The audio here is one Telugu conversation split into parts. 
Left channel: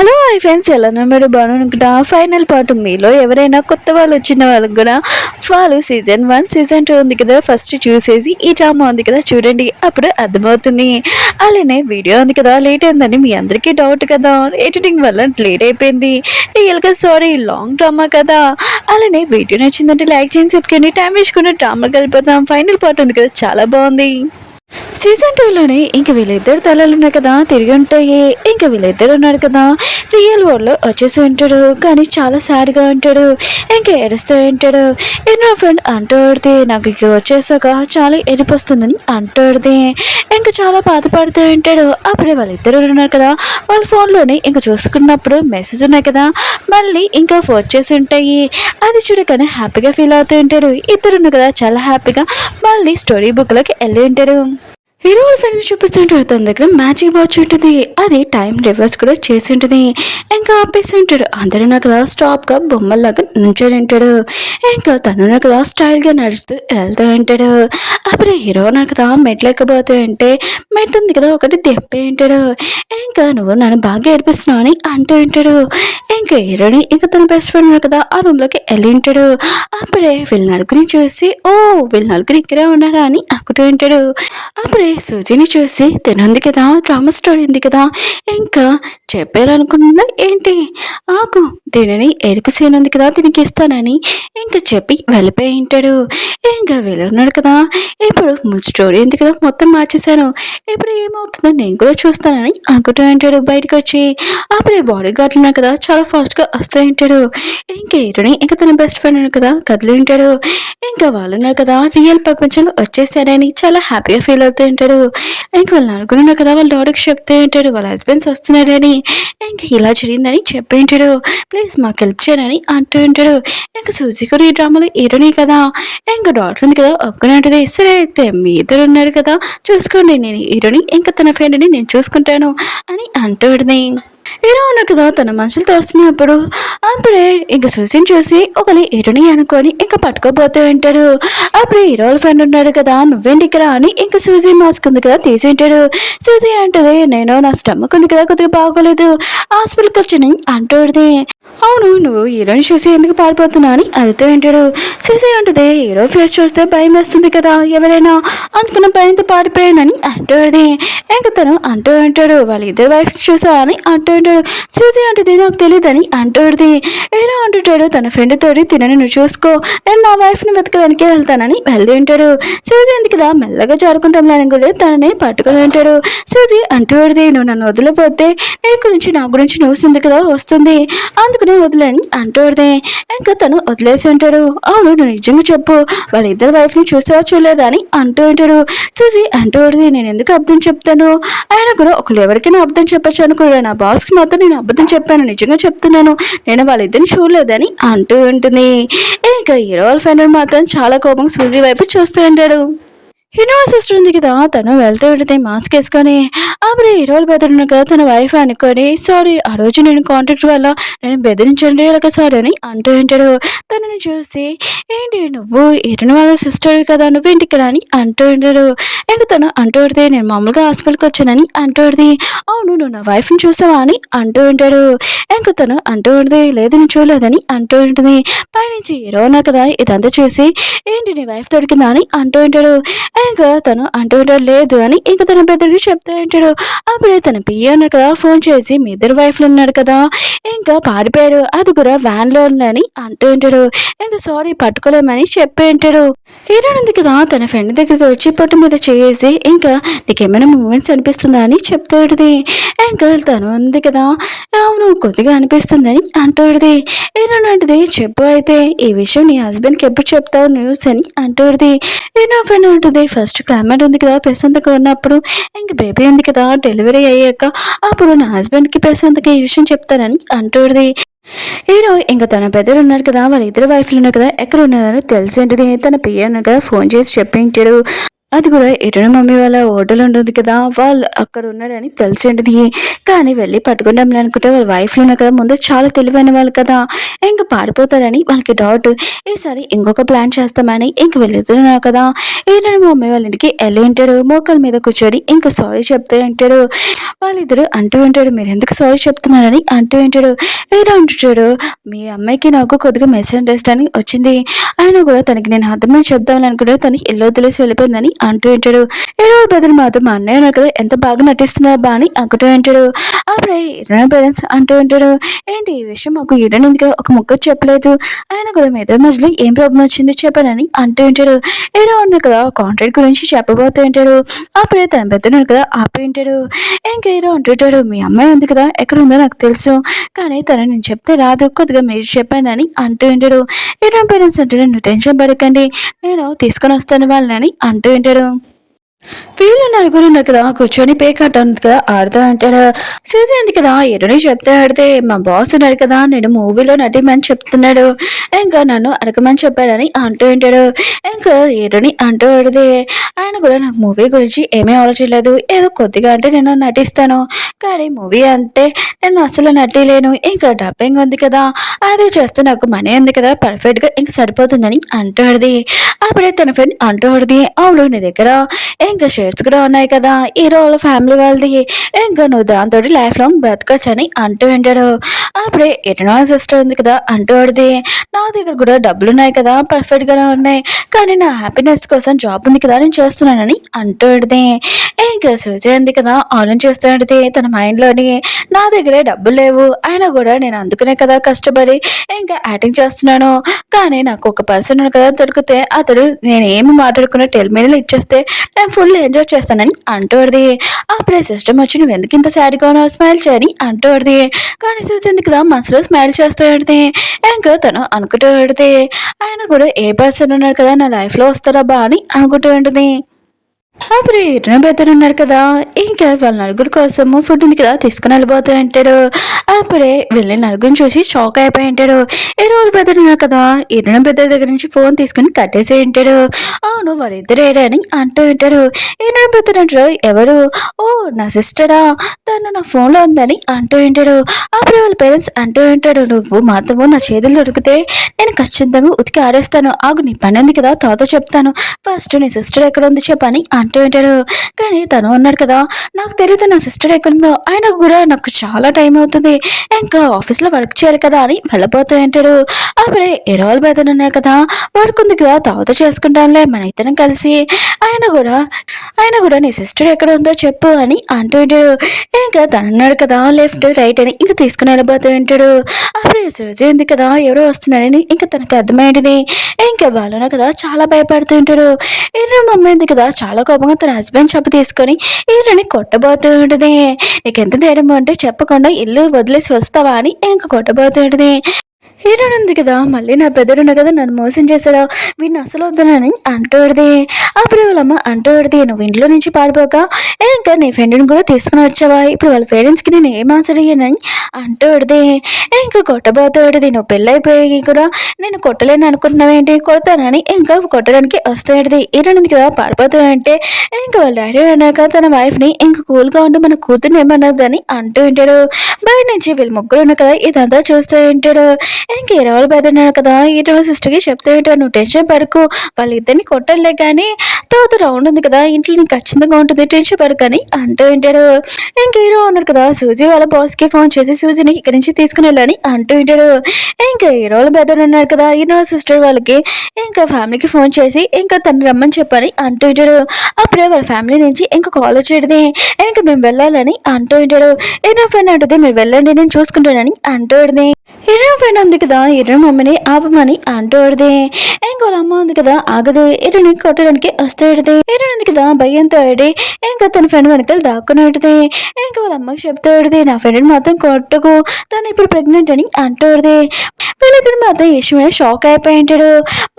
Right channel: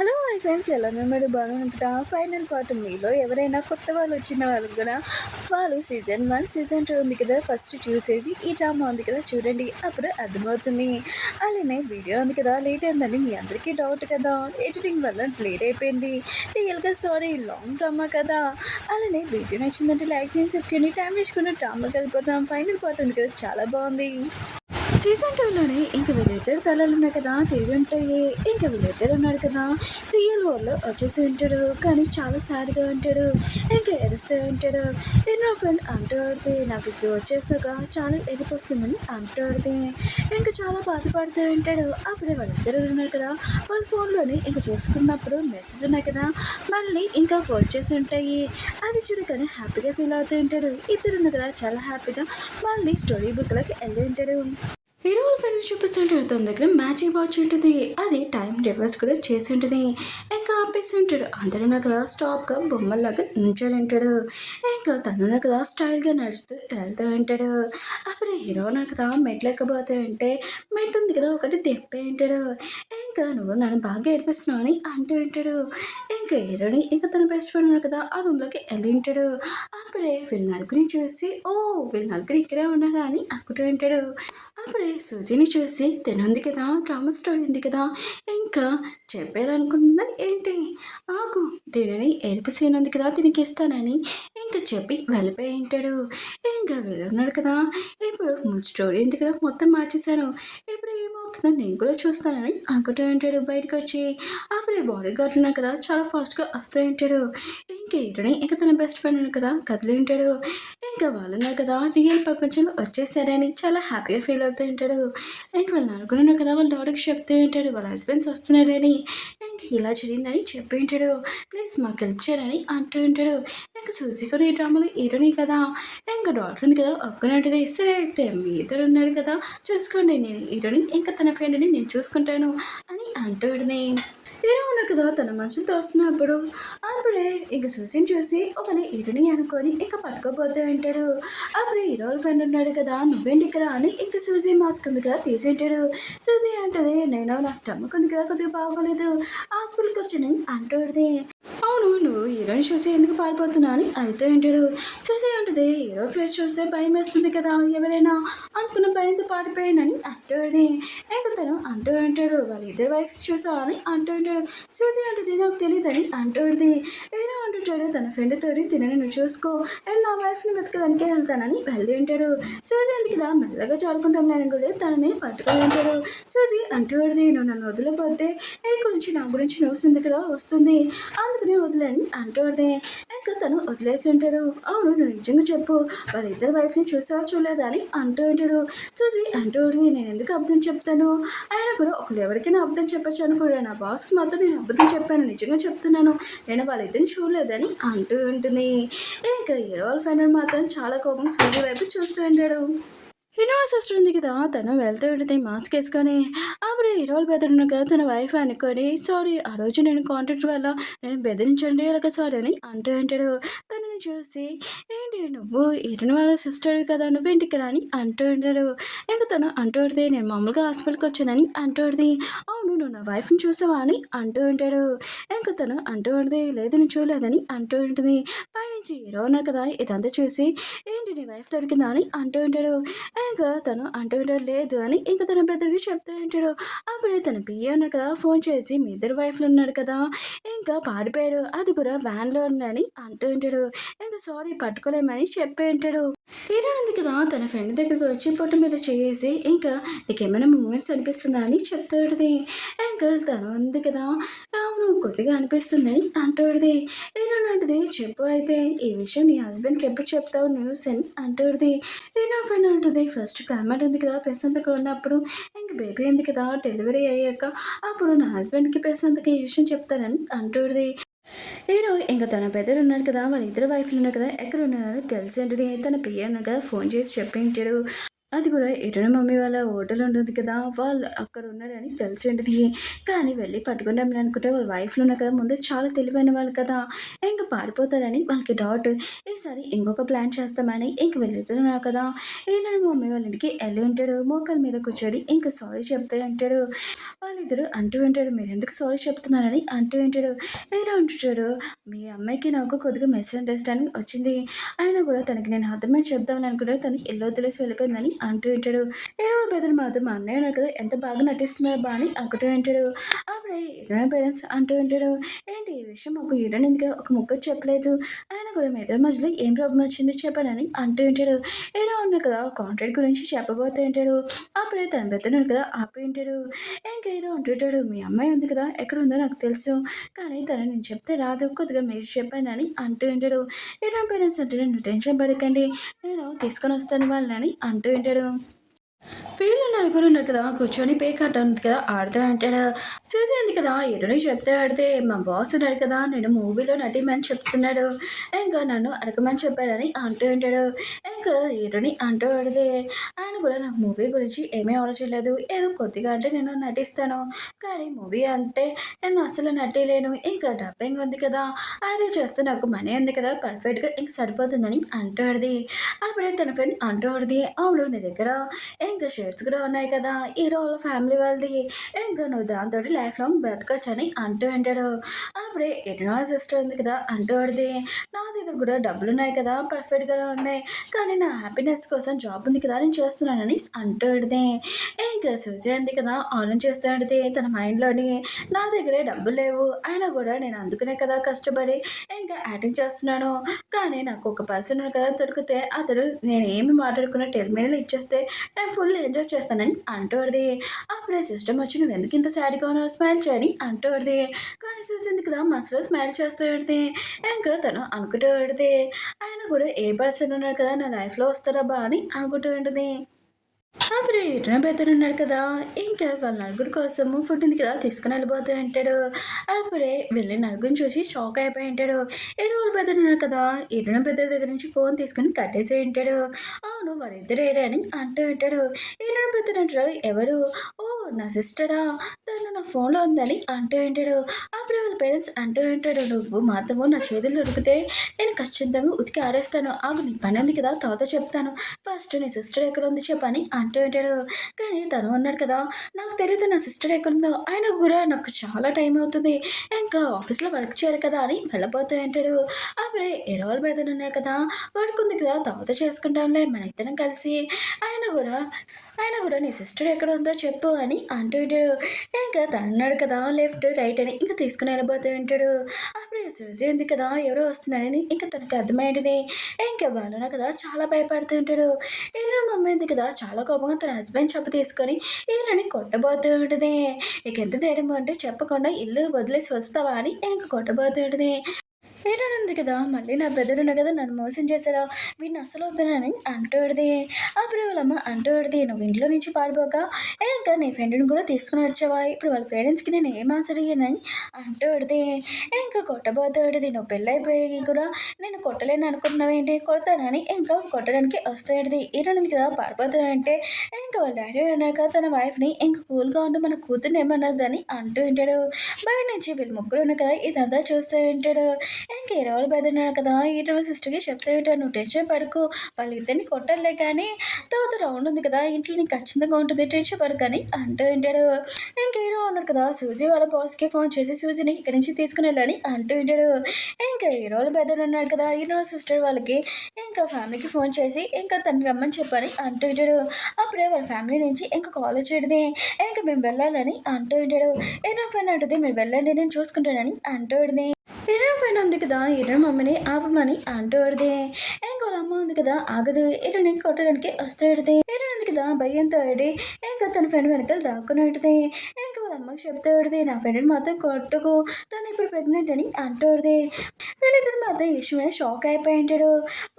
హలో హాయ్ ఫ్రెండ్స్, ఎలా మీరు బాగునుకుంటా. ఫైనల్ పార్ట్ మీలో ఎవరైనా కొత్త వాళ్ళు వచ్చిన వాళ్ళకి కూడా వాళ్ళు సీజన్ 1 సీజన్ 2 ఉంది కదా, ఫస్ట్ చూసేసి ఈ డ్రామా ఉంది కదా చూడండి, అప్పుడు అర్థమవుతుంది. అలానే వీడియో ఉంది కదా లేట్ అయిందని మీ అందరికీ డౌట్ కదా, ఎడిటింగ్ వల్ల లేట్ అయిపోయింది. రియల్గా సారీ, లాంగ్ డ్రామా కదా. అలానే వీడియో నచ్చిందంటే లైక్ చేయండి, చెప్పుకొని టైం వేసుకుని డ్రామా కలిపోతాం. ఫైనల్ పార్ట్ ఉంది కదా, చాలా బాగుంది. సీజన్ 2లోనే ఇంక వీళ్ళిద్దరు తలలు ఉన్నాయి కదా, తిరిగి ఉంటాయి. ఇంక వీళ్ళిద్దరు ఉన్నారు కదా, రియల్ వరల్డ్లో వచ్చేసి ఉంటాడు. కానీ చాలా సాడ్గా ఉంటాడు, ఇంకా ఏడుస్తూ ఉంటాడు. ఎన్నో ఫ్రెండ్ అంటాడుది, నాకు ఇక్కడ వచ్చేసాక చాలా ఎరిపొస్తుందని అంటాడుది. ఇంకా చాలా బాధపడుతూ ఉంటాడు. అప్పుడే వాళ్ళిద్దరు ఉన్నారు కదా, వాళ్ళ ఫోన్లోనే ఇంకా చూసుకున్నప్పుడు మెసేజ్ ఉన్నాయి కదా, మళ్ళీ ఇంకా ఫోన్ చేసి ఉంటాయి. అది చూడగానే హ్యాపీగా ఫీల్ అవుతూ ఉంటాడు. ఇద్దరు ఉన్నారు కదా, చాలా హ్యాపీగా మళ్ళీ స్టోరీ బుక్లోకి వెళ్ళి ఉంటాడు. హీరో ఫ్రెండ్ చూపిస్తుంటాడు, తన దగ్గర మ్యాజిక్ వాచ్ ఉంటుంది. అది టైం రివర్స్ కూడా చేసి ఉంటుంది. ఇంకా ఆపేసి ఉంటాడు. అందరూ నాకు కదా స్టాప్గా బొమ్మల్లాగా నుంచొని ఉంటాడు. ఇంకా తను నాకు కదా స్టైల్గా నడుస్తూ వెళ్తూ ఉంటాడు. అప్పుడు హీరో నాకు కదా మెట్లు ఎక్కబోతూ ఉంటే మెట్ ఉంది కదా ఒకటి దెప్పే ఉంటాడు. ఇంకా నువ్వు నన్ను బాగా ఏడిపిస్తున్నావు అని అంటూ ఉంటాడు. ఇంకా హీరోని ఇంకా తన బెస్ట్ ఫ్రెండ్ కదా ఆ రూమ్లోకి వెళ్ళి ఉంటాడు. అప్పుడే వీళ్ళ నలుగురిని చూసి, ఓ వీళ్ళ నలుగురు ఇక్కడే ఉన్నారా అని అనుకుంటూ ఉంటాడు. అప్పుడే సూజిని చూసి, తినుంది కదా డ్రామా స్టోరీ ఉంది కదా, ఇంకా చెప్పాలనుకుంటుందా ఏంటి, ఆకు దీనిని ఏడుపు సీన్ ఉంది కదా దీనికి ఇస్తానని ఇంకా చెప్పి వెళ్ళిపోయి ఉంటాడు. ఇంకా వెళ్ళున్నాడు కదా, ఇప్పుడు స్టోరీ ఉంది కదా మొత్తం మార్చేశాను, ఇప్పుడు ఏమవుతుందో నేను కూడా చూస్తానని అనుకుంటూ ఉంటాడు బయటకు వచ్చి. అప్పుడే బాడీ గార్డ్ ఉన్నారు కదా చాలా ఫాస్ట్గా వస్తూ ఉంటాడు. ఇంకా హీరోని ఇంకా తన బెస్ట్ ఫ్రెండ్ ఉన్నారు కదా కదిలి ఉంటాడు. ఇంకా వాళ్ళు ఉన్నారు కదా రియల్ ప్రపంచంలో వచ్చేసారని చాలా హ్యాపీగా ఫీల్ అవుతూ ఉంటాడు. ఇంక వాళ్ళు అనుకున్నారు కదా వాళ్ళ డాడీకి చెప్తూ ఉంటాడు వాళ్ళ హస్బెండ్స్ వస్తున్నారని. ఇంక ఇలా జరిగిందని చెప్పి ఉంటాడు. ప్లీజ్ మాకు హెల్ప్ చేయని అంటూ ఉంటాడు. ఇంకా సూజీ కూడా ఈ డ్రామాలో హీరోని కదా, ఇంకా డాక్టర్ ఉంది కదా ఒప్పుకునే ఉంటుంది. సరే అయితే మీ ఇద్దరు ఉన్నారు కదా చూసుకోండి, నేను హీరోని ఇంకా తన ఫ్రెండ్ని నేను చూసుకుంటాను అని అంటూ ఉంటుంది. హీరో ఉన్నారు కదా తన మనుషులతో వస్తున్నప్పుడు అప్పుడే ఇంకా సూసిని చూసి ఒకరి హీరోని అనుకొని ఇంకా పట్టుకోపోతూ ఉంటాడు. అప్పుడే హీరో ఫ్రెండ్ ఉన్నాడు కదా, నువ్వేంటి ఇక్కడ అని ఇంకా సూజీ మాస్క్ ఉంది కదా తీసి ఉంటాడు. సూజీ అంటది, నేను నా స్టమక్ ఉంది కదా కొద్దిగా బాగోలేదు, హాస్పిటల్కి వచ్చి అంటుంది. అవును, నువ్వు హీరోని చూసి ఎందుకు పారిపోతున్నా అని అడుగుతూ ఉంటాడు. చూసి ఉంటుంది, హీరో ఫేస్ చూస్తే భయం వేస్తుంది కదా ఎవరైనా, అందుకున్న భయంతో పారిపోయానని అంటుంది. ఇంకా తను అంటూ ఉంటాడు, వాళ్ళ ఇద్దరు వైఫ్ చూసా అని అంటూ ఉంటాడు. చూసి ఉంటుంది, నాకు తెలియదని అంటుంది. హీరో అంటుంటాడు తన ఫ్రెండ్ తోటి, తినని నువ్వు చూసుకో, నేను నా వైఫ్ని వెతకడానికి వెళ్తానని వెళ్ళి ఉంటాడు. సూజీ ఎందుకు కదా మెల్లగా జారుకుంటాం కూడా తనని పట్టుకుని ఉంటాడు. సూజీ అంటుంది, నువ్వు నన్ను వదిలిపోతే నీ గురించి నా గురించి న్యూస్ ఉంది కదా వస్తుంది, అందుకని వదిలేని అంటూడదే. ఇంకా తను వదిలేసి ఉంటాడు. అవును నువ్వు నిజంగా చెప్పు, వాళ్ళ ఇద్దరు వైఫ్ని చూసావా చూడలేదా అని అంటూ ఉంటాడు. సూజీ అంటూడది, నేను ఎందుకు అబద్ధం చెప్తాను, ఆయన కూడా ఒకళ్ళు ఎవరికైనా అబద్ధం చెప్పచ్చు అనుకున్నాడు, నా బాస్కి మాత్రం నేను అబద్ధం చెప్పాను, నిజంగా చెప్తున్నాను, నేను వాళ్ళిద్దరిని చూడలేదని అంటూ ఉంటుంది. ఇంకా హీరో వాళ్ళ ఫ్రెండ్ మాత్రం చాలా కోపంగా సూజీ వైపు చూస్తూ ఉంటాడు. హీరో సిస్టర్ ఉంది కదా, తను వెళ్తూ ఉంటుంది మాస్క్ వేసుకొని. అప్పుడు హీరోలు బెదిరిన కదా తన వైఫ్ అనుకొని, సారీ ఆ రోజు నేను కాంట్రాక్ట్ వల్ల నేను బెదిరించండి ఇలాగ సారీ అని అంటూ ఉంటాడు. తనని చూసి, ఏంటి నువ్వు హీరోని వాళ్ళ సిస్టర్ కదా నువ్వేంటి ఇక్కడ అని అంటూ ఉంటాడు. ఇంకా తను అంటూ ఉంటుంది, నేను మామూలుగా హాస్పిటల్కి వచ్చానని అంటూ ఉంటుంది. అవును నువ్వు నా వైఫ్ని చూసావా అని అంటూ ఉంటాడు. ఇంకా తను అంటూ ఉంటుంది, లేదు నేను చూడలేదని అంటూ ఉంటుంది. పైనుంచి హీరో ఉన్నా కదా ఇదంతా చూసి, ఏంటి నీ వైఫ్ దొరికిందా అని అంటూ ఉంటాడు. ఇంకా తను అంటూ ఉంటాడు లేదు అని ఇంకా తన బెదరికి చెప్తూ ఉంటాడు. అప్పుడే తన పియ్య అన్నాడు కదా ఫోన్ చేసి, మీ ఇద్దరు వైఫ్లు ఉన్నాడు కదా ఇంకా పారిపోయాడు, అది కూడా వ్యాన్లో ఉందని అంటూ ఉంటాడు. ఇంకా సారీ పట్టుకోలేమని చెప్పి ఉంటాడు. హీరోయిన్ ఉంది కదా తన ఫ్రెండ్ దగ్గరికి వచ్చి పొట్టు మీద చేసి, ఇంకా నీకేమైనా మూమెంట్స్ అనిపిస్తుందా అని చెప్తూ ఉంటుంది. ఇంకా తను ఉంది కదా, అవును కొద్దిగా అనిపిస్తుందని అంటూ ఉంటుంది. హీరోయిన్ అంటది, చెప్పు అయితే ఈ విషయం నీ హస్బెండ్కి ఎప్పుడు చెప్తావు న్యూస్ అని అంటూ ఉంటుంది. హీరో ఫ్రెండ్ ఉంటుంది, ఫస్ట్ క్లైమేట్ ఉంది కదా ప్రశాంతంగా ఉన్నప్పుడు, ఇంక బేబీ ఉంది కదా డెలివరీ అయ్యాక అప్పుడు నా హస్బెండ్కి ప్రశాంతంగా ఈ విషయం చెప్తానని అంటుంది. హీరో ఇంకా తన పెద్దలు ఉన్నారు కదా వాళ్ళ ఇద్దరు వైఫ్లు ఉన్నారు కదా ఎక్కడ ఉన్నారో తెలిసి ఉంటుంది. తన పియ్య ఉన్నారు కదా ఫోన్ చేసి చెప్పించాడు. అది కూడా ఎటున మమ్మీ వాళ్ళ హోటల్ ఉంటుంది కదా! వాళ్ళు అక్కడ ఉన్నారని తెలిసింటిది. కానీ వెళ్లి పట్టుకుందాంలే అనుకుంటే వాళ్ళ వైఫ్‌లు ఉన్నారు కదా! ముందే చాలా తెలివైన వాళ్ళు కదా! ఇంక పారిపోతారని వాళ్ళకి డౌట్. ఈసారి ఇంకొక ప్లాన్ చేస్తామని ఇంక వెళ్తున్నారు కదా! ఈయన మమ్మీ వాళ్ళ ఇంటికి ఎళ్లి ఉంటాడు. మోకాళ్ళ మీద కూర్చొని ఇంక సారీ చెప్తూ ఉంటాడు. వాళ్ళిద్దరూ అంటూ ఉంటాడు. మీరెందుకు సారీ చెప్తున్నారని అంటూ ఉంటాడు. ఇలా అంటుంటాడు. మీ అమ్మాయికి నాకు కొద్దిగా మిస్‌అండర్‌స్టాండింగ్ వచ్చింది. అయినా కూడా తనకి నేను అర్థమని చెప్దామని అనుకుంటే తను ఇల్లు వదిలేసి వెళ్ళిపోయిందని అంటూ ఉంటాడు. ఏదో బదులు మాత్రం మా అన్నయ్య ఉన్నారు కదా ఎంత బాగా నటిస్తున్నారబ్బా అని అనుకుంటూ ఉంటాడు. అప్పుడే ఇరవై పేరెంట్స్ అంటూ ఉంటాడు. ఏంటి ఈ విషయం మాకు ఎందుకు ఒక ముక్క చెప్పలేదు. ఆయన కూడా మీ ఇద్దరి మధ్యలో ఏం ప్రాబ్లం వచ్చింది చెప్పానని అంటూ ఉంటాడు. ఏదో ఉన్నారు కదా కాంట్రాక్ట్ గురించి చెప్పబోతూ ఉంటాడు. అప్పుడే తన పెద్దను కదా ఆపి ఉంటాడు. ఇంకా ఏదో అంటుంటాడు. మీ అమ్మాయి ఉంది కదా ఎక్కడ ఉందో నాకు తెలుసు. కానీ తను నేను చెప్తే రాదు కొద్దిగా మీరు చెప్పానని అంటూ ఉంటాడు. ఇరవై పేరెంట్స్ అంటాడు. నువ్వు టెన్షన్ పడకండి నేను తీసుకొని వస్తాను వాళ్ళని అంటూ ఉంటాడు. వీళ్ళు నలుగురు ఉన్నారు కదా కూర్చొని పేకాట ఉంది కదా ఆడుతూ అంటాడు. సూజీ ఉంది కదా ఎరుని చెప్తే ఆడితే మా బాస్ ఉన్నాడు కదా నేను మూవీలో నటిమని చెప్తున్నాడు. ఇంకా నన్ను అడగమని చెప్పాడని అంటూ ఉంటాడు. ఇంకా ఎరుని అంటూ ఆడితే ఆయన కూడా నాకు మూవీ గురించి ఏమీ ఆలోచించలేదు. ఏదో కొద్దిగా అంటే నేను నటిస్తాను. కానీ మూవీ అంటే నేను అసలు నటిలేను. ఇంకా డబ్బింగ్ ఉంది కదా అది చేస్తే నాకు మనీ ఉంది కదా పర్ఫెక్ట్గా ఇంకా సరిపోతుందని అంటూ ఆడిది. అప్పుడే తన ఫ్రెండ్ అంటూ ఆడిది. అవును నీ దగ్గర ఇంకా షేర్స్ కూడా ఉన్నాయి కదా హీరో వాళ్ళ ఫ్యామిలీ వాళ్ళది. ఇంకా నువ్వు దాంతో లైఫ్ లాంగ్ బతకచ్చు అని అంటూ ఉంటాడు. అప్పుడే ఎటనో సిస్టర్ ఉంది కదా అంటూ ఆడిది. నా దగ్గర కూడా డబ్బులు ఉన్నాయి కదా పర్ఫెక్ట్గానే ఉన్నాయి. కానీ నా హ్యాపీనెస్ కోసం జాబ్ ఉంది కదా నేను చేస్తున్నానని అంటూ ఆడిది. ఇంకా సూజీ ఉంది కదా ఆలోచన చేస్తాడితే తన మైండ్లోని నా దగ్గరే డబ్బులు లేవు అయినా కూడా నేను అందుకునే కదా కష్టపడి ఇంకా యాక్టింగ్ చేస్తున్నాను. కానీ నాకు ఒక పర్సన్ కదా దొరికితే అతడు నేను ఏమి మాట్లాడుకున్న టెల్మీనలు ఇచ్చేస్తే నేను ఫుల్ ఎంజాయ్ చేస్తానని అంటూడిది. అప్పుడే సిస్టమ్ వచ్చి నువ్వు ఎందుకు ఇంత సాడ్గా ఉన్నావు స్మైల్ చేయని అంటూడిది. కానీ చూసింది కదా మనసులో స్మైల్ చేస్తూ ఆడితే ఇంకా తను అనుకుంటూ ఆడితే ఆయన కూడా ఏ పర్సన్ ఉన్నాడు కదా నా లైఫ్లో వస్తారా బా అని అనుకుంటూ ఉంటుంది. అప్పుడు ఎటున బెదరు ఉన్నాడు కదా ఇంకా వాళ్ళ నలుగురు కోసము ఫుడ్ ఉంది కదా తీసుకుని వెళ్ళిపోతూ ఉంటాడు. అప్పుడే వెళ్ళి నలుగురిని చూసి షాక్ అయిపోయి ఉంటాడు. ఏ రోజు బెదరు ఉన్నాడు కదా ఎటున బెదర్ దగ్గర నుంచి ఫోన్ తీసుకుని కట్టేసి ఉంటాడు. అవును వాళ్ళిద్దరు ఏడని అంటూ ఉంటాడు. ఎటున బెదరు అంటారు ఎవరు ఓ నా సిస్టరా తను నా ఫోన్లో ఉందని అంటూ ఉంటాడు. అప్పుడు వాళ్ళ పేరెంట్స్ అంటూ ఉంటాడు నువ్వు మాత్రము నా చేతులు దొరికితే నేను ఖచ్చితంగా ఉతికి ఆడేస్తాను ఆగు నీ పని ఉంది కదా తాతో చెప్తాను ఫస్ట్ నీ సిస్టర్ ఎక్కడ ఉంది చెప్పని అంటూ ఉంటాడు. కానీ తను అన్నాడు కదా నాకు తెలియదు నా సిస్టర్ ఎక్కడుందో ఆయన కూడా నాకు చాలా టైం అవుతుంది ఇంకా ఆఫీస్లో వర్క్ చేయాలి కదా అని వెళ్ళిపోతూ ఉంటాడు. అప్పుడే ఎరోల్ బెదర్ ఉన్నారు కదా పడుకుంది కదా తాత చేసుకుంటానులే మన ఇద్దరం కలిసి ఆయన కూడా నీ సిస్టర్ ఎక్కడ ఉందో చెప్పు అని అంటూ ఉంటాడు. ఇంకా తను అన్నాడు కదా లెఫ్ట్ రైట్ అని ఇంకా తీసుకుని వెళ్ళిపోతూ ఉంటాడు. అప్పుడే సూజీ ఉంది కదా ఎవరో వస్తున్నాడని ఇంకా తనకు అర్థమైంది. ఇంకా వాళ్ళన కదా చాలా భయపడుతూ ఉంటాడు. ఈయన మమ్మీ ఉంది కదా చాలా కోపంగా తన హస్బెండ్ చెప్పు తీసుకొని ఈయనని కొట్టబోతూ ఉంటుంది. నీకెంత ధైర్యం అంటే చెప్పకుండా ఇల్లు వదిలేసి వస్తావా అని ఇంకా కొట్టబోతూ ఉంటుంది. హీరోయిన్ ఉంది కదా మళ్ళీ నా బ్రదర్ ఉన్న కదా నన్ను మోసం చేశాడా వీడిని అసలు వద్దునని అంటూడిది. అప్పుడు వాళ్ళమ్మ అంటూడిది నువ్వు ఇంట్లో నుంచి పారిపోక ఇంకా నీ ఫ్రెండ్ని కూడా తీసుకుని వచ్చావా ఇప్పుడు వాళ్ళ పేరెంట్స్కి నేను ఏం ఆన్సర్ అయ్యానని అంటూడిది. ఇంకా కొట్టబోతాడిది నువ్వు పెళ్ళైపోయి కూడా నేను కొట్టలేను అనుకుంటున్నావేంటి కొడతానని ఇంకా కొట్టడానికి వస్తాడిది. హీరోయిన్ ఉంది కదా పారిపోతూ అంటే ఇంకా వాళ్ళ డాడీ అన్నాక తన వైఫ్ని ఇంకా కూల్గా ఉండి మన కూతుర్ని ఏమన్నదని అంటూ ఉంటాడు. బయట నుంచి వీళ్ళు ముగ్గురు ఉన్నారు కదా ఇదంతా చూస్తూ ఉంటాడు. ఇంక ఇరవై బెదిరినాడు కదా ఇరవై సిస్టర్కి చెప్తే నువ్వు టెన్షన్ పడుకో వాళ్ళిద్దరిని కొట్టలే కానీ తర్వాత రౌండ్ ఉంది కదా ఇంట్లో నీకు ఖచ్చితంగా ఉంటుంది టెన్షన్ పడుకని అంటూ ఉంటాడు. ఇంక హీరో ఉన్నాడు కదా సూజీ వాళ్ళ బాస్కి ఫోన్ చేసి సూజీని ఇక్కడి నుంచి తీసుకుని వెళ్ళని అంటూ ఉంటాడు. ఇంకా హీరోలు బెదర్ ఉన్నాడు కదా హీరో సిస్టర్ వాళ్ళకి ఇంకా ఫ్యామిలీకి ఫోన్ చేసి ఇంకా తను రమ్మని చెప్పని అంటూ ఉంటాడు. అప్పుడే వాళ్ళ ఫ్యామిలీ నుంచి ఇంకా కాల్ వచ్చేది ఇంకా మేము వెళ్ళాలని అంటూ ఉంటాడు. హీరో ఫ్రెండ్ అంటుంది మీరు వెళ్ళండి నేను చూసుకుంటానని అంటూ హీరో ఫ్రెండ్ ఉంది కదా హీరో మమ్మీని ఆపమని అంటూడిది. ఇంకా వాళ్ళ అమ్మ ఉంది కదా ఆగదు హీరోని కొట్టడానికి వస్తాడిది. హీరో ఉంది కదా భయంతో ఆడి ఇంకా తన ఫ్రెండ్ వెనకాల దాక్కునేటిది. ఇంకా వాళ్ళ అమ్మకి చెప్తాడిది నా ఫ్రెండ్ని మాత్రం కొట్టుకు తను ఇప్పుడు ప్రెగ్నెంట్ అని అంటూడిది. వీళ్ళిద్దరు మాత్రం ఈశ్వర్ షాక్ అయిపోయి ఉంటాడు.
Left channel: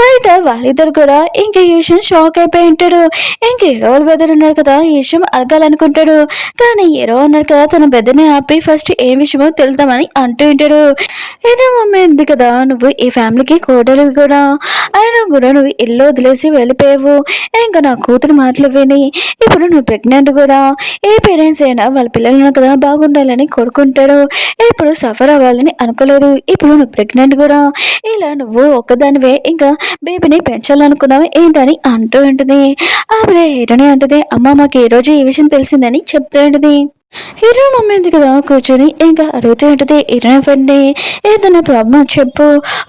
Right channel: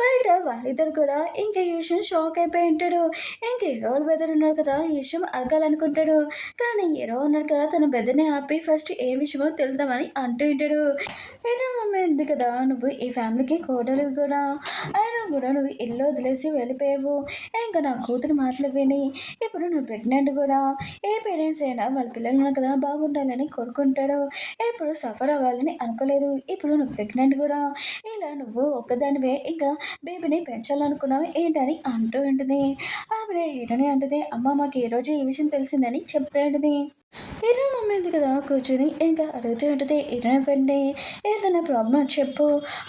బయట వాళ్ళిద్దరు కూడా ఇంకా ఈశ్వర్ షాక్ అయిపోయి ఉంటాడు. ఇంకా హీరో బెదర్ ఉన్నారు కదా ఈ విషయం అడగాలనుకుంటాడు. కానీ హీరో ఉన్నారు కదా తన బెదర్ని ఆపి ఫస్ట్ ఏ విషయమో తెలుద్దామని అంటూ ఉంటాడు. హీరో మమ్మీ ఉంది కదా, నువ్వు ఈ ఫ్యామిలీకి కోడలు కూడా, అయినా కూడా నువ్వు ఇల్లు వదిలేసి వెళ్ళిపోయావు. ఇంకా నా కూతురు మాటలు విని ఇప్పుడు నువ్వు ప్రెగ్నెంట్ కూడా. ఏ పేరెంట్స్ అయినా వాళ్ళ పిల్లలను కదా బాగుండాలని కోరుకుంటాడు. ఇప్పుడు సఫర్ అవ్వాలని అనుకోలేదు. ఇప్పుడు నువ్వు ప్రెగ్నెంట్ కూడా. ఇలా నువ్వు ఒక్కదానివే ఇంకా బేబీని పెంచాలనుకున్నావు ఏంటని అంటూ ఉంటుంది. ఆవిడ హీరోని అంటుంది, అమ్మ మాకు ఈ రోజు ఈ విషయం తెలిసిందని చెప్తూ ఉంటుంది. హీరో మమ్మీ ఉంది కదా కూర్చొని ఇంకా అడుగుతూ ఉంటుంది, హీరోని ఫ్రెండ్ని ఏదైనా ప్రాబ్లం చెప్పు,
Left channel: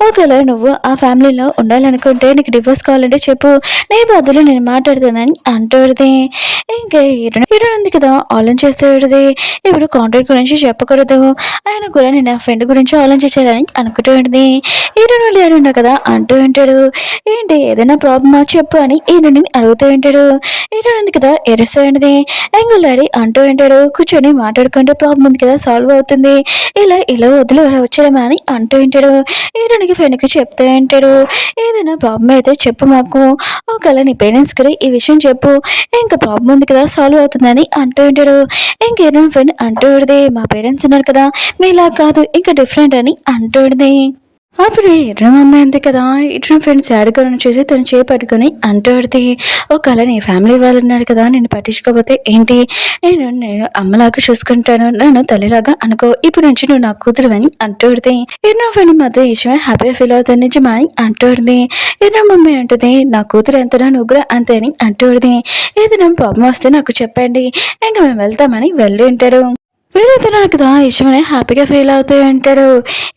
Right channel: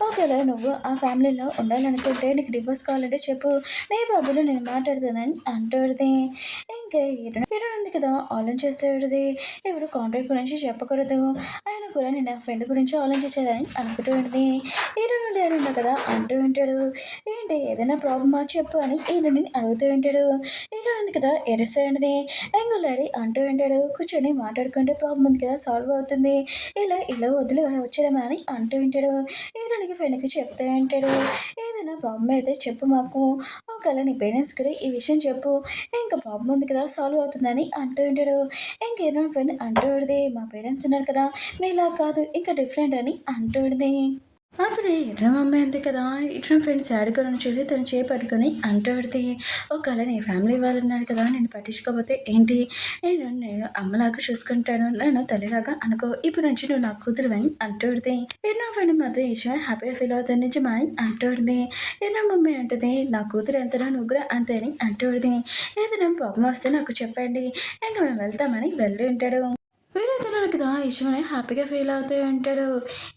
ఒకవేళ నువ్వు ఆ ఫ్యామిలీలో ఉండాలనుకుంటే నీకు డివోర్స్ కావాలంటే చెప్పు, నీ బదులు నేను మాట్లాడతానని అంటుంది. ఇంకా హీరో ఉంది కదా ఆలోచిస్తూ ఉంటుంది, ఇప్పుడు కాంట్రాక్ట్ గురించి చెప్పకూడదు, ఆయన కూడా నేను ఆ ఫ్రెండ్ గురించి ఆలోచించాలని అనుకుంటూ ఉంటుంది. హీరోని వాళ్ళు ఏడున్నా కదా అంటూ ఉంటాడు, ఏంటి ఏదైనా ప్రాబ్లమా చెప్పు అని హీరోని అడుగుతూ ఉంటాడు. హీరో ఉంది కదా ఎరుస్తూ ఉంటుంది, ఎంగులాడి అంటూ ఉంటాడు, కూర్చొని మాట్లాడుకుంటే ప్రాబ్లం ఉంది కదా సాల్వ్ అవుతుంది, ఇలా వదిలి వచ్చడమే అని అంటూ ఉంటాడు. హీరోనికి ఫ్రెండ్కి చెప్తూ ఉంటాడు, ఏదైనా ప్రాబ్లం అయితే చెప్పు మాకు, ఒకవేళ నీ పేరెంట్స్ కూడా ఈ విషయం చెప్పు, ఇంకా ప్రాబ్లం ఉంది కదా సాల్వ్ అవుతుందని అంటూ ఉంటాడు. ఇంక హీరో ఫ్రెండ్ అంటూ ఉంటుంది, మా పేరెంట్స్ ఉన్నారు కదా మీలా కాదు ఇంకా డిఫరెంట్ అని అంటూ ఉంటుంది. అప్పుడు ఇద్దరు అమ్మాయి అంతే కదా, ఇద్దరు ఫ్రెండ్స్ యాడకలను చూసి తను చేపట్టుకొని అంటూడితే, ఒకవేళ నీ ఫ్యామిలీ వాళ్ళు ఉన్నారు కదా నేను పట్టించుకోకపోతే ఏంటి, నేను అమ్మలాగా చూసుకుంటాను, నన్ను తల్లిలాగా అనుకో, ఇప్పుడు నుంచి నువ్వు నా కూతురు అని అంటూడితే, ఇద్దరు ఫ్రెండ్ మధ్య విషయమే హ్యాపీగా ఫీల్ అవుతుంది నిజమా అని అంటూడింది. ఇద్దరు మమ్మీ అంటుంది, నా కూతురు ఎంతనా నువ్వు కూడా అంతే అని అంటూడిది. ఏదైనా ప్రాబ్లం వస్తే నాకు చెప్పండి, ఇంకా మేము వెళ్తామని వెళ్ళి ఉంటాడు. వీళ్ళిద్దరు కదా ఇష్టమని హ్యాపీగా ఫీల్ అవుతూ ఉంటాడు.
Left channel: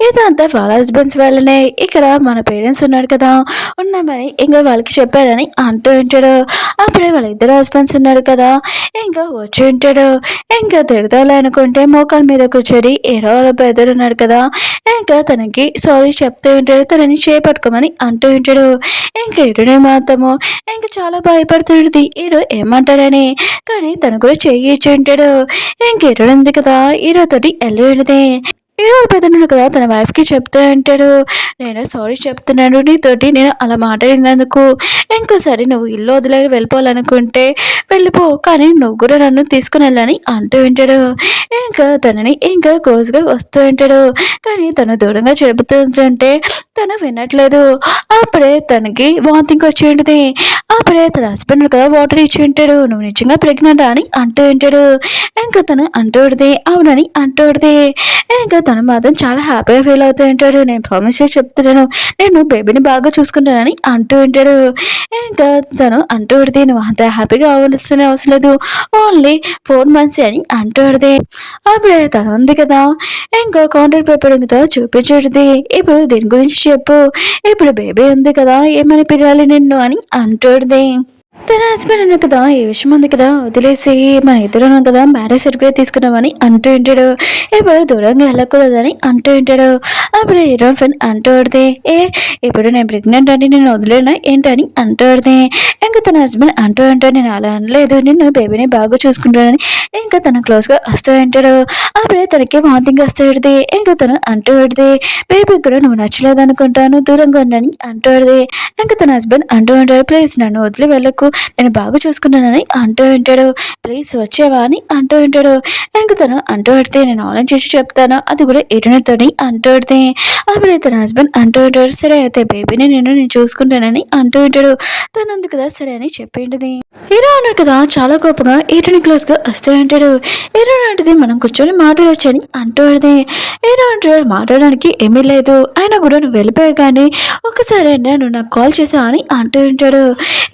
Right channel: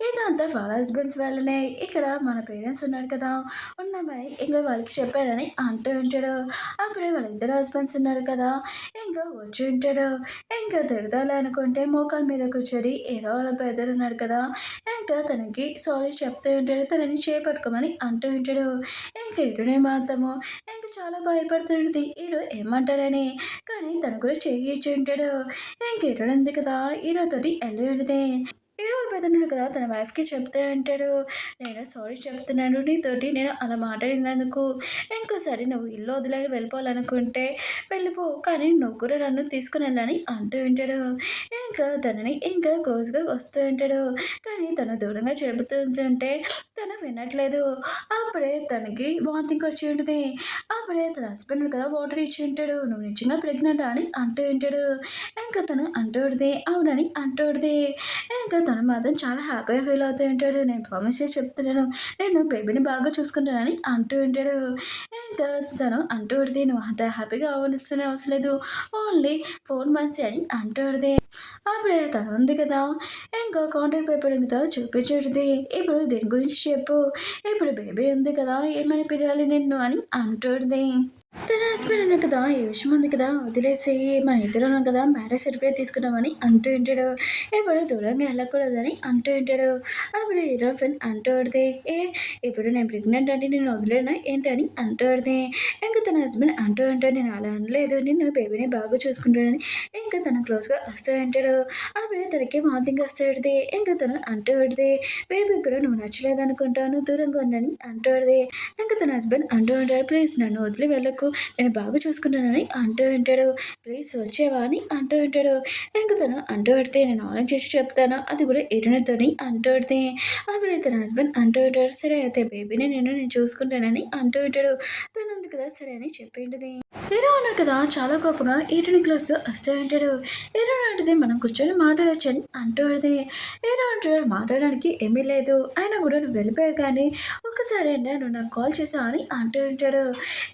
ఇదంతా వాళ్ళ హస్బెండ్స్ వల్లనే, ఇక్కడ మన పేరెంట్స్ ఉన్నారు కదా ఉన్నామని ఇంకా వాళ్ళకి చెప్పారని అంటూ ఉంటాడు. అప్పుడే వాళ్ళ ఇద్దరు హస్బెండ్స్ ఉన్నారు కదా ఇంకా వచ్చి ఉంటాడు. ఇంకా తిడతాలి అనుకుంటే మోకాల మీద కూర్చొని ఏరో వాళ్ళ బ్రదర్ ఉన్నాడు కదా, ఇంకా తనకి సారీ చెప్తూ ఉంటాడు, తనని చేపట్టుకోమని అంటూ ఉంటాడు. ఇంకా ఇరునే మాత్రము ఇంకా చాలా భయపడుతుంది హీరో ఏమంటాడని, కానీ తను కూడా చెయ్యి ఇచ్చి ఉంటాడు. ఇంక ఇరుడు ఉంది కదా హీరోతోటి వెళ్ళి ఏదో పెద్దనుడు కదా తన వైఫ్కి చెప్తూ అంటాడు, నేను సారీ చెప్తున్నాను నీతోటి, నేను అలా మాట్లాడినందుకు, ఇంకోసారి నువ్వు ఇల్లు వదిలేని వెళ్ళిపోవాలనుకుంటే వెళ్ళిపో, కానీ నువ్వు కూడా నన్ను తీసుకుని వెళ్ళని అంటూ ఉంటాడు. ఇంకా తనని ఇంకా క్లోజ్గా వస్తూ ఉంటాడు, కానీ తను దూరంగా చెబుతుంటే తను వినట్లేదు. అప్పుడే తనకి వాంతింగ్ వచ్చి ఉంటుంది. అప్పుడే తన హస్బెండ్ కదా వాటర్ ఇచ్చి ఉంటాడు, నువ్వు నిజంగా ప్రెగ్నెంట్ అని అంటూ ఉంటాడు. ఇంకా తను అంటూ అవునని అంటూ ఇంకా తను మాత్రం చాలా హ్యాపీగా ఫీల్ అవుతూ ఉంటాడు, నేను ప్రామిస్ చేసి చెప్తున్నాను నేను బేబీని బాగా చూసుకుంటానని అంటూ ఉంటాడు. ఇంకా తను అంటూ నువ్వు అంత హ్యాపీగా అవ్వాల్సిన అవసరం లేదు, ఓన్లీ 4 months అని అంటూ అప్పుడే తను ఉంది కదా ఇంకా కాంట్రాక్ట్ పేపర్ ఉందితో చూపించుడిది, ఇప్పుడు దీని గురించి చెప్పు, ఇప్పుడు బేబీ ఉంది కదా ఏమని పిలవాలి నిన్ను అని అంటూడిది. తన హస్బెండ్ అన్న కదా ఈ విషయం ఉంది కదా వదిలేసి మన ఇద్దరు కదా మ్యారేజ్ సర్టిఫికేట్ తీసుకున్నామని అంటూ ఉంటాడు, ఇప్పుడు దూరంగా వెళ్ళకూడదని అంటూ ఉంటాడు. అప్పుడు హీరో ఫ్రెండ్ అంటూ ఇప్పుడు నేను ప్రెగ్నెంట్ అని నేను వదిలేనా ఏంటని అంటూ ఇంకా తన హస్బెండ్ అంటూ ఉంటాడు, నేను అలా అనలేదు, నిన్ను బేబీని బాగా చూసుకుంటానని ఇంకా తను క్లోజ్గా వస్తూ ఉంటాడు. అప్పుడే తనకి వాంతింగ్ వస్తూ ఇంకా తను అంటూ బేబీ కూడా నువ్వు నచ్చలేదు అనుకుంటాను దూరంగా ఉండని అంటూ ఇంకా తన హస్బెండ్ అంటూ ఉంటాడు, ప్లీజ్ నన్ను వదిలి వెళ్ళకు, నేను బాగా చూసుకున్నానని అంటూ ఉంటాడు, ప్లీజ్ వచ్చేవా అని అంటూ ఉంటాడు. ఇంకా తను అంటూ నేను ఆలోచించి చెప్తాను, అది కూడా ఎటునతోని అంటూ అప్పుడే తన హస్బెండ్ అంటూ ఉంటాడు, సరే అయితే బేబీని నేను చూసుకుంటానని అంటూ ఉంటాడు. తను ఉంది కదా సరే అని చెప్పింది. హీరో అన్నాడు కదా చాలా కోపంగా హీరోని క్లోజ్గా వస్తూ ఉంటాడు. హీరో అంటది మనం కూర్చొని మాట్లాడొచ్చని అంటూ హీరో అంటాడు మాట్లాడడానికి ఏమీ లేదు, అయినా కూడా నువ్వు వెళ్ళిపోయావు కానీ ఒక్కసారి నువ్వు నాకు కాల్ చేసావా అని అంటూ ఉంటాడు.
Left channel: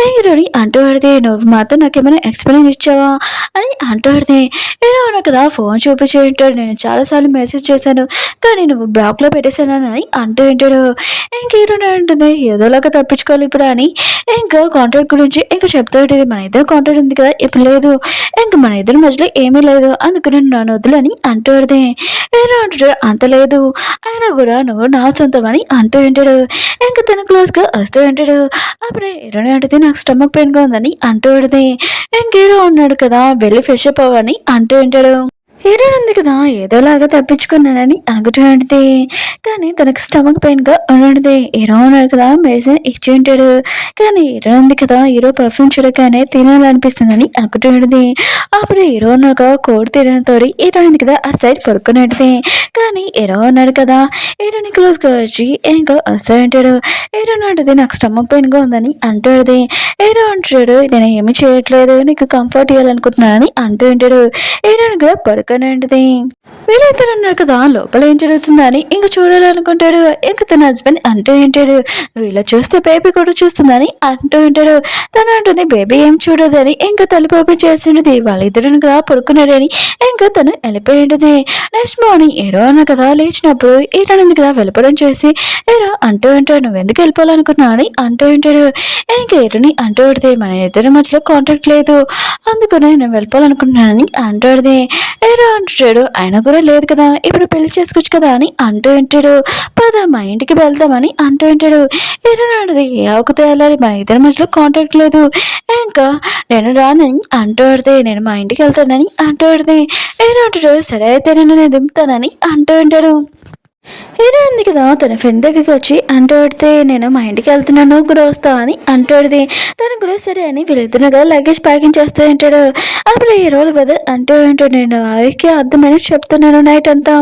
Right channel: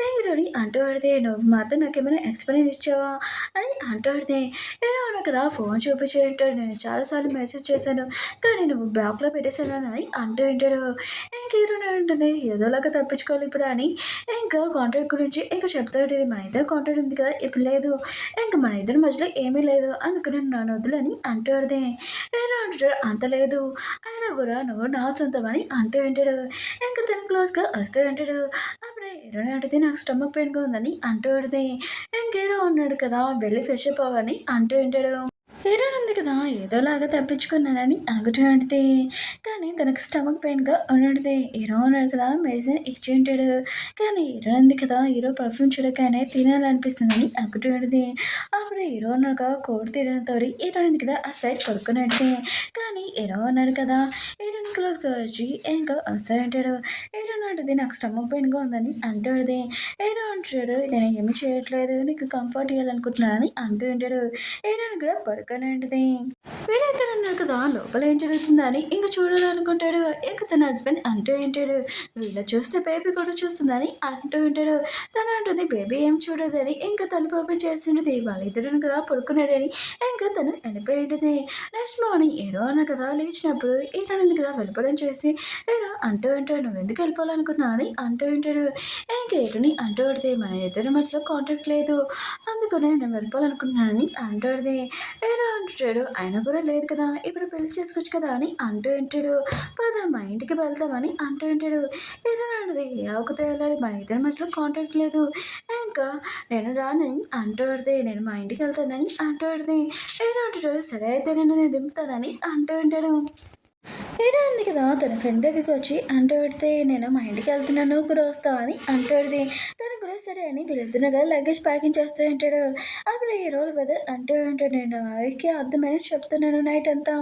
హీరోని అంటూ నువ్వు మాత్రం నాకేమైనా ఎక్స్ప్లెయిన్ ఇచ్చావా అని అంటూ హీరో అన్నాడు కదా ఫోన్ చూపించి ఉంటాడు, నేను చాలాసార్లు మెసేజ్ చేశాను కానీ నువ్వు బ్లాక్లో పెట్టేశాను అని అంటూ ఉంటాడు. ఇంక హీరోని అంటుంది ఏదోలాగా తప్పించుకోవాలి ఇప్పుడు అని ఇంకా కాంట్రాక్ట్ గురించి ఇంకా చెప్తూ ఉంటుంది, మన ఇద్దరు కాంట్రాక్ట్ ఉంది కదా ఇప్పుడు లేదు, ఇంక మన ఇద్దరి మధ్యలో ఏమీ లేదు, అందుకని నన్ను వద్దులని అంటూ హీరో అంటాడు అంత లేదు, అయినా కూడా నువ్వు నా సొంతం అని అంటూ ఉంటాడు. ఇంకా తన క్లోజ్గా వస్తూ ఉంటాడు. అప్పుడే హీరోని అంటుంది నాకు స్టమక్ పెయిన్గా ఉందని అంటూ ఇంక హీరో ఉన్నాడు కదా వెళ్ళి ఫ్రెష్ అప్ అవ్వని అంటూ ఉంటాడు. హీరోయిన్ ఉంది కదా ఏదోలాగా తప్పించుకున్నానని అనుకుంటున్నది, కానీ తనకు స్టమక్ పెయిన్గా ఉన్నది. హీరో ఉన్నాడు కదా మెడిసిన్ ఇచ్చి ఉంటాడు, కానీ హీరో ఉంది కదా హీరో పర్ఫ్యూమ్ చూడగానే తినాలనిపిస్తుందని అనుకుంటున్నది. అప్పుడు హీరో ఉన్నాక కోడి తినడంతో హీరోయిన్ ఉంది కదా అటు సైడ్ పడుకున్నది. కానీ హీరో ఉన్నాడు కదా, హీరోని క్లోజ్గా వచ్చి ఇంకా వస్తూ ఉంటాడు. హీరో అంటది నాకు స్టమక్ పెయిన్గా ఉందని అంటాడు. హీరో అంటాడు నేను ఏమి చేయట్లేదు, నీకు కంఫర్ట్ ఇవ్వాలనుకుంటున్నానని అంటూ ఉంటాడు. హీరోని కూడా పడుకొని ఉంటుంది. వీళ్ళిద్దరు ఉన్నారు కదా, లోపల ఏం జరుగుతుందని ఇంక చూడాలనుకుంటాడు. ఇంక తన హస్బెండ్ అంటూ ఉంటాడు నువ్వు ఇలా చూస్తే బేబీ కూడా చూస్తుందని అంటూ ఉంటాడు. తను అంటుంది బేబీ ఏం చూడదని ఇంకా తలుపు ఓపెన్ చేస్తుండేది. వాళ్ళిద్దరు కదా పడుకున్నారని ఇంకా తను వెళ్ళిపోయి ఉంటుంది. నెక్స్ట్ మార్నింగ్ హీరో అన్న కదా లేచినప్పుడు హీరోని కదా వెళ్ళిపోవడం చేసి హీరో అంటూ ఉంటాడు నువ్వు ఎందుకు వెళ్ళిపోవాలనుకున్నావు అని అంటూ ఉంటాడు. ఇంకా హీరోని అంటూ ఉంటుంది మన ఇద్దరి మధ్యలో కాంటాక్ట్ లేదు, అందుకనే నేను వెళ్ళిపోవాలనుకుంటున్నానని అంటాడు. హీరో అంటాడు ఆయన కూడా లేదు కదా, ఇప్పుడు పెళ్లి చేసుకోవచ్చు కదా అని అంటూ ఉంటాడు. పద మా ఇంటికి వెళ్దామని అంటూ ఉంటాడు. హీరో అంటది ఏ ఆకుతో వెళ్ళాలి, మన ఇద్దరి మధ్యలో కాంటాక్ట్ లేదు, ఇంకా నేను రానని అంటూ నేను మా ఇంటికి వెళ్తానని అంటూ హీరో అంటాడు సరే అయితే నేను దింపుతానని అంటూ ఉంటాడు. హీరో ఉంది కదా తన ఫ్రెండ్ దగ్గరికి వచ్చి అంటాడితే నేను మా ఇంటికి వెళ్తున్నాను కూడా వస్తావు అని అంటాడిది. తను కూడా సరే అని వీళ్ళిద్దరు కదా లగేజ్ ప్యాకింగ్ చేస్తూ ఉంటాడు. అప్పుడు హీరోలు బదులు అంటూ ఉంటాడు నేను ఆవికి అర్థమని చెప్తున్నాను నైట్ అంతా,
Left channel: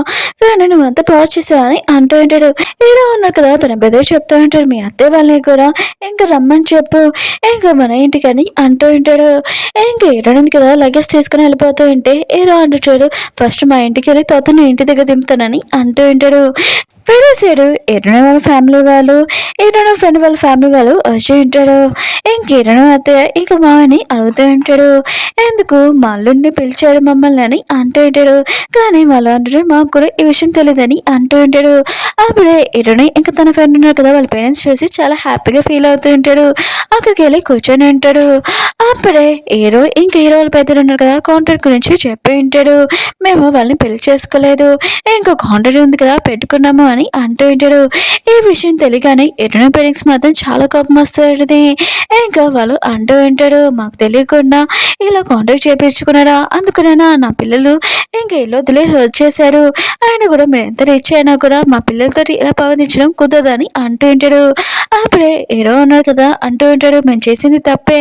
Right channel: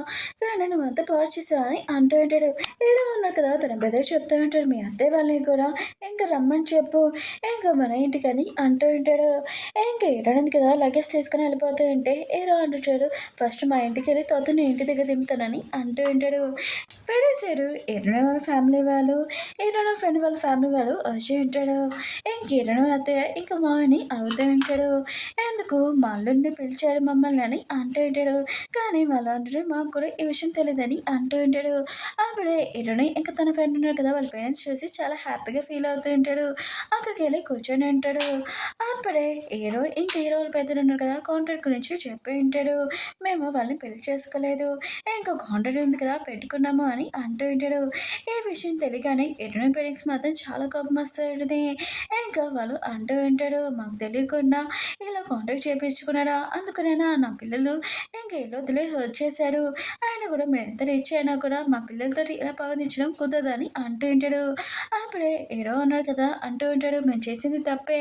కానీ నువ్వు అంతా పాడు చేసావు అని అంటూ ఉంటాడు. హీరో ఉన్నాడు కదా తన బ్రదర్ చెప్తూ ఉంటాడు మీ అత్తయ్య వాళ్ళని కూడా ఇంకా రమ్మని చెప్పు ఇంకా మన ఇంటికి అని అంటూ ఉంటాడు. ఇంకా హీరో ఉంది కదా లగేజ్ తీసుకుని వెళ్ళిపోతూ ఉంటే హీరో అంటాడు ఫస్ట్ మా ఇంటికి వెళ్ళి తర్వాత నీ ఇంటి దగ్గర దింపుతానని అంటూ ఉంటాడు. వేరే సైడు ఎరుణ వాళ్ళ ఫ్యామిలీ వాళ్ళు ఎరుణ ఫ్రెండ్ వాళ్ళ ఫ్యామిలీ వాళ్ళు వచ్చి ఉంటాడు. ఇంకెరుణ అయితే ఇంక మాని అడుగుతూ ఉంటాడు ఎందుకు మా అల్లుడిని పిలిచాడు మమ్మల్ని అని అంటూ ఉంటాడు. కానీ వాళ్ళు అంటారు మాకు కూడా ఈ విషయం తెలియదని అంటూ ఉంటాడు. అప్పుడే ఎరుణ ఇంకా తన ఫ్రెండ్ ఉన్నారు కదా వాళ్ళ పేరెంట్స్ చూసి చాలా హ్యాపీగా ఫీల్ అవుతూ ఉంటాడు. అక్కడికి వెళ్ళి కూర్చొని ఉంటాడు. అప్పుడే హీరో ఇంక హీరో వాళ్ళ పెద్దలు ఉన్నారు కదా కాంట్రాక్ట్ గురించి చెప్పి ఉంటాడు మేము వాళ్ళని పెళ్లి చేసుకోలేదు ఇంకా కాంట్రాక్ట్ ఉంది కదా పెట్టుకున్నాము అని అంటూ ఉంటాడు. ఈ విషయం తెలియగానే ఎరుణ పేరెంట్స్ మాత్రం చాలా కోపం వస్తుంది. ఇంకా వాళ్ళు అంటూ ఉంటాడు మాకు తెలియకుండా ఇలా కాంటాక్ట్ చేయించుకున్నారా, అందుకనేనా నా పిల్లలు ఇంకా ఇల్లు వదిలే వచ్చేసారు, ఆయన కూడా మీరు ఎంత రిచ్ అయినా కూడా మా పిల్లలతో ఇలా పవనించడం కుదరదని అంటూ ఉంటాడు. అప్పుడే హీరో ఉన్నారు కదా అంటూ ఉంటాడు మేము చేసింది తప్పే,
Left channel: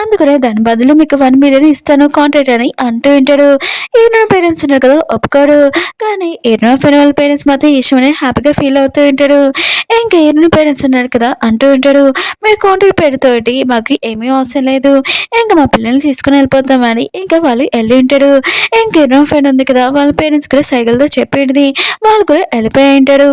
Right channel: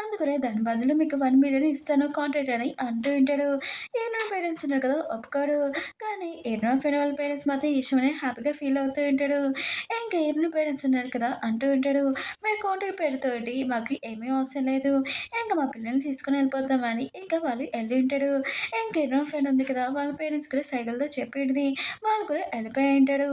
అందుకనే దాని బదులు మీకు 1 మిలియన్ ఇస్తాను కాంట్రాక్ట్ అని అంటూ ఉంటాడు. ఈయన పేరెంట్స్ ఉన్నారు కదా ఒప్పుకోడు, కానీ ఈయన ఫ్రెండ్ వాళ్ళ పేరెంట్స్ మాత్రం ఈ విషయమని హ్యాపీగా ఫీల్ అవుతూ ఉంటాడు. ఇంకా ఈయన పేరెంట్స్ ఉన్నారు కదా అంటూ ఉంటాడు మీరు కాంట్రాక్ట్ పేరుతోటి మాకు ఏమీ అవసరం లేదు, ఇంకా మా పిల్లల్ని తీసుకుని వెళ్ళిపోతామని ఇంకా వాళ్ళు వెళ్ళి ఉంటాడు. ఇంకేనో ఫ్రెండ్ ఉంది కదా వాళ్ళ పేరెంట్స్ కూడా సైకిల్తో చెప్పింది, వాళ్ళు కూడా వెళ్ళిపోయి ఉంటాడు.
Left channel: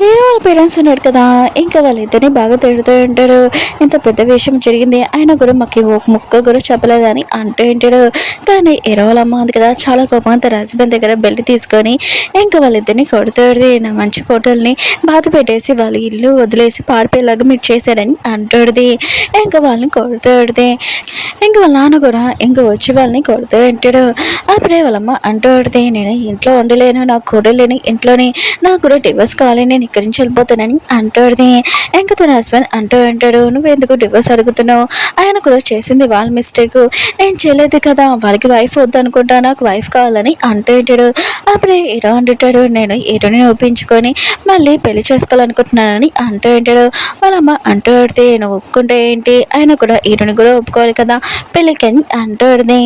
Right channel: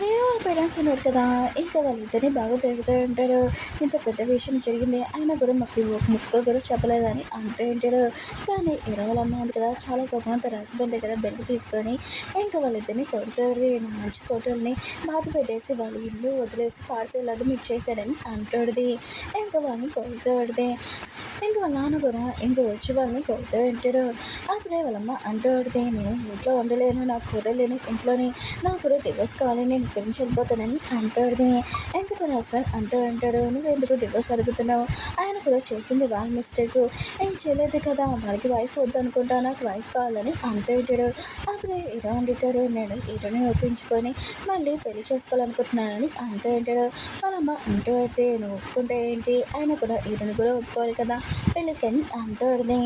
హీరో వాళ్ళ పేరెంట్స్ ఉన్నారు కదా ఇంకా వాళ్ళిద్దరిని బాగా తిడుతూ ఉంటాడు ఇంత పెద్ద విషయం జరిగింది అయినా కూడా మాకు ఒక ముక్క కూడా చెప్పలేదని అంటూ ఉంటాడు. కానీ హీరో వాళ్ళ అమ్మ ఉంది కదా చాలా కోపం తన హస్బెండ్ దగ్గర బెల్ట్ తీసుకొని ఇంకా వాళ్ళిద్దరిని కొడుతుంది నా మంచి కోటల్ని బాధ పెట్టేసి వాళ్ళ ఇల్లు వదిలేసి పారిపోయేలాగా మీరు చేశారని అంటుంది. ఇంకా వాళ్ళని కొడుతుంది. ఇంకా వాళ్ళ నాన్న కూడా ఇంకా వచ్చి వాళ్ళని కొడుతూ ఉంటాడు. అప్పుడే వాళ్ళమ్మ అంటుంది నేను ఇంట్లో ఉండలేను, నాకు కొడలేని ఇంట్లోని నాకు కూడా డివోర్స్ కావాలి నేను ఇక్కడి నుంచి వెళ్ళిపోతానని అంటుంది. ఇంకా తన హస్బెండ్ అంటూ ఉంటాడు నువ్వు ఎందుకు డివోర్స్ అడుగుతున్నావు, ఆయన కూడా చేసింది వాళ్ళ మిస్టేక్, నేను చేయలేదు కదా, వాళ్ళకి వైఫ్ వద్దు అనుకుంటా నాకు వైఫ్ కావాలని అంటూ ఉంటాడు. అప్పుడే హీరో అంటుంటాడు నేను హీరోని ఒప్పించుకొని మళ్ళీ పెళ్లి చేసుకోవాలనుకుంటున్నానని అంటూ ఉంటాడు. వాళ్ళమ్మ అంటూ పడితే నువ్వు ఒప్పుకుంటే ఏంటి, ఆయన కూడా హీరోని కూడా ఒప్పుకోవాలి కదా పెళ్ళికి అంటుంది.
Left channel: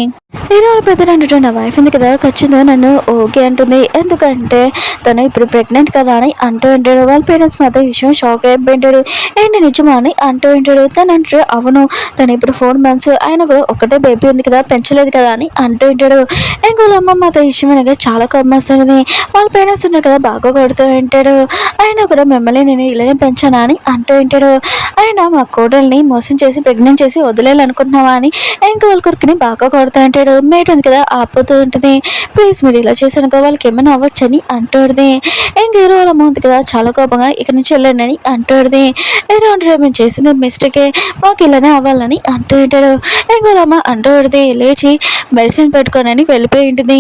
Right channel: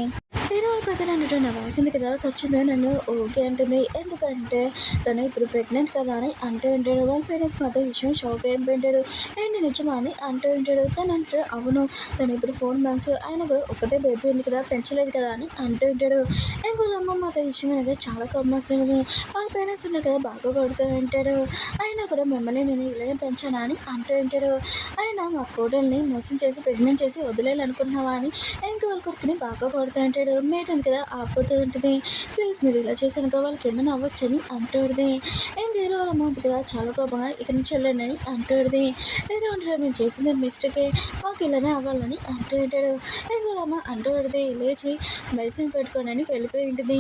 హీరో పెద్దలు అంటుంటే నా వైఫ్ ఉంది కదా ఖచ్చితంగా నన్ను ఓకే అంటుంది, ఎందుకంటే తను ఇప్పుడు ప్రెగ్నెంట్ కదా అని అంటూ ఉంటాడు. వాళ్ళ పేరెంట్స్ మాత్రం విషయం షాక్ అయిపోయింటాడు. ఏంటి నిజమా అని అంటూ ఉంటాడు. తను అంటాడు అవును తను ఇప్పుడు 4 months ఆయన కూడా ఒకటే బేబీ ఉంది కదా పెంచలేదు కదా అని అంటూ ఉంటాడు. ఇంకా వాళ్ళ అమ్మ మాత్రం విషయం అనగా చాలా కోపం వస్తుంది. వాళ్ళ పేరెంట్స్ ఉన్నారు కదా బాగా కొడుతూ ఉంటాడు. ఆయన కూడా మిమ్మల్ని నేను ఇలానే పెంచానా అని అంటూ ఉంటాడు. ఆయన మా కోడల్ని మోసం చేసి ప్రెగ్నెంట్ చేసి వదిలేయాలనుకుంటున్నావా అని ఇంకా వాళ్ళ కొడుకుని బాగా కొడుతూ ఉంటాడు. మేట్ ఉంది కదా ఆపుతూ ఉంటుంది ప్లీజ్ మీరు ఇలా చేశాను వాళ్ళకి ఏమైనా అవ్వచ్చని అంటుంది. ఇంక హీరో వాళ్ళ అమ్మ ఉంది కదా చాలా కోపంగా ఇక్కడ నుంచి వెళ్ళండి అంటుంది. హీరో అంటాడు మేము చేసింది మిస్టేకే మాకు ఇలానే అవ్వాలని అంటూ ఉంటాడు. ఇంక వాళ్ళ అమ్మ అంటుంది లేచి మెడిసిన్ పెట్టుకోనని వెళ్ళిపోయి ఉంటుంది.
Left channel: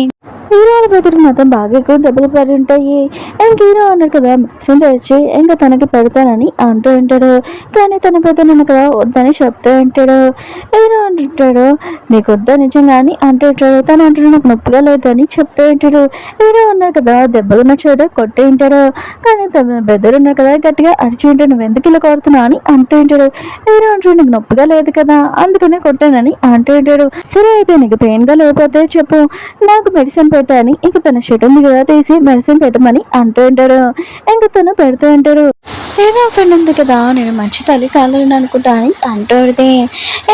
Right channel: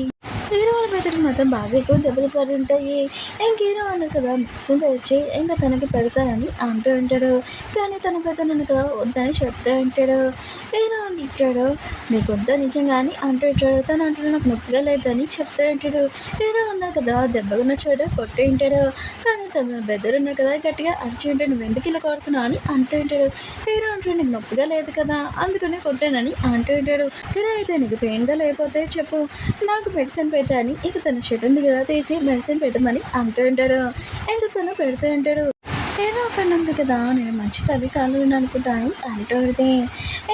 హీరో వాళ్ళ బదులు మొత్తం బాగా ఎక్కువ దెబ్బలు పడి ఉంటాయి. ఇంక హీరో అన్నాడు కదా మెడిసిన్ తెచ్చి ఇంకా తనకి పెడతానని అంటూ ఉంటాడు. కానీ తన పెద్దనన్న కదా వద్దని చెప్తూ ఉంటాడు. హీరో అంటుంటాడు నీకు వద్దా నిజంగా అని అంటూ ఉంటాడు. తను అంటాడు నాకు నొప్పిగా లేదని చెప్తూ ఉంటాడు. హీరో అన్నారు కదా దెబ్బలున్న చోట కొట్టి ఉంటాడు. కానీ తన బెదరు ఉన్నారు కదా గట్టిగా అరిచి ఉంటాడు నువ్వు ఎందుకు ఇలా కొడుతున్నావు అని అంటూ ఉంటాడు. హీరో అంటాడు నీకు నొప్పిగా లేదు కదా అందుకనే కొట్టానని అంటూ ఉంటాడు. సరే అయితే నీకు పెయిన్గా లేకపోతే చెప్పు నాకు మెడిసిన్ పెట్టని ఇక తన షర్ట్ ఉంది కదా తీసి మెడిసిన్ పెట్టమని అంటూ ఉంటాడు. ఇంక తను పెడుతూ ఉంటాడు. నేను ఫ్రెండ్ ఉంది కదా నేను మంచి తల్లి కావాలని అనుకుంటా అని అంటూడితే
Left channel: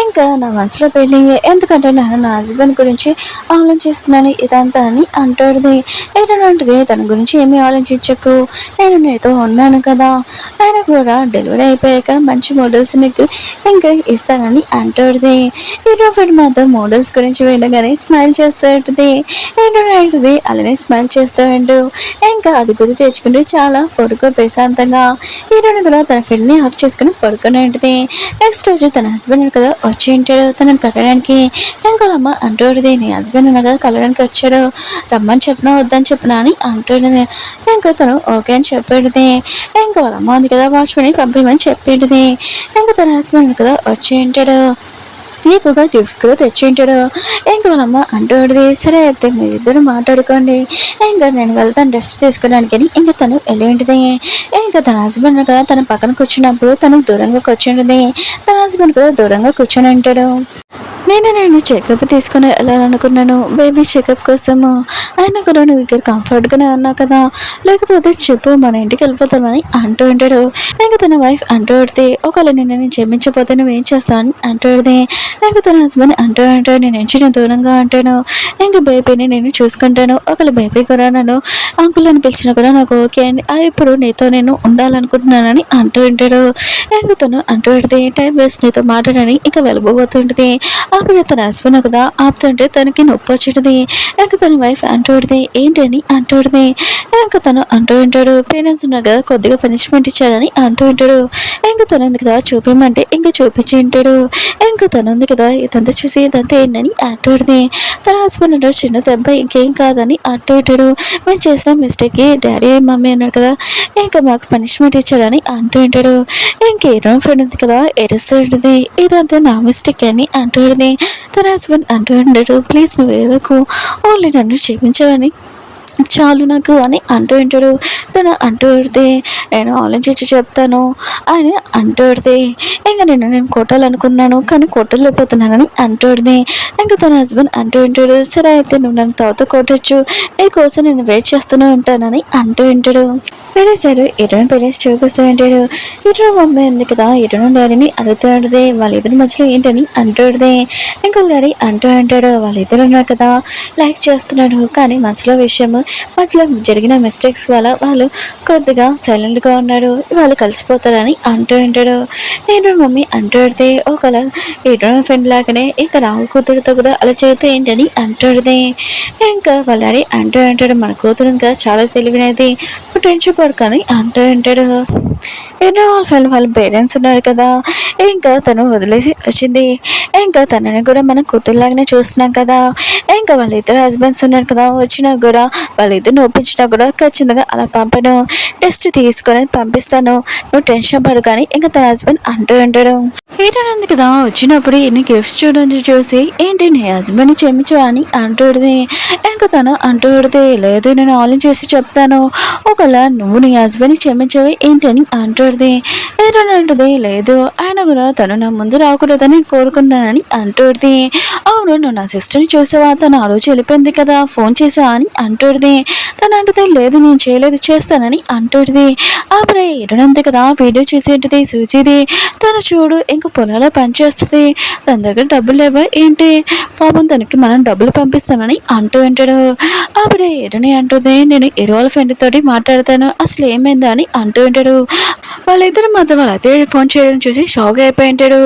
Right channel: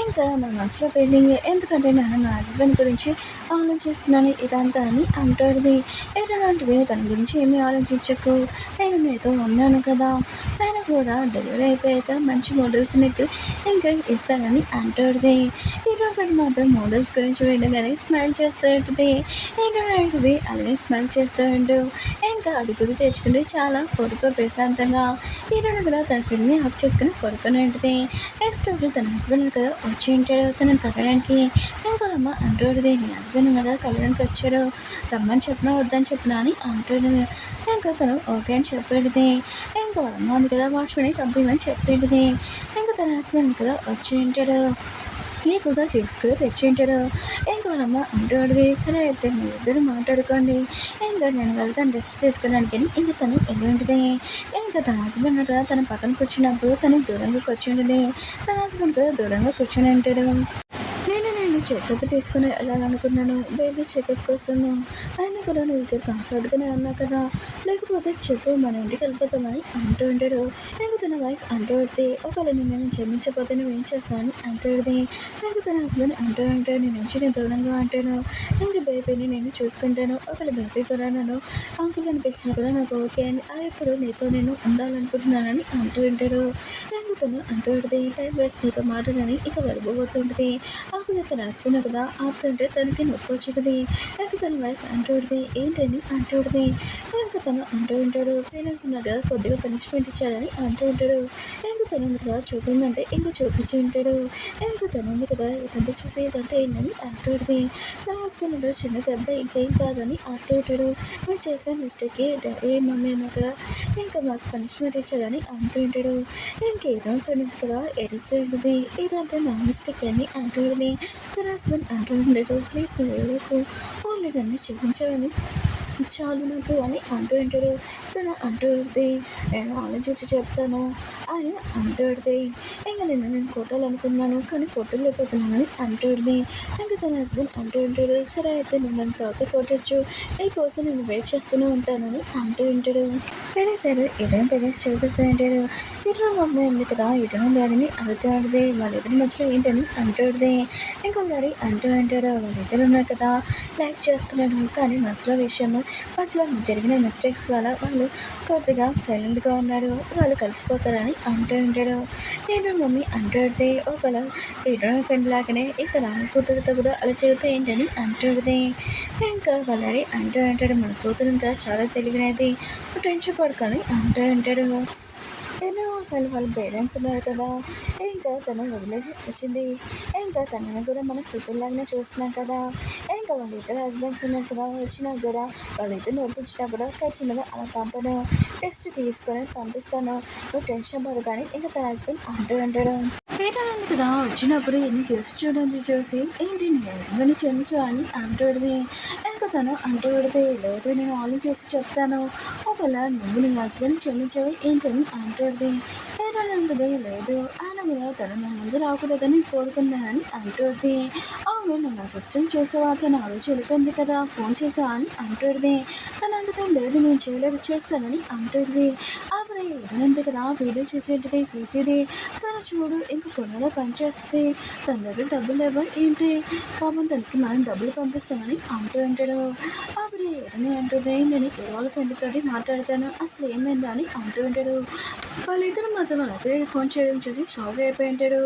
ఇంకా నా మనసులో పెళ్ళింగ్ ఎందుకంటే నేను నా హస్బెండ్ గురించి ఆలోచిస్తున్నాను ఇదంతా అని అంటూడిది. ఏంటంటే తన గురించి ఏమీ ఆలోచించకు, నేను నీతో ఉన్నాను కదా, ఆయన కూడా డెలివరీ అయిపోయాక మంచి మోడల్స్ నీకు ఇంకా ఇస్తానని అంటూడిది. హీరో ఫ్రెండ్ మాత్రం మోడల్స్ గురించి వినగానే స్మైల్ చేస్తూ ఉంటుంది. ఏంటంటే అలానే స్మైల్ చేస్తూ ఉంటూ ఇంకా అది గురి తెచ్చుకుంటూ చాలా పొడుగు ప్రశాంతంగా హీరోయిన్ కూడా తన ఫ్రెండ్ని హక్ చేసుకుని పడుకుని ఉంటుంది. నెక్స్ట్ రోజు తన హస్బెండ్ కదా వచ్చి ఉంటాడు తనని కలవడానికి. ఇంకా అమ్మ అంటూడది నీ హస్బెండ్ కదా కలవడానికి వచ్చాడు, రమ్మని చెప్పినా వద్దని చెప్పినా అని అంటుంది. ఇంకా తను ఓకే అని చెప్పేది. ఇంకా వాళ్ళ అమ్మ ఉంది కదా వాచ్మెన్ పంపించమని చెప్పేది. ఇంకా తన హస్బెండ్ కదా వచ్చి ఉంటాడు, ఎక్కువగా గిఫ్ట్స్ కూడా తెచ్చింటాడు. ఇంకా వాళ్ళమ్మ అంటూడిది సరే అయితే మీరిద్దరు మాట్లాడుకోండి, ఇంకా నేను వెళ్తాను రెస్ట్ తీసుకోవడానికి అని ఇంకా తను వెళ్ళి ఉంటుంది. ఇంకా తన హస్బెండ్ కదా తన పక్కన కూర్చున్నప్పుడు తను దూరంగా కూర్చుంటుంది. తన హస్బెండ్ కూడా దూరంగా కూర్చొని ఉంటాడు. నేను చెకప్ తీసుకుని వెళ్ళాలనుకున్నాను బేబీ చెకప్ కోసము, అయినా కూడా నువ్వు ఇక్కడ కంఫర్ట్గానే ఉన్నావు కదా, లేకపోతే చెప్పు మన ఇంటికి వెళ్ళిపోతామని అంటూ ఉంటాడు. ఇంకా తన వైఫ్ అంటూ ఉంటే ఒకవేళ నేను క్షమించకపోతే నువ్వేం చేస్తావు అని అంటూ ఉంటే ఇంకా తన హస్బెండ్ అంటూ ఉంటాడు నేను నేను దూరంగా ఉంటాను, ఇంకా బేబీని నేను చూసుకుంటాను, ఒకవేళ బేబీ కూడా నన్ను అంకుల్ అని పిలిచినా కూడా నాకు ఓకే అండి, ఇప్పుడు నీతో నేను ఉండాలనుకుంటున్నానని అంటూ ఉంటాడు. ఇంకా తను అంటూ ఉంటుంది టైం వేస్ట్ నీతో మాట్లాడని ఇంకా వెళ్ళబోతుంటుంది. అప్పుడు తన హస్బెండ్ కదా ఆపుతుంటే తనకి నొప్పి వచ్చింది. ఇంకా తన వైఫ్ అంటూడిది ఏంటని అంటూడిది. ఇంకా తను అంటూ ఉంటాడు పేరెంట్స్ ఉన్నారు కదా కొద్దిగా పనిష్మెంట్ ఇచ్చారని అంటూ ఉంటాడు. ఇంకా తను ఉంది కదా చూపించమంటే ఇంకా చూపించి ఉంటాడు. ఇంకా తను ఉంది కదా ఇదంతా చూసి ఇదంతా ఏంటని అంటూడిది. తన హస్బెండ్ అంటాడు చిన్న దెబ్బ ఇంకేం కాదని అంటూ ఉంటాడు. మేము చేసిన మిస్టేక్కి డాడీ మమ్మీ అన్నాడు కదా ఇంకా మాకు పనిష్మెంట్ ఇచ్చారని అంటూ ఉంటాడు. ఇంకేదో ఫ్రెండ్ ఉంది కదా ఏడుస్తూ ఉంటుంది ఇదంతా నా మిస్టేక్ అని అంటూ ఉంటుంది. తన హస్బెండ్ అంటూ ఉంటాడు ప్లీజ్ నువ్వు ఏడవకు, ఓన్లీ నన్ను క్షమించవని చాలు నాకు అని అంటూ ఉంటాడు. తను అంటూ ఉడితే నేను ఆలోచించి చెప్తాను అని అంటూ ఉడితే ఇంకా నేను కొట్టాలనుకున్నాను కానీ కొట్టలేకపోతున్నానని అంటూ ఉడితే ఇంకా తన హస్బెండ్ అంటూ ఉంటాడు సరే అయితే నువ్వు నన్ను తర్వాత కొట్టచ్చు, నీకోసం నేను వెయిట్ చేస్తూనే ఉంటానని అంటూ ఉంటాడు. సరే ఇరుని పేరెంట్స్ చూపిస్తూ ఉంటాడు. ఇరు మమ్మీ ఉంది కదా ఇరును డాడీని అడుగుతూ ఉంటుంది వాళ్ళిద్దరి మధ్యలో ఏంటని అంటూ ఉంటుంది. ఇంకా డాడీ అంటూ ఉంటాడు వాళ్ళిద్దరు ఉన్నారు కదా లైక్ చేస్తున్నాడు కానీ మనసులో విషయం మధ్యలో జరిగిన మిస్టేక్స్ వల్ల వాళ్ళు కొద్దిగా సైలెంట్గా ఉన్నాడు, వాళ్ళు కలిసిపోతారని అంటూ ఉంటాడు. నేను మమ్మీ అంటూ ఉంటే ఒకలా ఇరు ఫ్రెండ్ లాగానే ఇంకా రాహు కూతురుతో కూడా అలా చెబుతూ ఏంటని అంటుంది. ఇంకా వాళ్ళ డాడీ అంటూ ఉంటాడు మన కూతురు ఇంకా చాలా తెలివినది టెన్షన్ పడుకొని అంటూ ఉంటాడు. ఎన్నో వాళ్ళ పేరెంట్స్ ఉన్నారు కదా ఇంకా తను వదిలేసి వచ్చింది, ఇంకా తనని కూడా మనం కూతురులాగానే చూస్తున్నాం కదా, ఇంకా వాళ్ళిద్దరు హస్బెండ్స్ ఉన్నారు కదా వచ్చినా కూడా వాళ్ళిద్దరిని ఒప్పించినా కూడా ఖచ్చితంగా అలా పంపను, టెస్ట్ తీసుకొని పంపిస్తాను నువ్వు టెన్షన్ పడు కానీ ఇంకా తన హస్బెండ్ అంటూ ఉంటాడు. ఏంటంది కదా వచ్చినప్పుడు ఎన్ని గిఫ్ట్స్ చూడండి చూసి ఏంటి నీ హస్బెండ్ని క్షమించు అని అంటుంది. ఇంకా తను అంటూడితే లేదు నేను ఆలోచించి చెప్తాను, ఒకవేళ నువ్వు నీ హస్బెండ్ని క్షమించవి ఏంటని అంటుంది. ఏంటంటుంది లేదు ఆయన కూడా తను నా ముందు రాకూడదని కోరుకున్నానని అంటుంది. అవును నువ్వు నా సిస్టర్ని చూసావా తను ఆ రోజు వెళ్ళిపోయింది కదా ఫోన్ చేసావా అని అంటుంది. తను అంటుంది లేదు నేను చేయలేదు చేస్తానని అంటుంది. అప్పుడే ఇరునంది కదా వీడియో చూసేటిది చూసేది తను చూడు ఇంకా పొలాలో పనిచేస్తుంది తన దగ్గర డబ్బులు లేవా ఏంటి పాపం తనకి మనం డబ్బులు పంపిస్తామని అంటూ ఉంటాడు. అప్పుడే ఇరుని అంటుంది నేను ఇరువాళ్ళ ఫ్రెండ్ తోటి మాట్లాడతాను అసలు ఏమైందా అని అంటూ ఉంటాడు. వాళ్ళిద్దరు మాత్రం వాళ్ళ అత్తయ్య ఫోన్ చేయడం చూసి షాక్ అయిపోయి ఉంటాడు.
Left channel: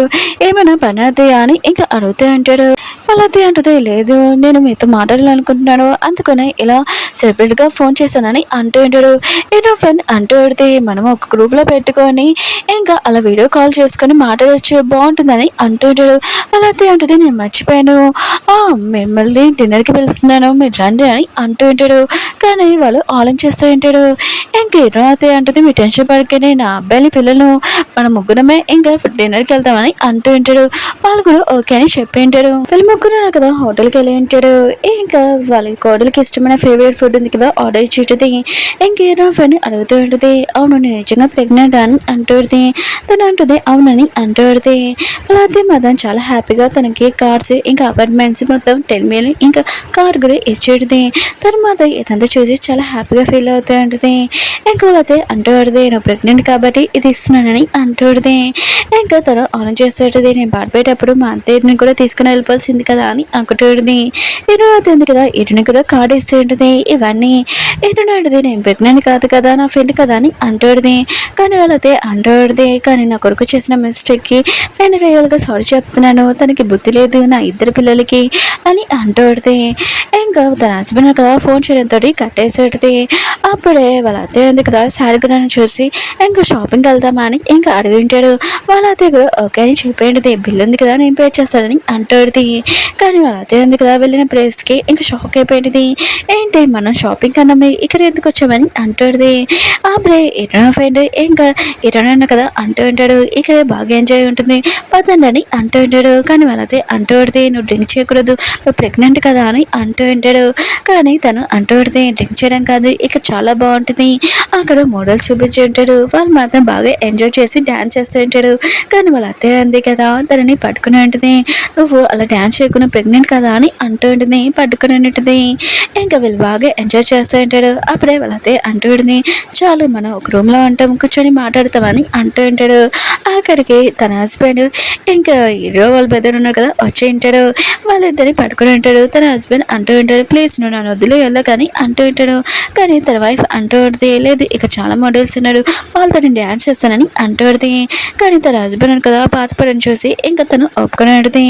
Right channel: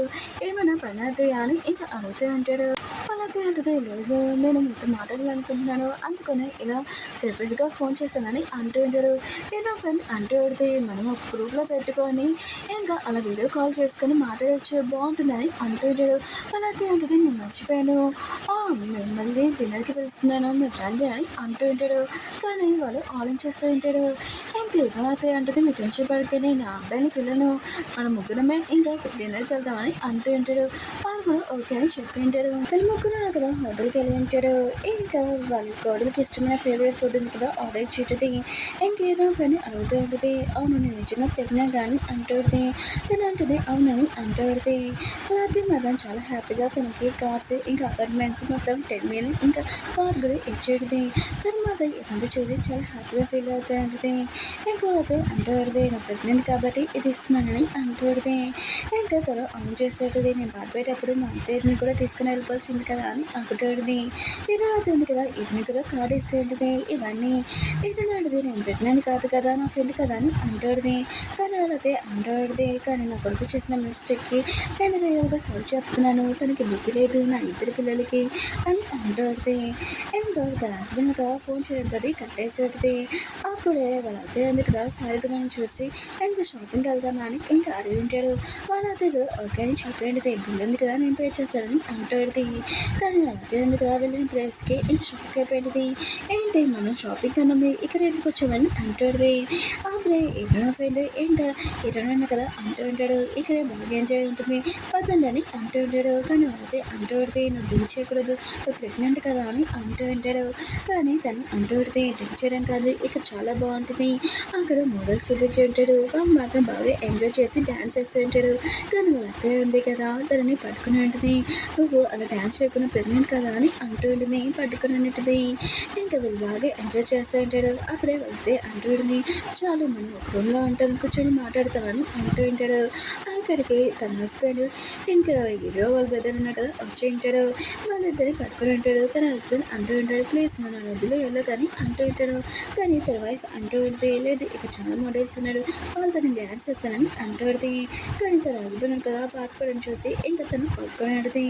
ఏమైనా పని అత్తయ్య అని ఇంకా అడుగుతూ ఉంటాడు. వాళ్ళ అత్తయ్య అంటుంది లేదు నేను మీతో మాట్లాడాలనుకుంటున్నాను అందుకనే ఇలా సెపరేట్గా ఫోన్ చేశానని అంటూ ఉంటాడు. ఏదో ఫ్రెండ్ అంటూ ఉంటే మనం ఒక గ్రూప్లో పెట్టుకొని ఇంకా అలా వీడియో కాల్ చేసుకొని మాట్లాడచ్చు బాగుంటుందని అంటూ ఉంటాడు. వాళ్ళ అత్తయ్య అంటుంది నేను మర్చిపోయాను మిమ్మల్ని డిన్నర్కి పిలుస్తున్నాను మీరు రండి అని అంటూ ఉంటాడు. కానీ వాళ్ళు ఆలోచిస్తూ ఉంటాడు. ఇంకేదో అత్తయ్య అంటుంది మీ టెన్షన్ పడుకొని నా అబ్బాయిని పిల్లలు మన ముగ్గురమే ఇంకా డిన్నర్కి వెళ్తామని అంటూ ఉంటాడు. వాళ్ళు కూడా ఓకే అని చెప్పి ఉంటాడు. ఫిల్మ్ ముగ్గురు కదా హోటల్కి వెళ్ళి ఉంటాడు. ఇంకా వాళ్ళ కోడలికి ఇష్టమైన ఫేవరెట్ ఫుడ్ ఉంది కదా ఆర్డర్ ఇచ్చేటది. ఇంకేదో ఫ్రెండ్ అడుగుతూ ఉంటుంది, అవును నేను నిజంగా ప్రెగ్నెంట్ అని అంటుంది. తను అంటుంది అవునని అంటుంది. అలా అయితే మదన్ చాలా హ్యాపీగా తనకి కార్స్ ఇంకా అపార్ట్మెంట్స్ మొత్తం 10 million ఇంకా కార్ కూడా ఇచ్చేది. తర్వాత ఇదంతా చూసి చాలా హ్యాపీగా ఫీల్ అవుతూ ఉంటుంది. ఇంకా వాళ్ళైతే అంటుంది నేను ప్రెగ్నెంట్ కాబట్టి ఇది ఇస్తున్నానని అంటుంది. ఇంకా తను ఆన్ చేస్తుంటుంది, నేను పాడిపోయేటప్పుడు మా అత్తయ్యని కూడా తీసుకుని వెళ్ళిపోవాల్సింది కదా అని అనుకుంటుంది. ఇరు అవుతుంది కదా ఇరుని కూడా కార్డు ఇస్తూ ఉంటుంది. ఇవన్నీ ఇరుని అంటుంది నేను ప్రెగ్నెంట్ కాదు కదా నా ఫ్రెండ్ కదా అని అంటుంది. కానీ వాళ్ళైతే అంటుంది కానీ నా కొడుకు చేసిన మిస్టేక్కి నేను రియల్గా సారీ చెప్తున్నాను, తనకి బుద్ధి లేదు నా ఇద్దరు పిల్లలకి అని అంటుంది. ఇంకా తన హస్బెండ్ కదా ఫోన్ చేయడంతో కట్టేసేది. అప్పుడే వాళ్ళ అత్తయ్య ఉంది కదా సాడుగులను చూసి ఇంకా షాపింగ్కి వెళ్దామా అని ఇంకా అడుగుంటాడు. వాళ్ళ అత్తయ్య కూడా ఓకే అని చెప్పేది, బిల్లు ఉంది కదా నేను పే చేస్తానని అంటుంది. కానీ వాళ్ళ అత్తయ్య ఉంది కదా వెళ్ళిన ప్లేస్కి ఇంకా షాక్ అయిపోయింది. ఏంటి మనం షాపింగ్ కన్నా ఇక్కడ ఎందుకు వచ్చామని అంటుంది. అప్పుడే ఇరవై ఫ్రెండ్ ఇంకా ఇరవై కదా అంటూ ఉంటాడు, ఇక్కడ బాగా ఎంజాయ్ ఉంటుంది పదండి అని అంటూ ఉంటాడు. కానీ వాళ్ళ అత్తయ్య అంటూ ఉంటుంది నువ్వు డ్రింక్ చేయకూడదు నువ్వు ప్రెగ్నెంట్ కదా అని అంటూ ఉంటాడు. కానీ తను అంటూ ఉంటుంది డ్రింక్ చేయడం కాదు ఇక్కడ చాలా బాగుంటుంది, అక్కడ మోడల్స్ చూపించి ఉంటాడు. వాళ్ళు మాత్రం బాగా ఎంజాయ్ చేసి డ్యాన్స్ చేస్తూ ఉంటాడు. కానీ వాళ్ళ అత్తయ్య అంది కదా తనని పట్టుకుని ఉంటుంది, నువ్వు అలా డ్యాన్స్ చేయకుండా ప్రెగ్నెంట్ కదా అని అంటూ ఉంటుంది, పట్టుకుని ఉంటుంది. ఇంకా వీళ్ళు బాగా ఎంజాయ్ చేస్తూ ఉంటాడు. అప్పుడే వాళ్ళ అత్తయ్య అంటూ ఉంటుంది చాలు మనం ఒక రూమ్లో ఉంటాం కూర్చొని మాట్లాడతామని అంటూ ఉంటాడు. అక్కడికి తన హస్బెండ్ ఇంకా హీరో వాళ్ళ బెదర్ ఉన్నారు కదా వచ్చి ఉంటాడు. వాళ్ళిద్దరిని పట్టుకుని ఉంటాడు. తన హస్బెండ్ అంటూ ఉంటాడు ప్లీజ్ నువ్వు నా వద్దులు వెళ్ళకని అంటూ ఉంటాడు. కానీ తన వైఫ్ అంటూ ఉంటుంది లేదు ఇక చాలా మోడల్స్ ఉన్నాడు వాళ్ళతో నేను డ్యాన్స్ చేస్తానని అంటూ ఉంటుంది. కానీ తన హస్బెండ్ కదా పాతపడని చూసి ఇంకా తను ఒప్పుకొని ఉంటుంది.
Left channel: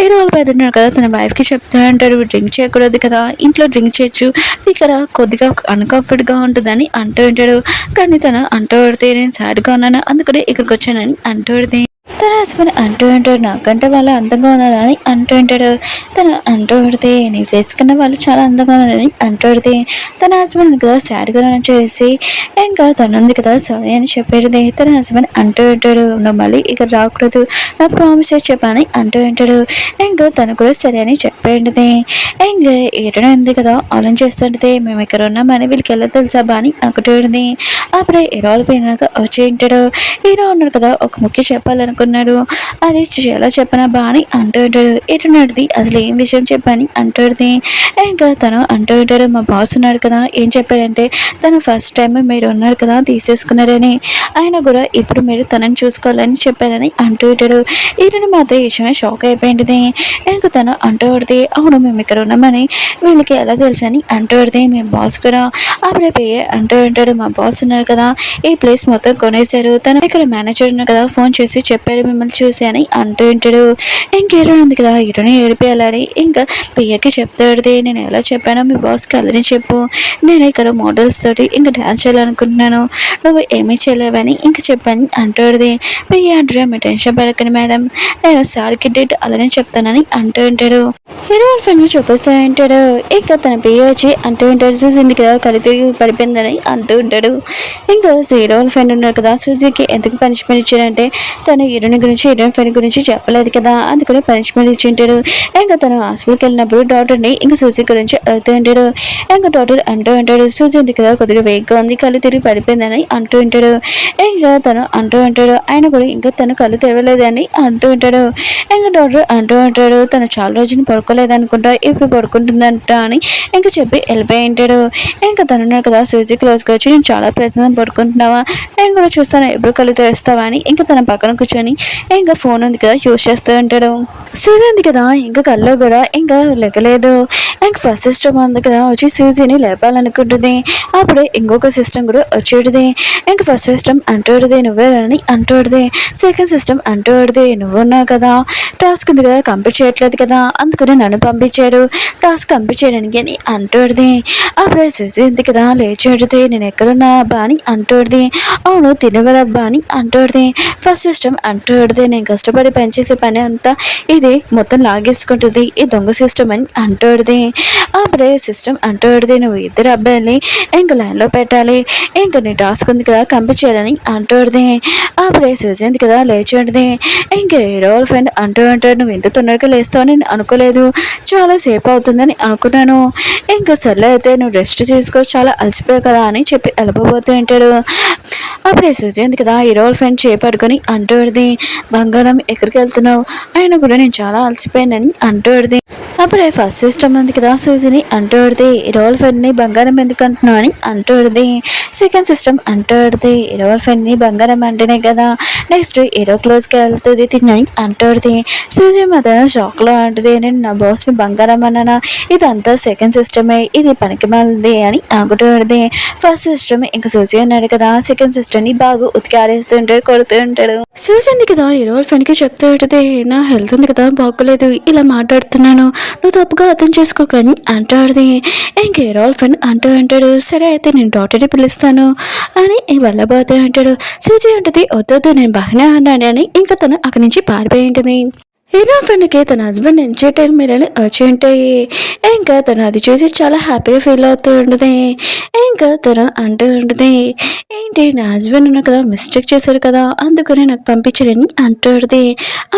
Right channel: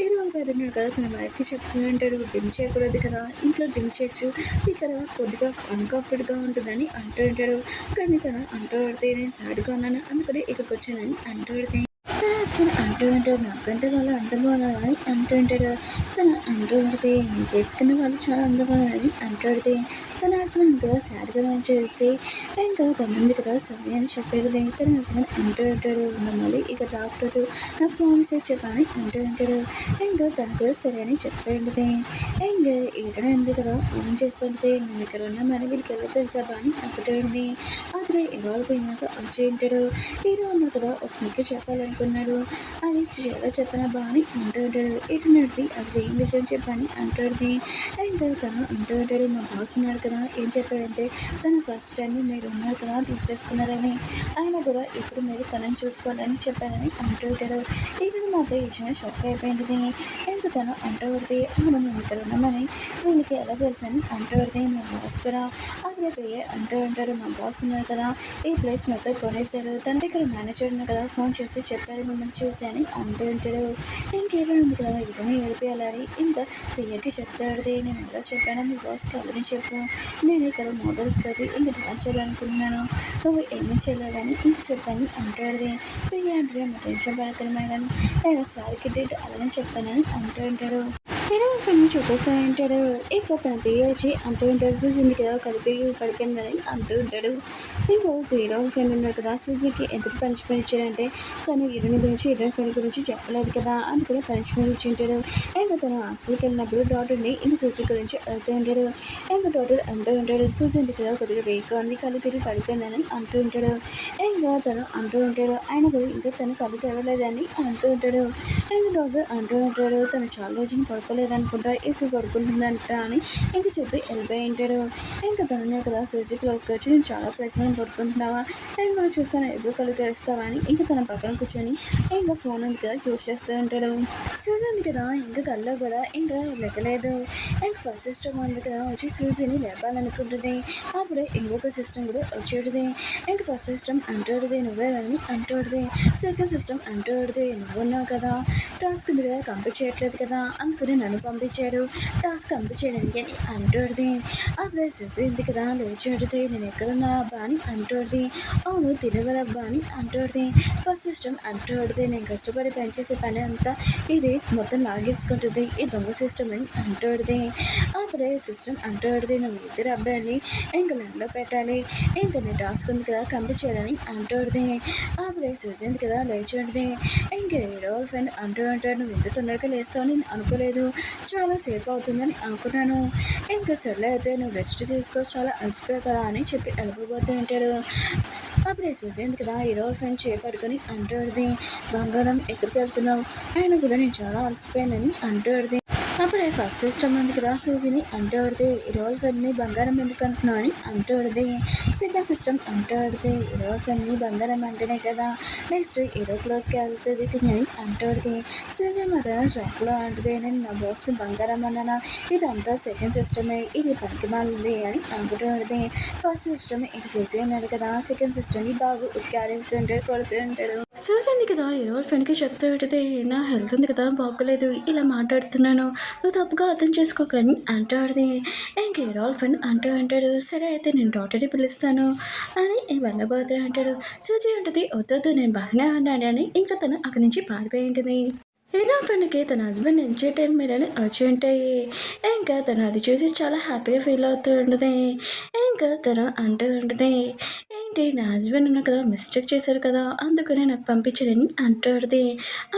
హీరో వాళ్ళ బెదర్ ఉన్నారు కదా తన వైఫ్కి చెప్తూ ఉంటాడు డ్రింక్ చేయకూడదు కదా ఇంట్లో డ్రింక్ చేయొచ్చు ఇక్కడ కొద్దిగా అన్కంఫర్ట్గా ఉంటుందని అంటూ ఉంటాడు. కానీ తను అంటూ పడితే నేను సాడ్గా ఉన్నాను అందుకనే ఇక్కడికి వచ్చానని అంటూ పడితే తన హస్బెండ్ అంటూ ఉంటాడు నాకంటే వాళ్ళు అందంగా ఉన్నారని అంటూ ఉంటాడు. తను అంటూ పడితే నీ ఫేస్ కన్నా వాళ్ళు చాలా అందంగా ఉన్నారని అంటూ పడితే తన హస్బెండ్ కదా సాడ్గా చేసి ఇంకా తను ఉంది కదా సారీ అని చెప్పేది. తన హస్బెండ్ అంటూ ఉంటాడు నువ్వు మళ్ళీ ఇక్కడ రాకూడదు నాకు ప్రామిస్ చేసి చెప్పాలని అంటూ ఉంటాడు. ఇంకా తను కూడా సరే అని చెప్పేది. ఇంకా ఏడన ఉంది కదా ఆలోచన చేస్తుంటే మేము ఇక్కడ ఉన్నామని వీళ్ళకి ఎలా తెలుసా బా అని అనుకుంటుంది. అప్పుడే హీరోలు పోయినాక వచ్చి ఉంటాడు. హీరో ఉన్నాడు కదా ఒక ముఖ్య చెప్పాలనుకున్నాడు, అది ఎలా చెప్పనా బా అని అంటూ ఉంటాడు. ఎటున్నది అసలు ఏం విషయం చెప్పని అంటుంది. ఇంకా తను అంటూ ఉంటాడు మా బాస్ ఉన్నాడు కదా ఏం చెప్పాడంటే తను ఫస్ట్ టైం మీరు ఉన్నారు కదా తీసేసుకున్నారని ఆయన కూడా ఇప్పుడు మీరు తనని చూసుకోవాలని చెప్పారని అంటూ ఉంటాడు. ఈయన మాత్రం ఈ విషయమే షాక్ అయిపోయింది. ఇంకా తను అంటూ పడితే అవును మేము ఇక్కడ ఉన్నామని వీళ్ళకి ఎలా తెలుసు అని అంటూ పడితే మేము బాస్ కూడా అప్పుడే పోయి అంటూ ఉంటాడు మా బాస్ ఉన్నారు కదా ఈ ప్లేస్ మొత్తం కొనేశారు తను ఇక్కడ మేనేజర్ ఉన్నారు కదా ఫోన్ చేసి చెప్పాడు మిమ్మల్ని చూసి అని అంటూ ఉంటాడు. ఇంకేరో ఉంది కదా హీరోని ఏడిపోయాలని ఇంకా పియ్యకి చెప్తాడు నేను ఎలా చెప్పానో మీ బాస్కి అలానే చెప్పు నేను ఇక్కడ మోడల్స్ తోటి ఇంకా డ్యాన్స్ చేయాలనుకుంటున్నాను నువ్వు ఏమీ చేయలేవని ఇంకా చెప్పని అంటాడు. పియ్య అంటారు మీ టెన్షన్ పడకండి మేడం నేను సార్కి డేట్ అలానే చెప్తానని అంటూ ఉంటాడు. హీరో ఫ్రెండ్ చూపిస్తూ ఉంటాడు. ఇంకా తన పియ్య వచ్చి అంటూ ఉంటాడు చూసింది కదా కలి తిరిగి పడిపోయిందని అంటూ ఉంటాడు. ఇంకా హీరో ఫ్రెండ్ ఉన్నారు కదా సూజీకి ఎందుకు పనిష్మెంట్ ఇచ్చాడంటే తను హీరోయిన్ గురించి హీరోయిన్ ఫ్రెండ్ గురించి చెప్పలేదు కదా అందుకని పనిష్మెంట్ ఇచ్చి ఉంటాడు. ఇంకా తను హాస్పిటల్కి వెళ్ళినప్పుడు డాక్టర్ని ఇంకా సూజీ గురించి అడుగుతూ ఉంటాడు. ఇంకా డాక్టర్ అంటూ ఉంటాడు సూజీ ఉంది కదా కొద్దిగా వేగ్గా ఉంది కళ్ళు తిరిగి పడిపోయిందని అంటూ ఉంటాడు. ఇంకా తను అంటూ ఉంటాడు ఆయన కూడా ఇంకా తను కళ్ళు తెరవలేదని అంటూ ఉంటాడు. ఇంకా డాక్టర్ అంటూ ఉంటాడు తను చాలా రోజులు పడుకోలేదనుకుంటా ఇప్పుడు పడుకుంటుందంట అని ఇంకా చెప్పి వెళ్ళిపోయి ఉంటాడు. ఇంకా తనున్నాడు కదా సూజీ క్లోజ్గా వచ్చి నేను చాలా ప్రశాంతం పడుకుంటున్నావా నేను కూడా చూస్తాను ఎప్పుడు కళ్ళు తెరుస్తావా అని ఇంకా తన పక్కన కూర్చొని ఇంకా ఫోన్ ఉంది కదా యూజ్ చేస్తూ ఉంటాడు. సూజీ ఉంది కదా ఇంకా కళ్ళు కూడా ఇంకా లెక్కలేదు. ఇంకా ఫస్ట్ సిస్టమ్ ఉంది కదా వచ్చి సూజీని లేపాలనుకుంటుంది. అప్పుడే ఇంకొక సిస్టమ్ కూడా వచ్చేటిది. ఇంకా ఫస్ట్ సిస్టమ్ అంటూడిది నువ్వే అని అంటూడిది. సెకండ్ సిస్టమ్ అంటూడిది నువ్వున్నావు కదా టాస్క్ ఉంది కదా కంప్లీట్ చేయట్లేదు కదా అందుకని నన్ను పంపించాడు టాస్క్ కంప్లీట్ చేయడానికి అని అంటూడిది. అప్పుడే సూజీ ఉంది కదా లేచేటిది నేను ఎక్కడున్నా అబ్బా అని అంటూడిది. అవును తినవరబ్బా అని అంటూడిది. ఫస్ట్ సిస్టమ్ అంటూడిది నేను కష్టపడి పనిచేసే పని అంతా ఇది మొత్తం లాగేసుకుంటుంది ఈ దొంగ సిస్టమ్ అని అంటూడిది. అప్పుడే సిస్టమ్ అంటూడిది నువ్వు ఇద్దరు అబ్బాయిని ఇంకా లైన్లో పెట్టాలి ఇంకా నీ టాస్క్ ఉంది కదా కంప్లీట్ చేయాలని అంటూడిది. అప్పుడే సూజీ ఉంది కదా లేచేటిది. ఇంకా హీరో ఫ్రెండ్ అంటూ ఉంటాడు నువ్వు ఎంత తొందరగా లేస్తావు నేను అనుకోలేదు చాలా సేపు అవుతుందని అనుకున్నాను. ఇంకా సర్లే అయితే నువ్వు రెస్ట్ తీసుకో, చాలా అలసిపోయావు కదా అని చెప్పి వెళ్ళిపోతూ ఉంటాడు. అప్పుడే సూజీ ఉంది కదా హీరో ఫ్రెండ్ చేపట్టుకొని అంటూడిది, బంగారం ఎక్కడికి వెళ్తున్నావు, ఆయన కూడా నేను చాలా అలసిపోయానని అంటూడిది. అప్పుడే ఫస్ట్ సిస్టమ్ ఉంది కదా సూజీని అంటూడిది, హీరో ఫ్రెండ్ని బంగారం ఎందుకు అంటున్నావు అని అంటూడిది. సెకండ్ సిస్టమ్ అంటూడిది, హీరో ఫ్రెండ్ని బంగారం అంటేనే కదా నెక్స్ట్ హీరో క్లోజ్కి వెళ్తుంది తినని అంటూడిది. సూజీ మాత్రం షాక్లో అంటుంది, నేను నా బాస్ని బంగారం అన్నానా, ఇదంతా సెకండ్ సిస్టమే, ఇది పనికి మాలింది అని ఆగుతూడిది. ఫస్ట్ సిస్టమ్ ఇంకా సూజీ అన్నాడు కదా సెకండ్ సిస్టర్ని బాగా ఉతికి ఆడేస్తూ ఉంటాడు, కొడుతూ ఉంటాడు. సూజీ ఉంది కదా హీరో ఫ్రెండ్కి చెప్తూ ఉంటుంది, నా హెల్త్ ఉంది కదా బాగోలేదు, ఇలా మాట్లాడుతున్నాను, నువ్వు తప్పుగా అర్థం చేసుకోకని అంటాడుది. ఇంక హీరో ఫ్రెండ్ అంటూ అంటాడు, సరే అయితే నేను డాక్టర్ని పిలుస్తాను అని వెళ్ళబోతూ అంటాడు. సూజీ ఉంటుంది, వద్దొద్దు నేను బాగానే అన్నాను అని ఇంకా తను అక్కడి నుంచి పారిపోయి ఉంటుంది. హీరో ఫ్రెండ్కి తన హస్బెండ్ ఎంజాయ్ టైం మీరని వచ్చి ఉంటాయి. ఇంకా తను అది చూసి చాలా హ్యాపీగా ఫీల్ అవుతూ ఉంటుంది. ఇంకా తను అంటూ ఉంటుంది, ఏంటి నా హస్బెండ్ ఉన్నా కదా మిస్టేక్ చేశాడు కదా అందుకని నాకు పంపించాడని అంటుంది.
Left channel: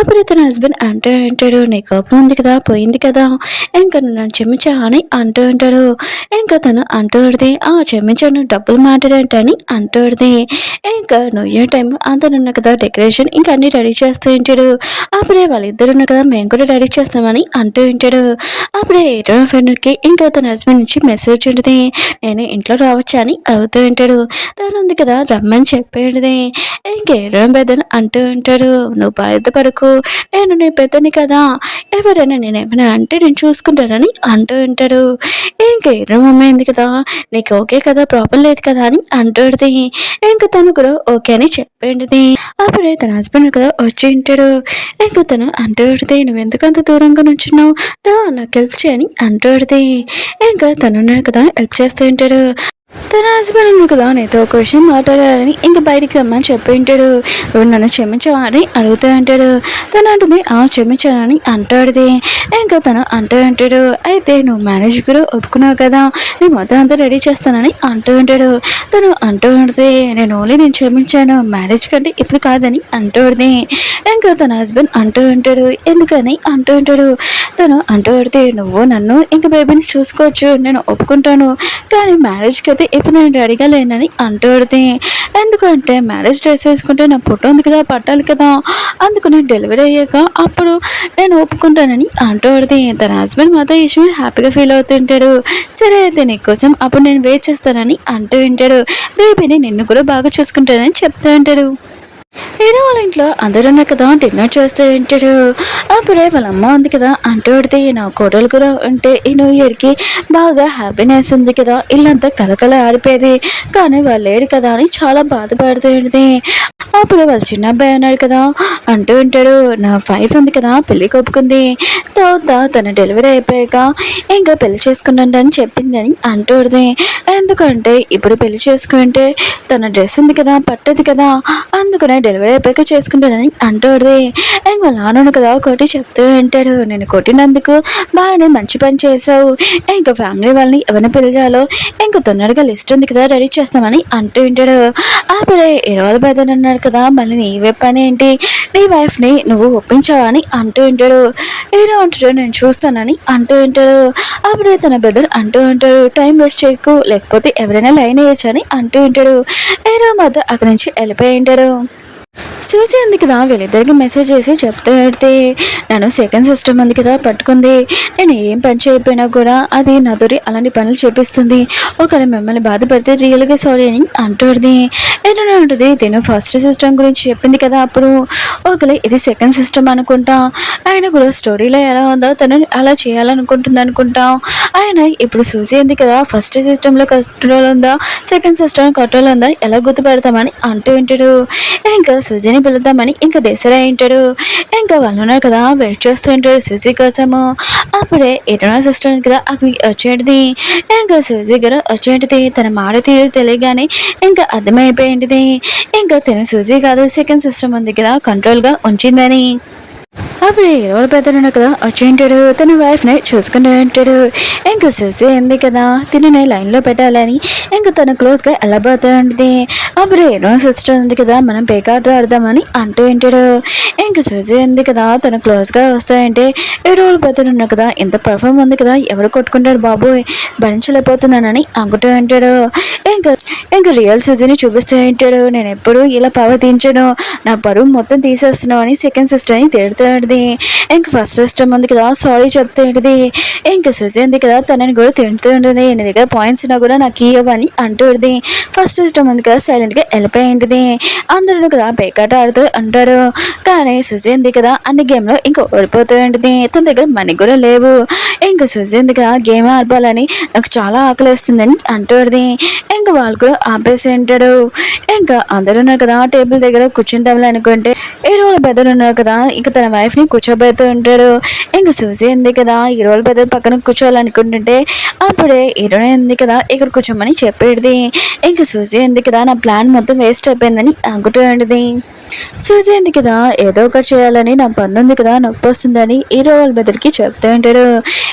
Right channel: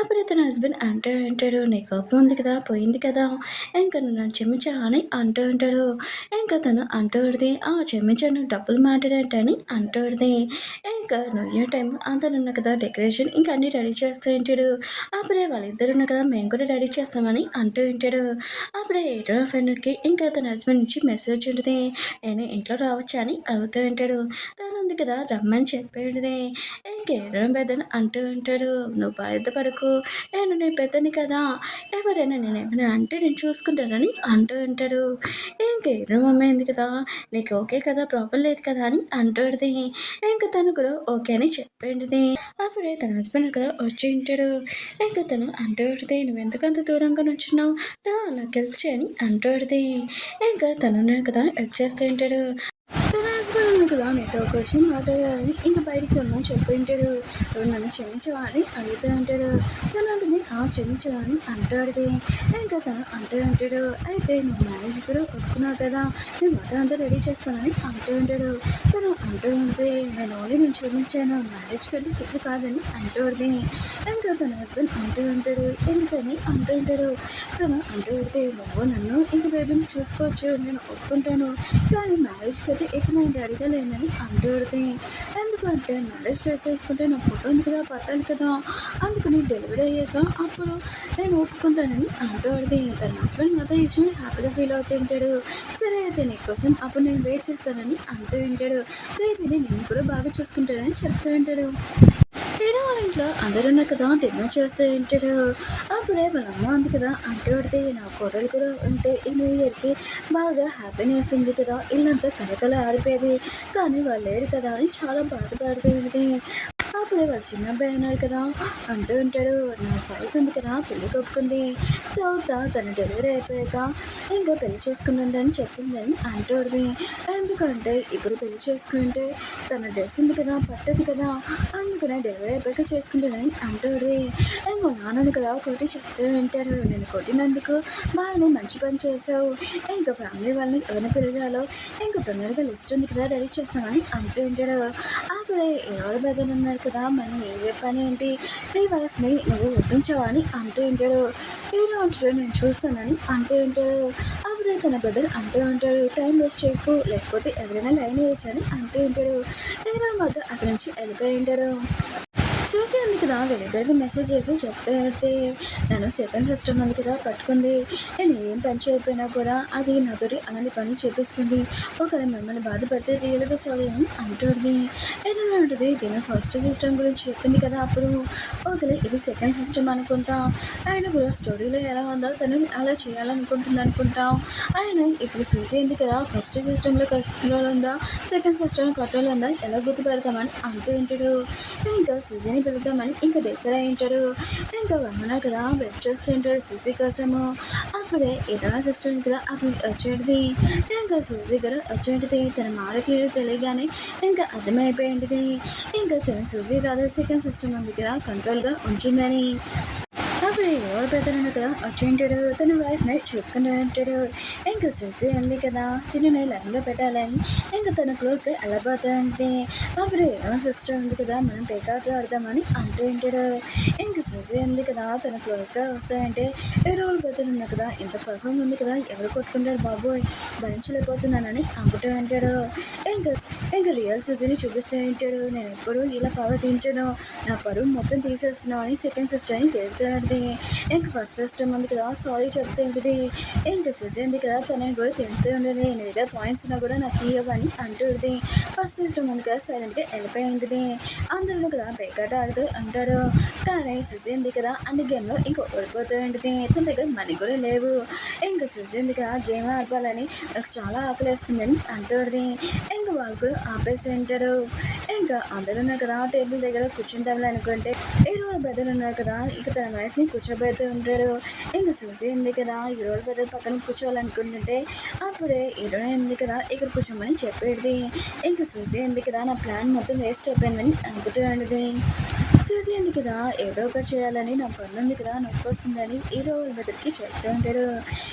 అప్పుడు తన హస్బెండ్ అంటూ ఉంటాడు, నీ కోపం ఉంది కదా పోయింది కదా, ఇంకా నువ్వు నన్ను క్షమించా అని అంటూ ఉంటాడు. ఇంకా తను అంటూ ఉంటుంది, క్షమించాను డబ్బులు మాట్లాడంటని అంటుంది. ఇంకా న్యూ ఇయర్ టైం అంతనున్న కదా డెకరేషన్ ఇంకా అన్ని రెడీ చేస్తూ ఉంటాడు. అప్పుడే వాళ్ళిద్దరు ఉన్నారు కదా మేము కూడా రెడీ చేస్తామని అంటూ ఉంటాడు. అప్పుడే ఏటో ఫ్రెండ్కి ఇంకా తన హస్బెండ్ నుంచి మెసేజ్ ఉంటుంది, నేను ఇంట్లో రావచ్చా అని అడుగుతూ ఉంటాడు. తను ఉంది కదా రమ్మని చెప్పేది. ఇంకేడో పెద్దని అంటూ ఉంటాడు, నువ్వు బాధపడకు, నేను నీ పెద్దని కదా, ఎవరైనా నేనేమైనా అంటే నేను చూసుకుంటానని అంటూ ఉంటాడు. ఇంకేడో మమ్మీ ఉంది కదా నీకు ఓకే కదా ప్రాబ్లం లేదు కదా అని అంటుంది. ఇంకా తను కూడా ఓకే అని చెప్పేది. అప్పుడే తన హస్బెండ్ కదా వచ్చి ఉంటాడు. ఇంకా తను అంటూడితే, నువ్వు ఎందుకంత దూరంగా నుంచున్నావు, రా నాకు హెల్ప్ చేయని అంటూడితే. ఇంకా తను ఉన్నాడు కదా హెల్ప్ చేస్తూ ఉంటాడు. తన హస్బెండ్ కదా నీతో ఒక విషయం మాట్లాడాలని ఇంక బయటికి రమ్మని చెప్పి ఉంటాడు. నన్ను క్షమించవా అని అడుగుతూ ఉంటాడు. తను అంటుంది, క్షమించానని అంటాడుది. ఇంకా తను అంటూ ఉంటాడు, అయితే నువ్వు మ్యారేజ్ కూడా ఒప్పుకున్నావు కదా, నేను మొత్తం అంతా రెడీ చేస్తానని అంటూ ఉంటాడు. తను అంటూ ఉంటుంది, నేను క్షమించాను, మ్యారేజ్ కంటే ఇప్పుడు కాదని అంటూ ఉంటుంది. ఇంకా తన హస్బెండ్ అంటూ ఉంటాడు, ఎందుకని అంటూ ఉంటాడు. తను అంటూ పడితే, నువ్వు నన్ను ఇంక బేబీని చూసుకోవచ్చు, నేను ఒప్పుకుంటాను, కానీ మ్యారేజ్కి అయితే ఇప్పుడు నేను రెడీగా లేనని అంటూ పడితే, ఎందుకంటే మ్యారేజ్ డ్రెస్ వేసుకుంటే నా ఫోటో ఉంది కదా పట్టాలి కదా, అందుకని డెలివరీ అయ్యాక అప్పుడు నేను ఒప్పుకుంటానని అంటూ పడితే, తన హస్బెండ్ మాత్రం ఈ విషయం హ్యాపీగా ఫీల్ అవుతుంటాడు. సరే అయితే నీకోసం అప్పుడు నేను వెయిట్ చేస్తానని అంటూ ఉంటాడు. బేబీని నిన్ను కూడా బాగా చూసుకుంటానని చెప్తూ ఉంటాడు. హీరో వాళ్ళ ఇంట్లో అందరూ ఉన్నారు కదా డిన్నర్ చేస్తూ ఉంటాడు. అప్పుడే వాళ్ళ అమ్మ ఉంది కదా అంటూ పడితే, నా కోడలు కూడా ఉంటే ఈ న్యూ ఇయర్కి బాగా హ్యాపీనెస్ ఉంది కదా, ఇల్లంతా కలకల ఆడిపోయేది, కానీ వాళ్ళు లేడు కదా అని చాలా బాధపడుతూ ఉంటుంది. అప్పుడు వాళ్ళ చిన్న అబ్బాయి అన్నాడు కదా అంటూ ఉంటాడు, నా వైఫ్ ఉంది కదా పెళ్ళి ఒప్పుకుంది, తర్వాత తన డెలివరీ అయిపోయాక ఇంకా పెళ్లి చేసుకున్నాడని చెప్పిందని అంటుంది. ఎందుకంటే ఇప్పుడు పెళ్లి చేసుకుంటే తన డ్రెస్ ఉంది కదా పట్టదు కదా, అందుకనే డెలివరీ అయిపోయాక చేసుకుంటానని అంటుంది. ఇంక వాళ్ళ నాన్న కదా ఒకటి చెప్తూ ఉంటాడు, నేను కొట్టినందుకు బాగానే మంచి పని చేసావు, ఇంకా ఫ్యామిలీ వాళ్ళని ఎవరిని పిలిచాలో ఇంకా తొందరగా లిస్ట్ ఉంది కదా రెడీ చేస్తామని అంటూ ఉంటాడు. అప్పుడే ఇరవై బెదర్ అన్నాడు కదా, మళ్ళీ నీ పని ఏంటి, నీ వైఫ్ని నువ్వు ఒప్పించావా అని అంటూ ఉంటాడు. ఏదో అంటాడు, నేను చూస్తానని అంటూ ఉంటాడు. అప్పుడే తన బెదర్ అంటూ ఉంటాడు, టైం వేస్ట్ చేయకు, లేకపోతే ఎవరైనా లైన్ వేయచ్చు అని అంటూ ఉంటాడు. ఏదో మాత్రం అక్కడి నుంచి వెళ్ళిపోయి ఉంటాడు. సూజీ ఉంది కదా వీళ్ళిద్దరికి మెసేజ్ చేసి చెప్తూ పెడితే, నన్ను సెకండ్ సిస్టమ్ ఉంది కదా పట్టుకుంది, నేను ఏం పని చేయకపోయినా కూడా అది నాతోటి అలాంటి పనులు చేపిస్తుంది, ఒకవేళ మిమ్మల్ని బాధపడితే రియల్గా సారీ అని అంటుంది. ఏదైనా ఉంటుంది, నేను ఫస్ట్ సిస్టమ్ గురించి చెప్పింది కదా అప్పుడు, ఒకవేళ ఇది సెకండ్ సిస్టమ్ అనుకుంటా, ఆయన కూడా స్టోరీలో ఎలా ఉందో తను అలా చేయాలనుకుంటుంది అనుకుంటా. ఆయన ఇప్పుడు సూజీ ఉంది కదా ఫస్ట్ సిస్టంలో కంట్రోల్ ఉందా సెకండ్ సిస్టమ్ కంట్రోల్ ఉందా ఎలా గుర్తుపెడతామని అంటూ ఉంటాడు. ఇంకా సూజీని పిలుద్దామని ఇంకా డిసైడ్ అయి ఉంటాడు. ఇంకా వాళ్ళు ఉన్నారు కదా వెయిట్ చేస్తూ ఉంటాడు సూజీ కోసము. అప్పుడే ఇరవై సిస్టర్ కదా అక్కడికి వచ్చేటిది. ఇంకా సూజీ కూడా వచ్చేటిది, తన మాట తీరు తెలియగానే ఇంకా అర్థమైపోయింది ఇంకా తన సూజీ కాదు సెకండ్ సిస్టమ్ ఉంది కదా కంట్రోల్గా ఉంచిందని. అప్పుడు హీరో పెద్దలు కదా వచ్చి ఉంటాడు, తన వైఫ్ని చూసుకుంటూ ఉంటాడు. ఇంకా చూసి ఉంది కదా తినని లైన్లో పెట్టాలని ఇంకా తన క్లోజ్గా వెళ్ళబోతూ ఉంటుంది. అప్పుడు హీరో సిస్టర్ ఉంది కదా మనం పేకాట ఆడదామని అంటూ ఉంటాడు. ఇంకా చూసి ఉంది కదా తన క్లోజ్గా వస్తాయంటే హీరోలు పెద్దలు ఉన్నారు కదా ఇంత పర్ఫామ్ ఉంది కదా ఎవరు కొట్టుకుంటారు బాబోయ్ భరించలేకపోతున్నానని అనుకుంటూ ఉంటాడు. ఇంకా ఇంకా రియల్ సుజీని చూపిస్తూ ఉంటాడు. నేను ఎప్పుడు ఇలా ప్రవర్తించను, నా పరువు మొత్తం తీసేస్తున్నావు అని సెకండ్ సిస్టర్ని తిడుతూ ఉంటుంది. ఇంకా ఫస్ట్ సిస్టర్ ఉంది కదా సారీ చెప్తూ ఉంటుంది. ఇంకా సుజీ ఉంది కదా తనని కూడా తిడుతూ ఉంటుంది. నీ దగ్గర పాయింట్స్ ఉన్నా కూడా నాకు ఇవ్వని అంటూ ఉంటుంది. ఫస్ట్ సిస్టమ్ ఉంది కదా సైలెంట్గా వెళ్ళిపోయి ఉంటుంది. అందరూ కదా పేకాట ఆడుతూ అంటాడు. కానీ సుజీ ఉంది కదా అన్ని గేమ్లో ఇంకా ఓడిపోతూ ఉంటుంది. తన దగ్గర మనీ కూడా లేవు. ఇంకా సుజీ ఉంది కదా గేమ్ ఆడిపోవాలని నాకు చాలా ఆకలిస్తుందని అంటుంది. ఇంకా వాళ్ళు కూడా ఆపేసి ఉంటాడు. ఇంకా అందరూ ఉన్నారు కదా టేబుల్ దగ్గర కూర్చుంటామని అనుకుంటే ఈ రోజు పెద్దలు ఉన్నారు కదా ఇంకా తన వైఫ్ని కూర్చోబెడుతూ ఉంటాడు. ఇంకా సూజీ ఉంది కదా ఈ రోజు పెద్దలు పక్కన కూర్చోవాలనుకుంటుంటే అప్పుడే హీరోనే ఉంది కదా ఇక్కడ కూర్చోమని చెప్పేది. ఇంకా సూజీ ఉంది కదా నా ప్లాన్ మొత్తం వేస్ట్ అయిపోయిందని అనుకుంటూ ఉంటుంది. సూజీ ఉంది కదా ఏదో ఒకటి చేయాలని నా పన్ను ఉంది కదా నొప్పి వస్తుందని హీరో వాళ్ళ బెదర్కి చెప్తూ ఉంటాడు.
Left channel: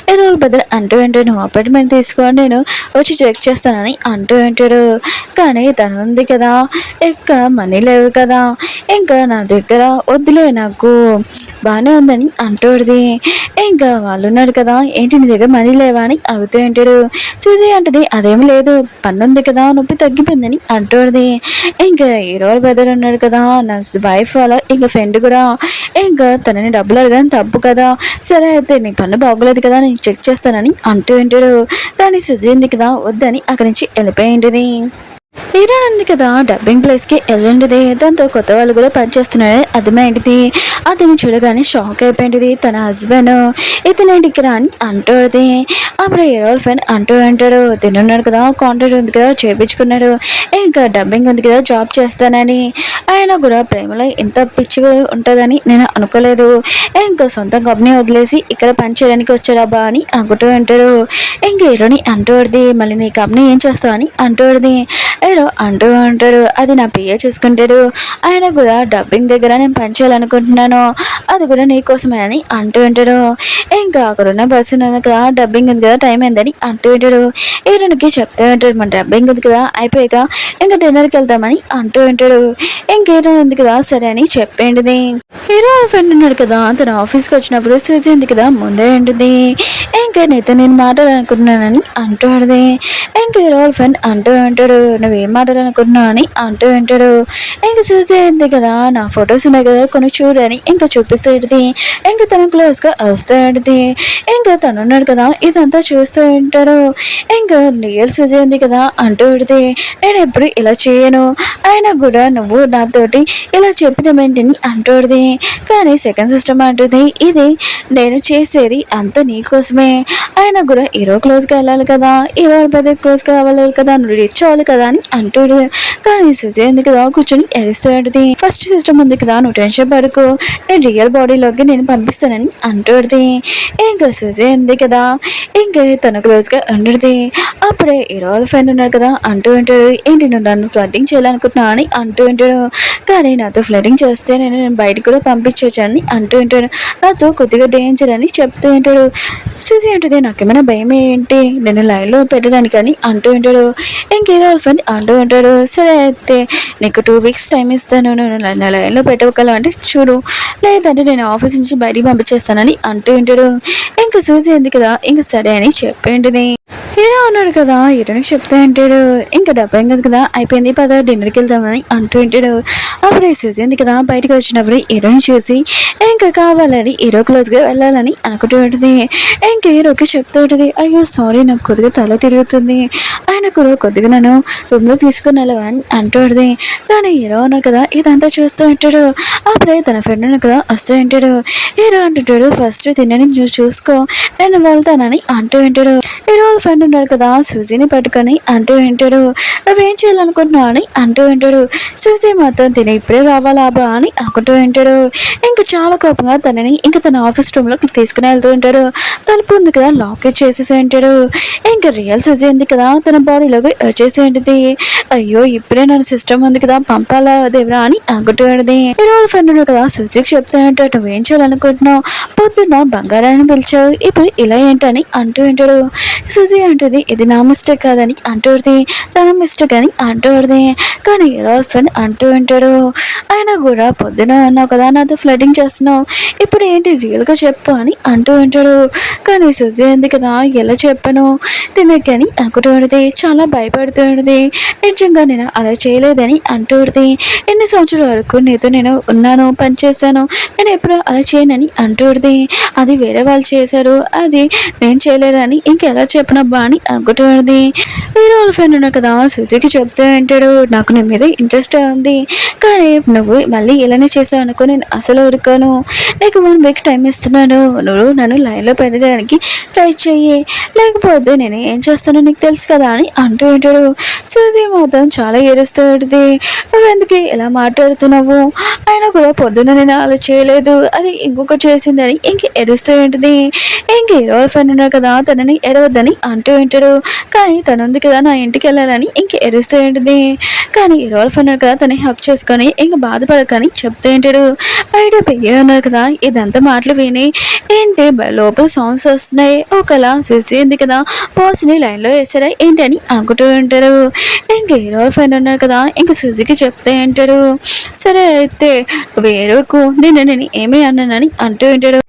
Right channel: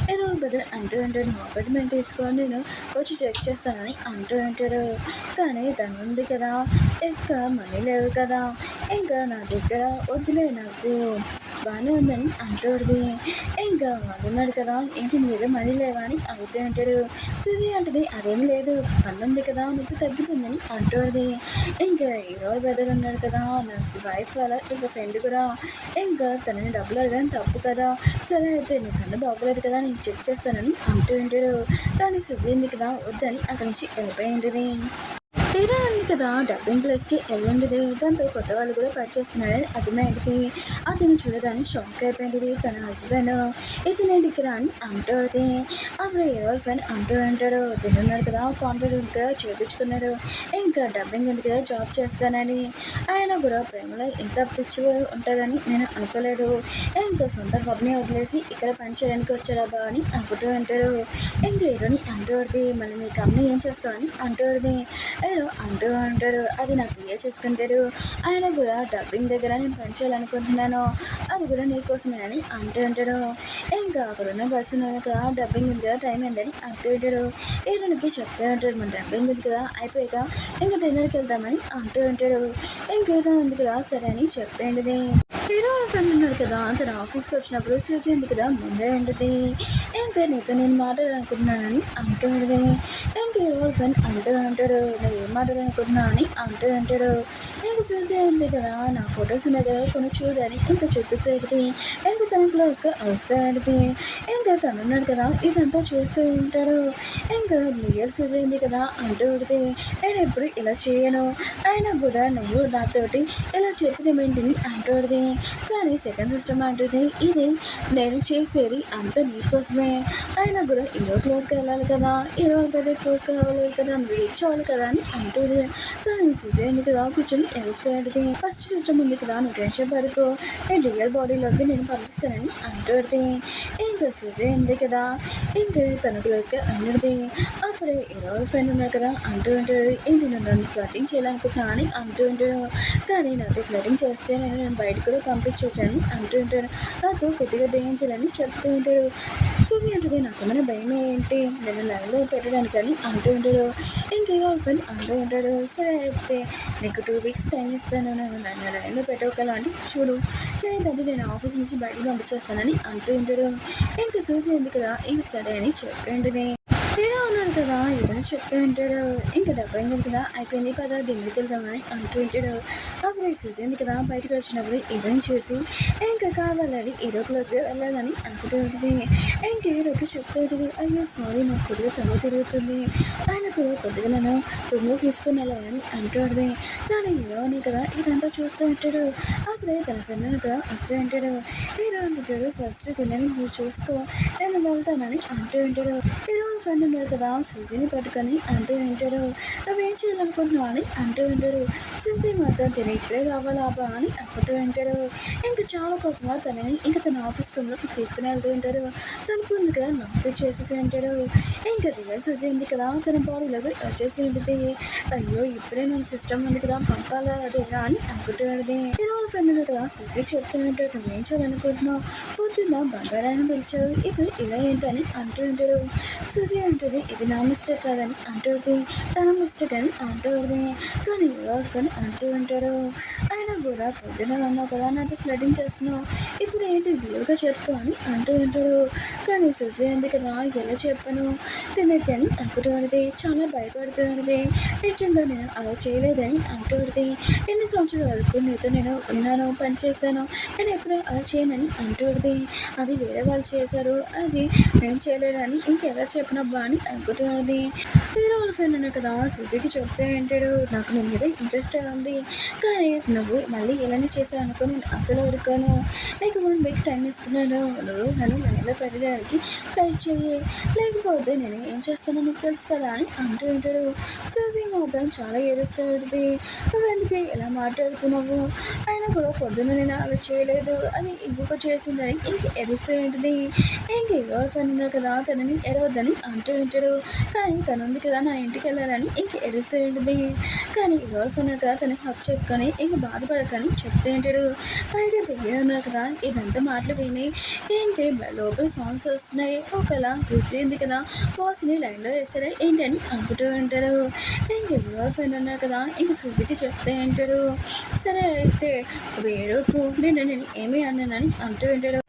హీరో వాళ్ళ బెదర్ అంటూ ఉంటాడు నువ్వు అపార్ట్మెంట్ తీసుకొని నేను వచ్చి చెక్ చేస్తానని అంటూ ఉంటాడు. కానీ తను ఉంది కదా ఇక్కడ మనీ లేవు కదా ఇంకా నా దగ్గర వద్దులే నాకు బాగానే ఉందని అంటుంది. ఇంకా వాళ్ళు ఉన్నాడు కదా ఏంటి నీ దగ్గర మనీ లేవా అని అడుగుతూ ఉంటాడు. చూసి అంటది అదేమి లేదు పన్ను ఉంది కదా నొప్పి తగ్గిపోయిందని అంటుంది. ఇంకా హీరో బ్రదర్ ఉన్నాడు కదా నా వైఫ్ వాళ్ళ ఇంకా ఫ్రెండ్ కూడా ఇంకా తనని డబ్బులు అడగని తప్పు కదా సరే అయితే నీ పన్ను బాగోలేదు కదా నేను చెక్ చేస్తానని అంటూ ఉంటాడు. కానీ సుజీ ఉంది కదా వద్దని అక్కడి నుంచి వెళ్ళిపోయి ఉంటుంది. హీరోయిన్ ఉంది కదా డబ్బింగ్ ప్లేస్కి వెళ్ళండిది. దాంతో కొత్త వాళ్ళు కూడా పనిచేస్తున్నారని అర్థమైంది. అతను చూడగానే షాక్ అయిపోయింది. తన హస్బెండ్ ఇతనేంటి ఇక్కడ అని అంటుంది. అప్పుడు హీరో ఫ్రెండ్ అంటూ అంటాడు తినున్నాడు కదా కాంట్రాక్ట్ ఉంది కదా చేయించుకున్నాడు ఇంకా డబ్బింగ్ ఉంది కదా జాబ్ చేస్తానని. ఆయన కూడా ప్రేమలో ఇంత పిచ్చి ఉంటుందని నేను అనుకోలేదు. ఇంకా సొంత కంపెనీ వదిలేసి ఇక్కడ పని చేయడానికి వచ్చాడబ్బా అని అనుకుంటూ ఉంటాడు. ఇంకా హీరోని అంటుంది మళ్ళీ నీ కంపెనీ ఏం చేస్తావు అని అంటుంది. హీరో అంటూ ఉంటాడు అది నా పిఏ చూసుకుంటాడు ఆయన కూడా డబ్బింగ్ దగ్గర నేను పని చేయాలనుకుంటున్నాను అది కూడా నీకోసమే అని అంటూ ఉంటాడు. ఇంకా అక్కడున్న పర్సన్ కదా డబ్బింగ్ ఉంది కదా టైం అయిందని అంటూ ఉంటాడు. హీరోనికి చెప్తూ ఉంటాడు మన డబ్బింగ్ ఉంది కదా అయిపోయాక ఇంకా డిన్నర్కి వెళ్తామని అంటూ ఉంటాడు. ఇంక హీరో ఉంది కదా సరే అని చెప్పేంటిది. హీరో ఫ్రెండ్ ఉన్నాడు కదా తన ఆఫీస్కి వచ్చినప్పుడు సూజీ ఉంది కదా ముందే ఉంటుంది. ఇంకా నీతో నేను మాట్లాడాలనుకుంటున్నానని అంటాడు. ఇంకా హీరో ఫ్రెండ్ అంటూ ఉంటాడు నువ్వేం మాట్లాడాలనుకుంటున్నావు అని అంటూ ఉంటాడు. ఇంకా సూజీ ఉంది కదా నా ఫొటోస్ ఉన్నాయి కదా కొన్ని చూడని ఇంకా చూపిస్తూ ఉంటుంది. ఇంకా తన క్లోజ్గా వస్తూ ఉంటుంది. ఇంకా తను ఉన్నాడు కదా ఇదంతా చూస్తూ ఉంటాడు. ఇంకా రియల్ సూజీ ఉంది కదా అంటూ ఉంటుంది నేను ఎప్పుడు ఇలా చేయను అయినా కూడా నువ్వు నాతోటి ఇలా చెప్పిన వెంటనే అంటుంది. కానీ సెకండ్ సిస్టమ్ అంటుంది ఇది నేను చేసేది అంత నీకోసమే ఆయన కూడా హీరో క్లోజ్గా వెళ్ళాలి కదా హీరో పెద్ద క్లోజ్గా అవ్వాలి కదా నువ్వు రిచ్ అవ్వాలి కదా అని అంటాడు. కానీ సుజయ్ ఉంది కదా కూర్చొని ఏడుస్తూ ఉంటుంది. ఫస్ట్ సిస్టమ్ ఉంది కదా నువ్వు టెన్షన్ పడుకో నేను రియల్ బాడీలోకి నేను పంపిస్తానని అంటుంది. ఇంకా సుజయ్ ఉంది కదా ఇంకా తన క్లోజ్గా ఉంటుంది. అప్పుడే హీరో ఫ్రెండ్ ఉన్నాడు కదా అంటూ ఉంటాడు ఏంటి నువ్వు నన్ను ఫ్లడ్డింగ్ చేయాలనుకుంటున్నా అని అంటూ ఉంటాడు. కానీ నాతో ఫ్లడింగ్ చేస్తే నేను బయటకు కూడా పంపించని అంటూ ఉంటాడు. నాతో కొద్దిగా డేంజర్ అని చెప్తూ ఉంటాడు. సూజీ అంటుంది నాకేమైనా భయం ఏంటి నేను లైన్లో పెట్టడానికి అని అంటూ ఉంటాడు. ఇంకేదో ఫ్రెండ్ అంటూ ఉంటాడు సరే అయితే నీకు 2 వీక్స్ టైం ఇస్తాను నేను నా లైన్లో పెట్టగలను అంటే చూడు లేదంటే నేను ఆఫీస్ నుంచి బయటికి పంపించేస్తానని అంటూ ఉంటాడు. ఇంకా సూజీ ఉంది కదా ఇంకా సరే అని చెప్పేంటిది. హీరో ఉన్నాడు కదా హీరోనికి చెప్తా అంటాడు ఇంకా డబ్బేం కదా కదా అయిపోయింది పద డిన్నర్కి వెళ్తామని అంటూ ఉంటాడు. అప్పుడు సూజీ ఉంది కదా బయటకు వచ్చినప్పుడు హీరోని చూసి ఇంకా కావాలని హీరో క్లోజ్గా వెళ్ళాలని అనుకుంటూ ఉంటుంది. ఇంకా హీరోకి చెప్తూ ఉంటుంది అయ్యో సారీ నాకు కొద్దిగా తల తిరుగుతుంది ఆయన కూడా కొద్దిగా నన్ను రూమ్లో తీసుకుని వెళ్ళవని అంటుంది. కానీ హీరో ఉన్నాడు కదా ఇదంతా చూస్తూ ఉంటాడు. అప్పుడే తన ఫ్రెండ్ ఉన్నాడు కదా వస్తూ ఉంటాడు. హీరో అంటుంటాడు ఫస్ట్ తినని చూసుకో నేను వెళ్తానని అంటూ ఉంటాడు. హీరో ఫ్రెండ్ ఫ్రెండ్ ఉన్నాడు కదా సూజీని పట్టుకొని అంటూ వింటాడు, నువ్వేం చేయాలనుకుంటున్నావు అని అంటూ వింటాడు. సూజీ మాత్రం తిని ఇప్పుడే రావాలా బా అని అనుకుంటూ వింటాడు. ఇంకా చాలా కోపంగా తనని ఇంకా తన ఆఫీస్ రూమ్లోకి తీసుకుని వెళ్తూ ఉంటాడు. తలుపు ఉంది కదా లాక్ చేసేసి ఉంటాడు. ఇంకా రియల్ సూజీ ఉంది కదా తన బాడీలోకి వచ్చేసి ఉంటుంది. అయ్యో ఇప్పుడే నన్ను సిస్టమ్ ఉంది కదా పంపాలా దేవరా అని అనుకుంటూ ఉంటుంది. రోజు ఫ్రెండ్ ఉన్నాడు కదా సూజీకి చెప్తా ఉంటాడు, నువ్వేం చేయాలనుకుంటున్నావు, పొద్దున్న బంగారాన్ని పిలిచావు ఇప్పుడు ఇలా ఏంటని అంటూ ఉంటాడు. సూజీ అంటుంది ఇది నా మిస్టేక్ కాదని అంటుంది, తన మిస్టేక్ అని అంటుంది. కానీ రోజు ఫ్రెండ్ అంటూ ఉంటాడు, అయినా కూడా పొద్దున అన్నావు కదా నాతో ఫ్లటింగ్ చేస్తున్నావు, ఇప్పుడు ఏంటి రియల్గా చెప్పు అని అంటూ ఉంటాడు. కానీ సూజీ ఉంది కదా ఎలా చెప్పను తినకని అనుకుంటూ ఉంటుంది. చాలా భయపడుతూ ఉంటుంది. నిజంగా నేను అలా చేయలేదని అంటూ ఉంటుంది. ఎన్ని సంవత్సరాల వరకు నీతో నేను ఉన్నాను పనిచేశాను, నేను ఎప్పుడు అలా చేయనని అంటూ ఉంటుంది. అది వేరే వాళ్ళు చేశారు, అది నేను చేయలేదని ఇంకెలా చెప్పనబ్బా అని అనుకుంటూ ఉంటుంది. వేరే వాళ్ళ ఫ్రెండ్ ఉన్నా కదా సూజీకి చెప్తూ ఉంటాడు, నాకు నీ మీద ఇంట్రెస్ట్ ఉంది కానీ నువ్వు మళ్ళీ ఇలానే చేసావు అనుకో నేను అసలు ఊరుకోను, నీకు 1 వీక్ టైం ఇస్తున్నాను, నువ్వు నన్ను లైన్లో పెట్టడానికి ట్రై చెయ్యి, లేకపోతే నేను ఏం చేస్తానో నీకు తెలుసు కదా అని అంటూ ఉంటాడు. సూజీ మాత్రం చాలా ఏడుస్తూ ఉంటుంది, నువ్వెందుకు ఇలా మాట్లాడుతున్నావు, అయినా కూడా పొద్దున్న నేను అలా చేయలేదు అది ఇంకొక చేసిందని ఇంక ఏడుస్తూ ఉంటుంది. ఇంక హీరో ఫ్రెండ్ ఉన్నారు కదా తనని ఎడవద్దని అంటూ ఉంటాడు. కానీ తను ఉంది కదా నా ఇంటికి వెళ్ళాలని ఇంక ఏడుస్తూ ఉంటుంది. కానీ హీరో ఫ్రెండ్ ఉన్నారు కదా తనని హక్ చేసుకొని ఇంక బాధపడకని చెప్తూ ఉంటాడు. బయట పెయ్య ఉన్నారు కదా ఇదంతా మాటలు విని ఏంటి లోపల సౌండ్స్ వస్తున్నాయి, ఒకలా చూసి ఉంది కదా బాస్ని లైన్లో వేసారా ఏంటని అనుకుంటూ ఉంటారు. ఇంక హీరో ఫ్రెండ్ ఉన్నారు కదా ఇంక సూజీకి చెప్తూ ఉంటాడు, సరే అయితే వేరేకు నేను ఏమీ అన్నానని అంటూ ఉంటాడు.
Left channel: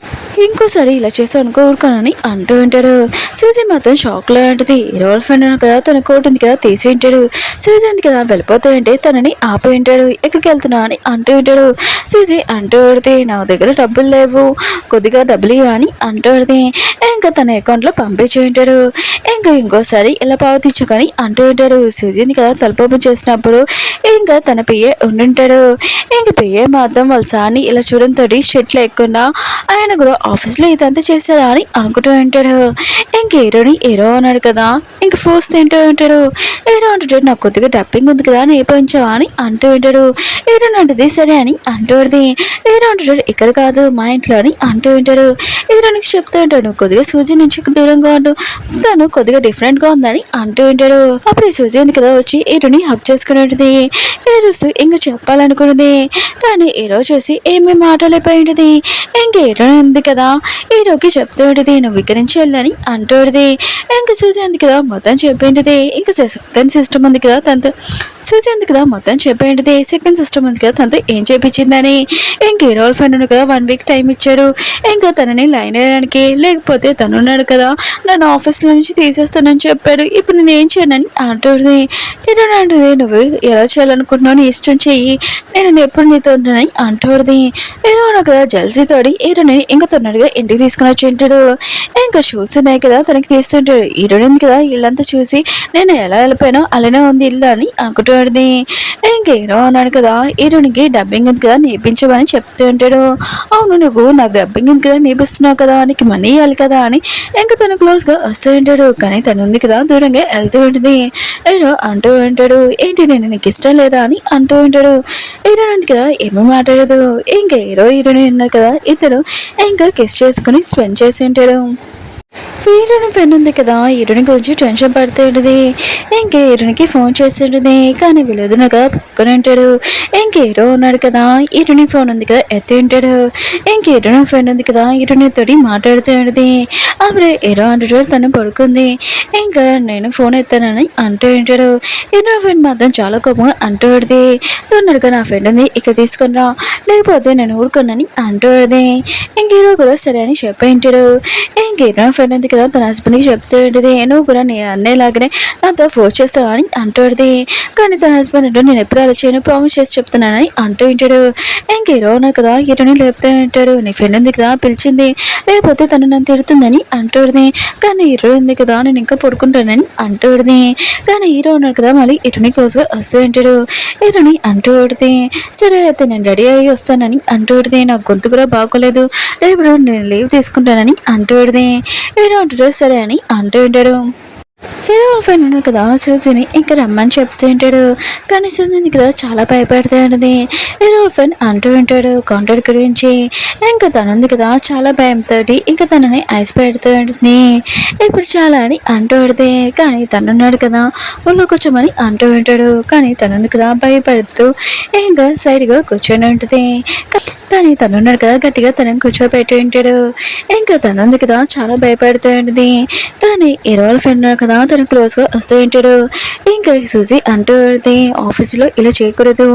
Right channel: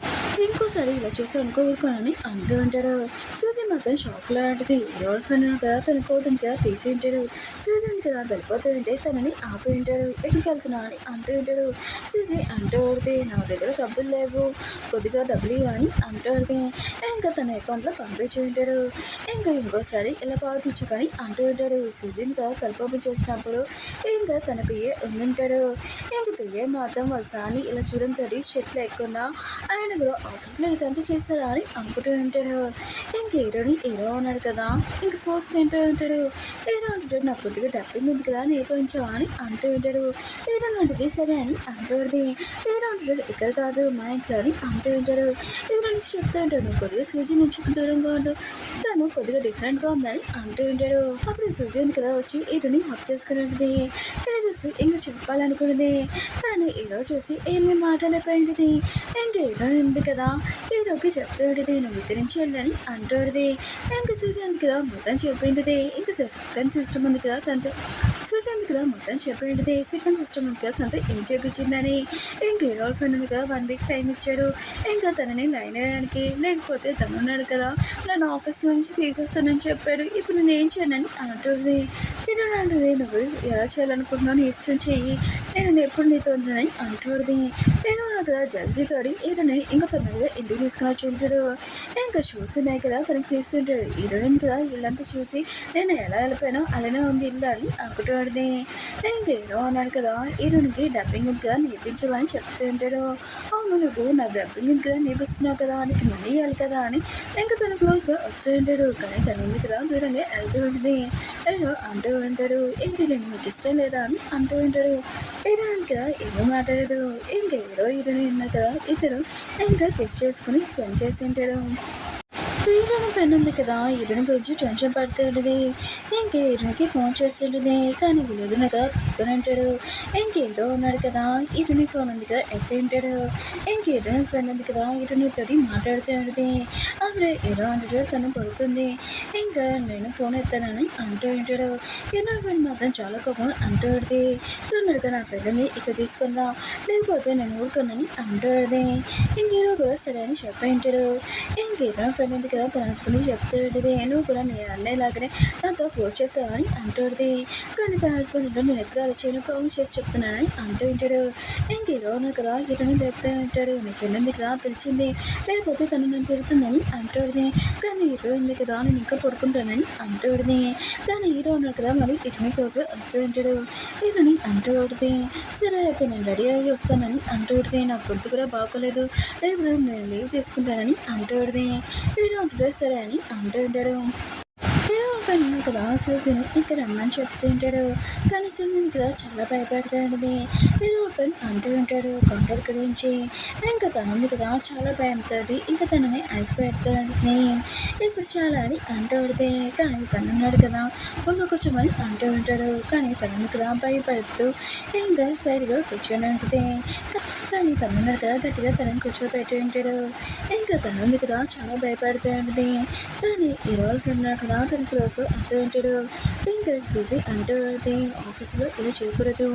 ఇంకోసారి ఇలా చేసి అనుకోరుకోనని అంటూ ఉంటాడు. సూజీ మాత్రం షాక్లో ఉంటుంది. హీరో ఫ్రెండ్ కదా తన కోట్ ఉంది కదా తీసి ఉంటాడు. సూజీ ఉంది కదా వెళ్ళిపోతూ ఉంటే తనని ఆపి ఉంటాడు. ఎక్కడికి వెళ్తున్నావు అని అంటూ ఉంటాడు. సూజీ అంటూ పడితే నా దగ్గర డబ్బులు లేవు, కొద్దిగా డబ్బులు ఇవ్వ అని అంటూ పడితే ఇంకా తన అకౌంట్లో పంపించి ఉంటాడు. ఇంకా ఇంకోసారి ఇలా పావతించుకొని అంటూ ఉంటాడు. సూజీని కదా తలుపు చేసినప్పుడు ఇంకా తన పియ్యే ఉండుంటాడు. ఇంక పియ్యే మాత్రం వాళ్ళ సార్ని ఇలా చూడంతో షెట్ లేకుండా ఆయన కూడా ఆఫీస్లో ఇదంతా చేశారా అని అనుకుంటూ ఉంటాడు. ఇంక హీరో అన్నాడు కదా ఇంక ఫ్రూట్స్ తింటూ ఉంటాడు. హీరో అంటాడు నాకు కొద్దిగా డబ్బింగ్ ఉంది కదా నేర్పించావా అని అంటూ ఉంటాడు. హీరో అంటది సరే అని అంటూ ఉంటుంది. హీరో అంటాడు ఇక్కడ కాదు మా ఇంట్లో అని అంటూ ఉంటాడు. హీరోనికి చెప్తూ ఉంటాడు కొద్దిగా సూజీ నుంచి దూరంగా ఉండు, తను కొద్దిగా డిఫరెంట్గా ఉందని అంటూ ఉంటాడు. అప్పుడు ఈ సూజీ ఉంది కదా వచ్చి హీరోని హక్ చేసుకుని ఉంటుంది. ఏడుస్తూ ఇంక చెప్పాలనుకున్నది కానీ హీరో చూసి ఏమీ మాట్లాడలేకపోయి ఉంటుంది. ఇంక హీరో ఉంది కదా హీరోకి చెప్తూ ఉంటుంది నువ్వు ఇక్కడి నుంచి వెళ్ళని అంటూ ఉంటుంది. ఇంక సూజీ ఉంది కదా మొత్తం చెప్పేంటిది. ఇంకా సెకండ్ సిస్టమ్ ఉంది కదా తనతో సూజీ ఉంది కదా మొత్తం చెప్పేంటిది. సెకండ్ సిస్టమ్ ఉంది కదా తనతో ఏం చేయించిందని. ఇంక హీరో ఫ్రెండ్ ఉంది కదా 1 వీక్ టైం ఇచ్చాడు ఇంకా తనని లైన్ వేయడానికి, లేకపోతే తను ఉన్నాడు కదా నన్ను ఆఫీస్లో నుంచి తీసేస్తానని చెప్పాడు, ఇప్పుడు నేను ఏం చేయనని అంటుంది. హీరో అంటుంది నువ్వు ఎలా చేయాలనుకుంటున్నావు నీ ఇష్టం చెయ్యి, నేను ఎప్పుడు నీతో ఉంటానని అంటుంది. హీరో కదా జల్సీతోడి హీరోని ఇంకా తొందరగా ఇంటికి తీసుకుని వచ్చి ఉంటాడు. ఇంకా షూస్ ఉన్నాయి కదా తనకి తీస్తుంటాడు. హీరోయిన్ కదా ఇల్లంతా చూసి నేను ఎలా వెళ్ళిపోయానో అలానే ఉంది ఇల్లు అని అనుకుంటుంది. ఇంక హీరో అన్నాడు కదా హీరోనికి డబ్బింగ్ ఉంది కదా నేర్పించమని చెప్తూ ఉంటాడు. అవును నువ్వు నాకు డబ్బింగ్ ఉంది కదా నేర్పిస్తున్నావు కదా నీకు మనీ ఇవ్వాలి కదా అని ఇంకా తను క్లోజ్గా వస్తూ ఉంటాడు. కానీ తను ఉంది కదా దూరంగా వెళ్తూ ఉంటుంది. హీరో అంటూ ఉంటాడు ఏంటి నేను నీకు ఇష్టం లేదా అని అంటూ ఉంటాడు. హీరోయిన్ ఉంది కదా ఏమీ మాట్లాడదు. ఇంకా హీరోయిన్ ఉన్నారు కదా ఇతడు ఇంకా కిస్ చేసుకుని స్పెండ్ చేసి ఉంటాడు. హీరోని ఫ్రెండ్ ఉంది కదా హీరోని గురించి టెన్షన్ పడుతుంటుంది. ఇంక హీరోనికి ఫోన్ చేస్తుంటుంది కానీ విలువదునగా పక్కన ఉంటాడు. ఇంక హీరో ఉన్నాడు కదా హీరోని ఫోన్ ఉంది కదా ఎత్తి ఉంటాడు. ఇంక హీరోని ఫ్రెండ్ ఉంది కదా హీరోనితోటి మాట్లాడుతూ ఉంటుంది. అప్పుడే హీరో అంటాడు తను పడుకుంది ఇంకా నేను ఫోన్ ఎత్తానని అంటూ ఉంటాడు. హీరో ఫ్రెండ్ మాత్రం చాలా కోపంగా అంటూ ఉంటుంది. తొందరగా నా ఫ్రెండ్ ఉంది ఇక తీసుకునిరా లేకపోతే నేను ఊరుకున్నాని అంటూ ఉంటుంది. ఇంక హీరో కూడా సరే అని చెప్పి ఉంటాడు. ఇంక హీరో ఫ్రెండ్ ఉంది కదా తన హస్బెండ్కి చెప్తూ ఉంటుంది నువ్వు కూడా నీ అన్నయ్యలాగానే నాతో ఫోర్స్ చేస్తావు అని అంటుంది. కానీ తన హస్బెండ్ అంటే నేను ఎప్పుడు అలా చేయను ప్రామిస్ చేసి చెప్తున్నానని అంటూ ఉంటాడు. ఇంక హీరో ఉన్నారు కదా హీరోని లేపుతూ ఉంటాడు నీ ఫ్రెండ్ ఉంది కదా పిలిచింది లేకపోతే తను నన్ను తిడుతుందని అంటుంది. కానీ హీరో ఉంది కదా నేను ఇంకా పడుకుంటానని అంటుంది. కానీ హీరో ఉన్నారు కదా మళ్ళీ హీరోని క్లోజ్గా వస్తూ ఉంటాడు. హీరోని అంటూ ఉంటుంది సరే అయితే నేను రెడీ అయ్యి వస్తానని అంటూ ఉంటుంది. నాకు గొంతు కూడా బాగోలేదు రేపు నేను లీవ్ తీసుకుంటానని అంటూ ఉంటుంది. హీరో అంటాడు సరే అని అంటూ ఉంటాడు. హీరో ఫ్రెండ్ ఉన్నాడు కదా సూజీని ఇంకా రమ్మని చెప్తూ ఉంటాడు. కానీ సూజీ ఉంది కదా చాలా భయపడుతూ ఉంటుంది. హీరో ఫ్రెండ్ అంటూ ఉంటాడు కాంటాక్ట్ గురించి. ఇంకా తను ఉంది కదా చాలా భయంతో ఇంకా తనని ఐస్ పెడుతూ ఉంటుంది. ఇప్పుడు చాలా అని అంటూ ఉంటుంది. కానీ తను ఉన్నాడు కదా వాళ్ళు కూర్చోమని అంటూ ఉంటాడు. కానీ తను ఉంది కదా భయపడుతూ ఇంకా సైడ్గా కూర్చొని ఉంటుంది. కానీ తను ఉన్నాడు కదా గట్టిగా తనని కూర్చోబెట్టి ఉంటాడు. ఇంకా తను ఉంది కదా చాలా భయపడుతూ ఉంటుంది. కానీ హీరోల ఫ్రెండ్ ఉన్నాడు కదా తను క్లోజ్గా వస్తూ ఉంటాడు. ఇంకా సూజీ అంటూ ఉంటుంది ఆఫీస్లో ఇలా చేయకూడదు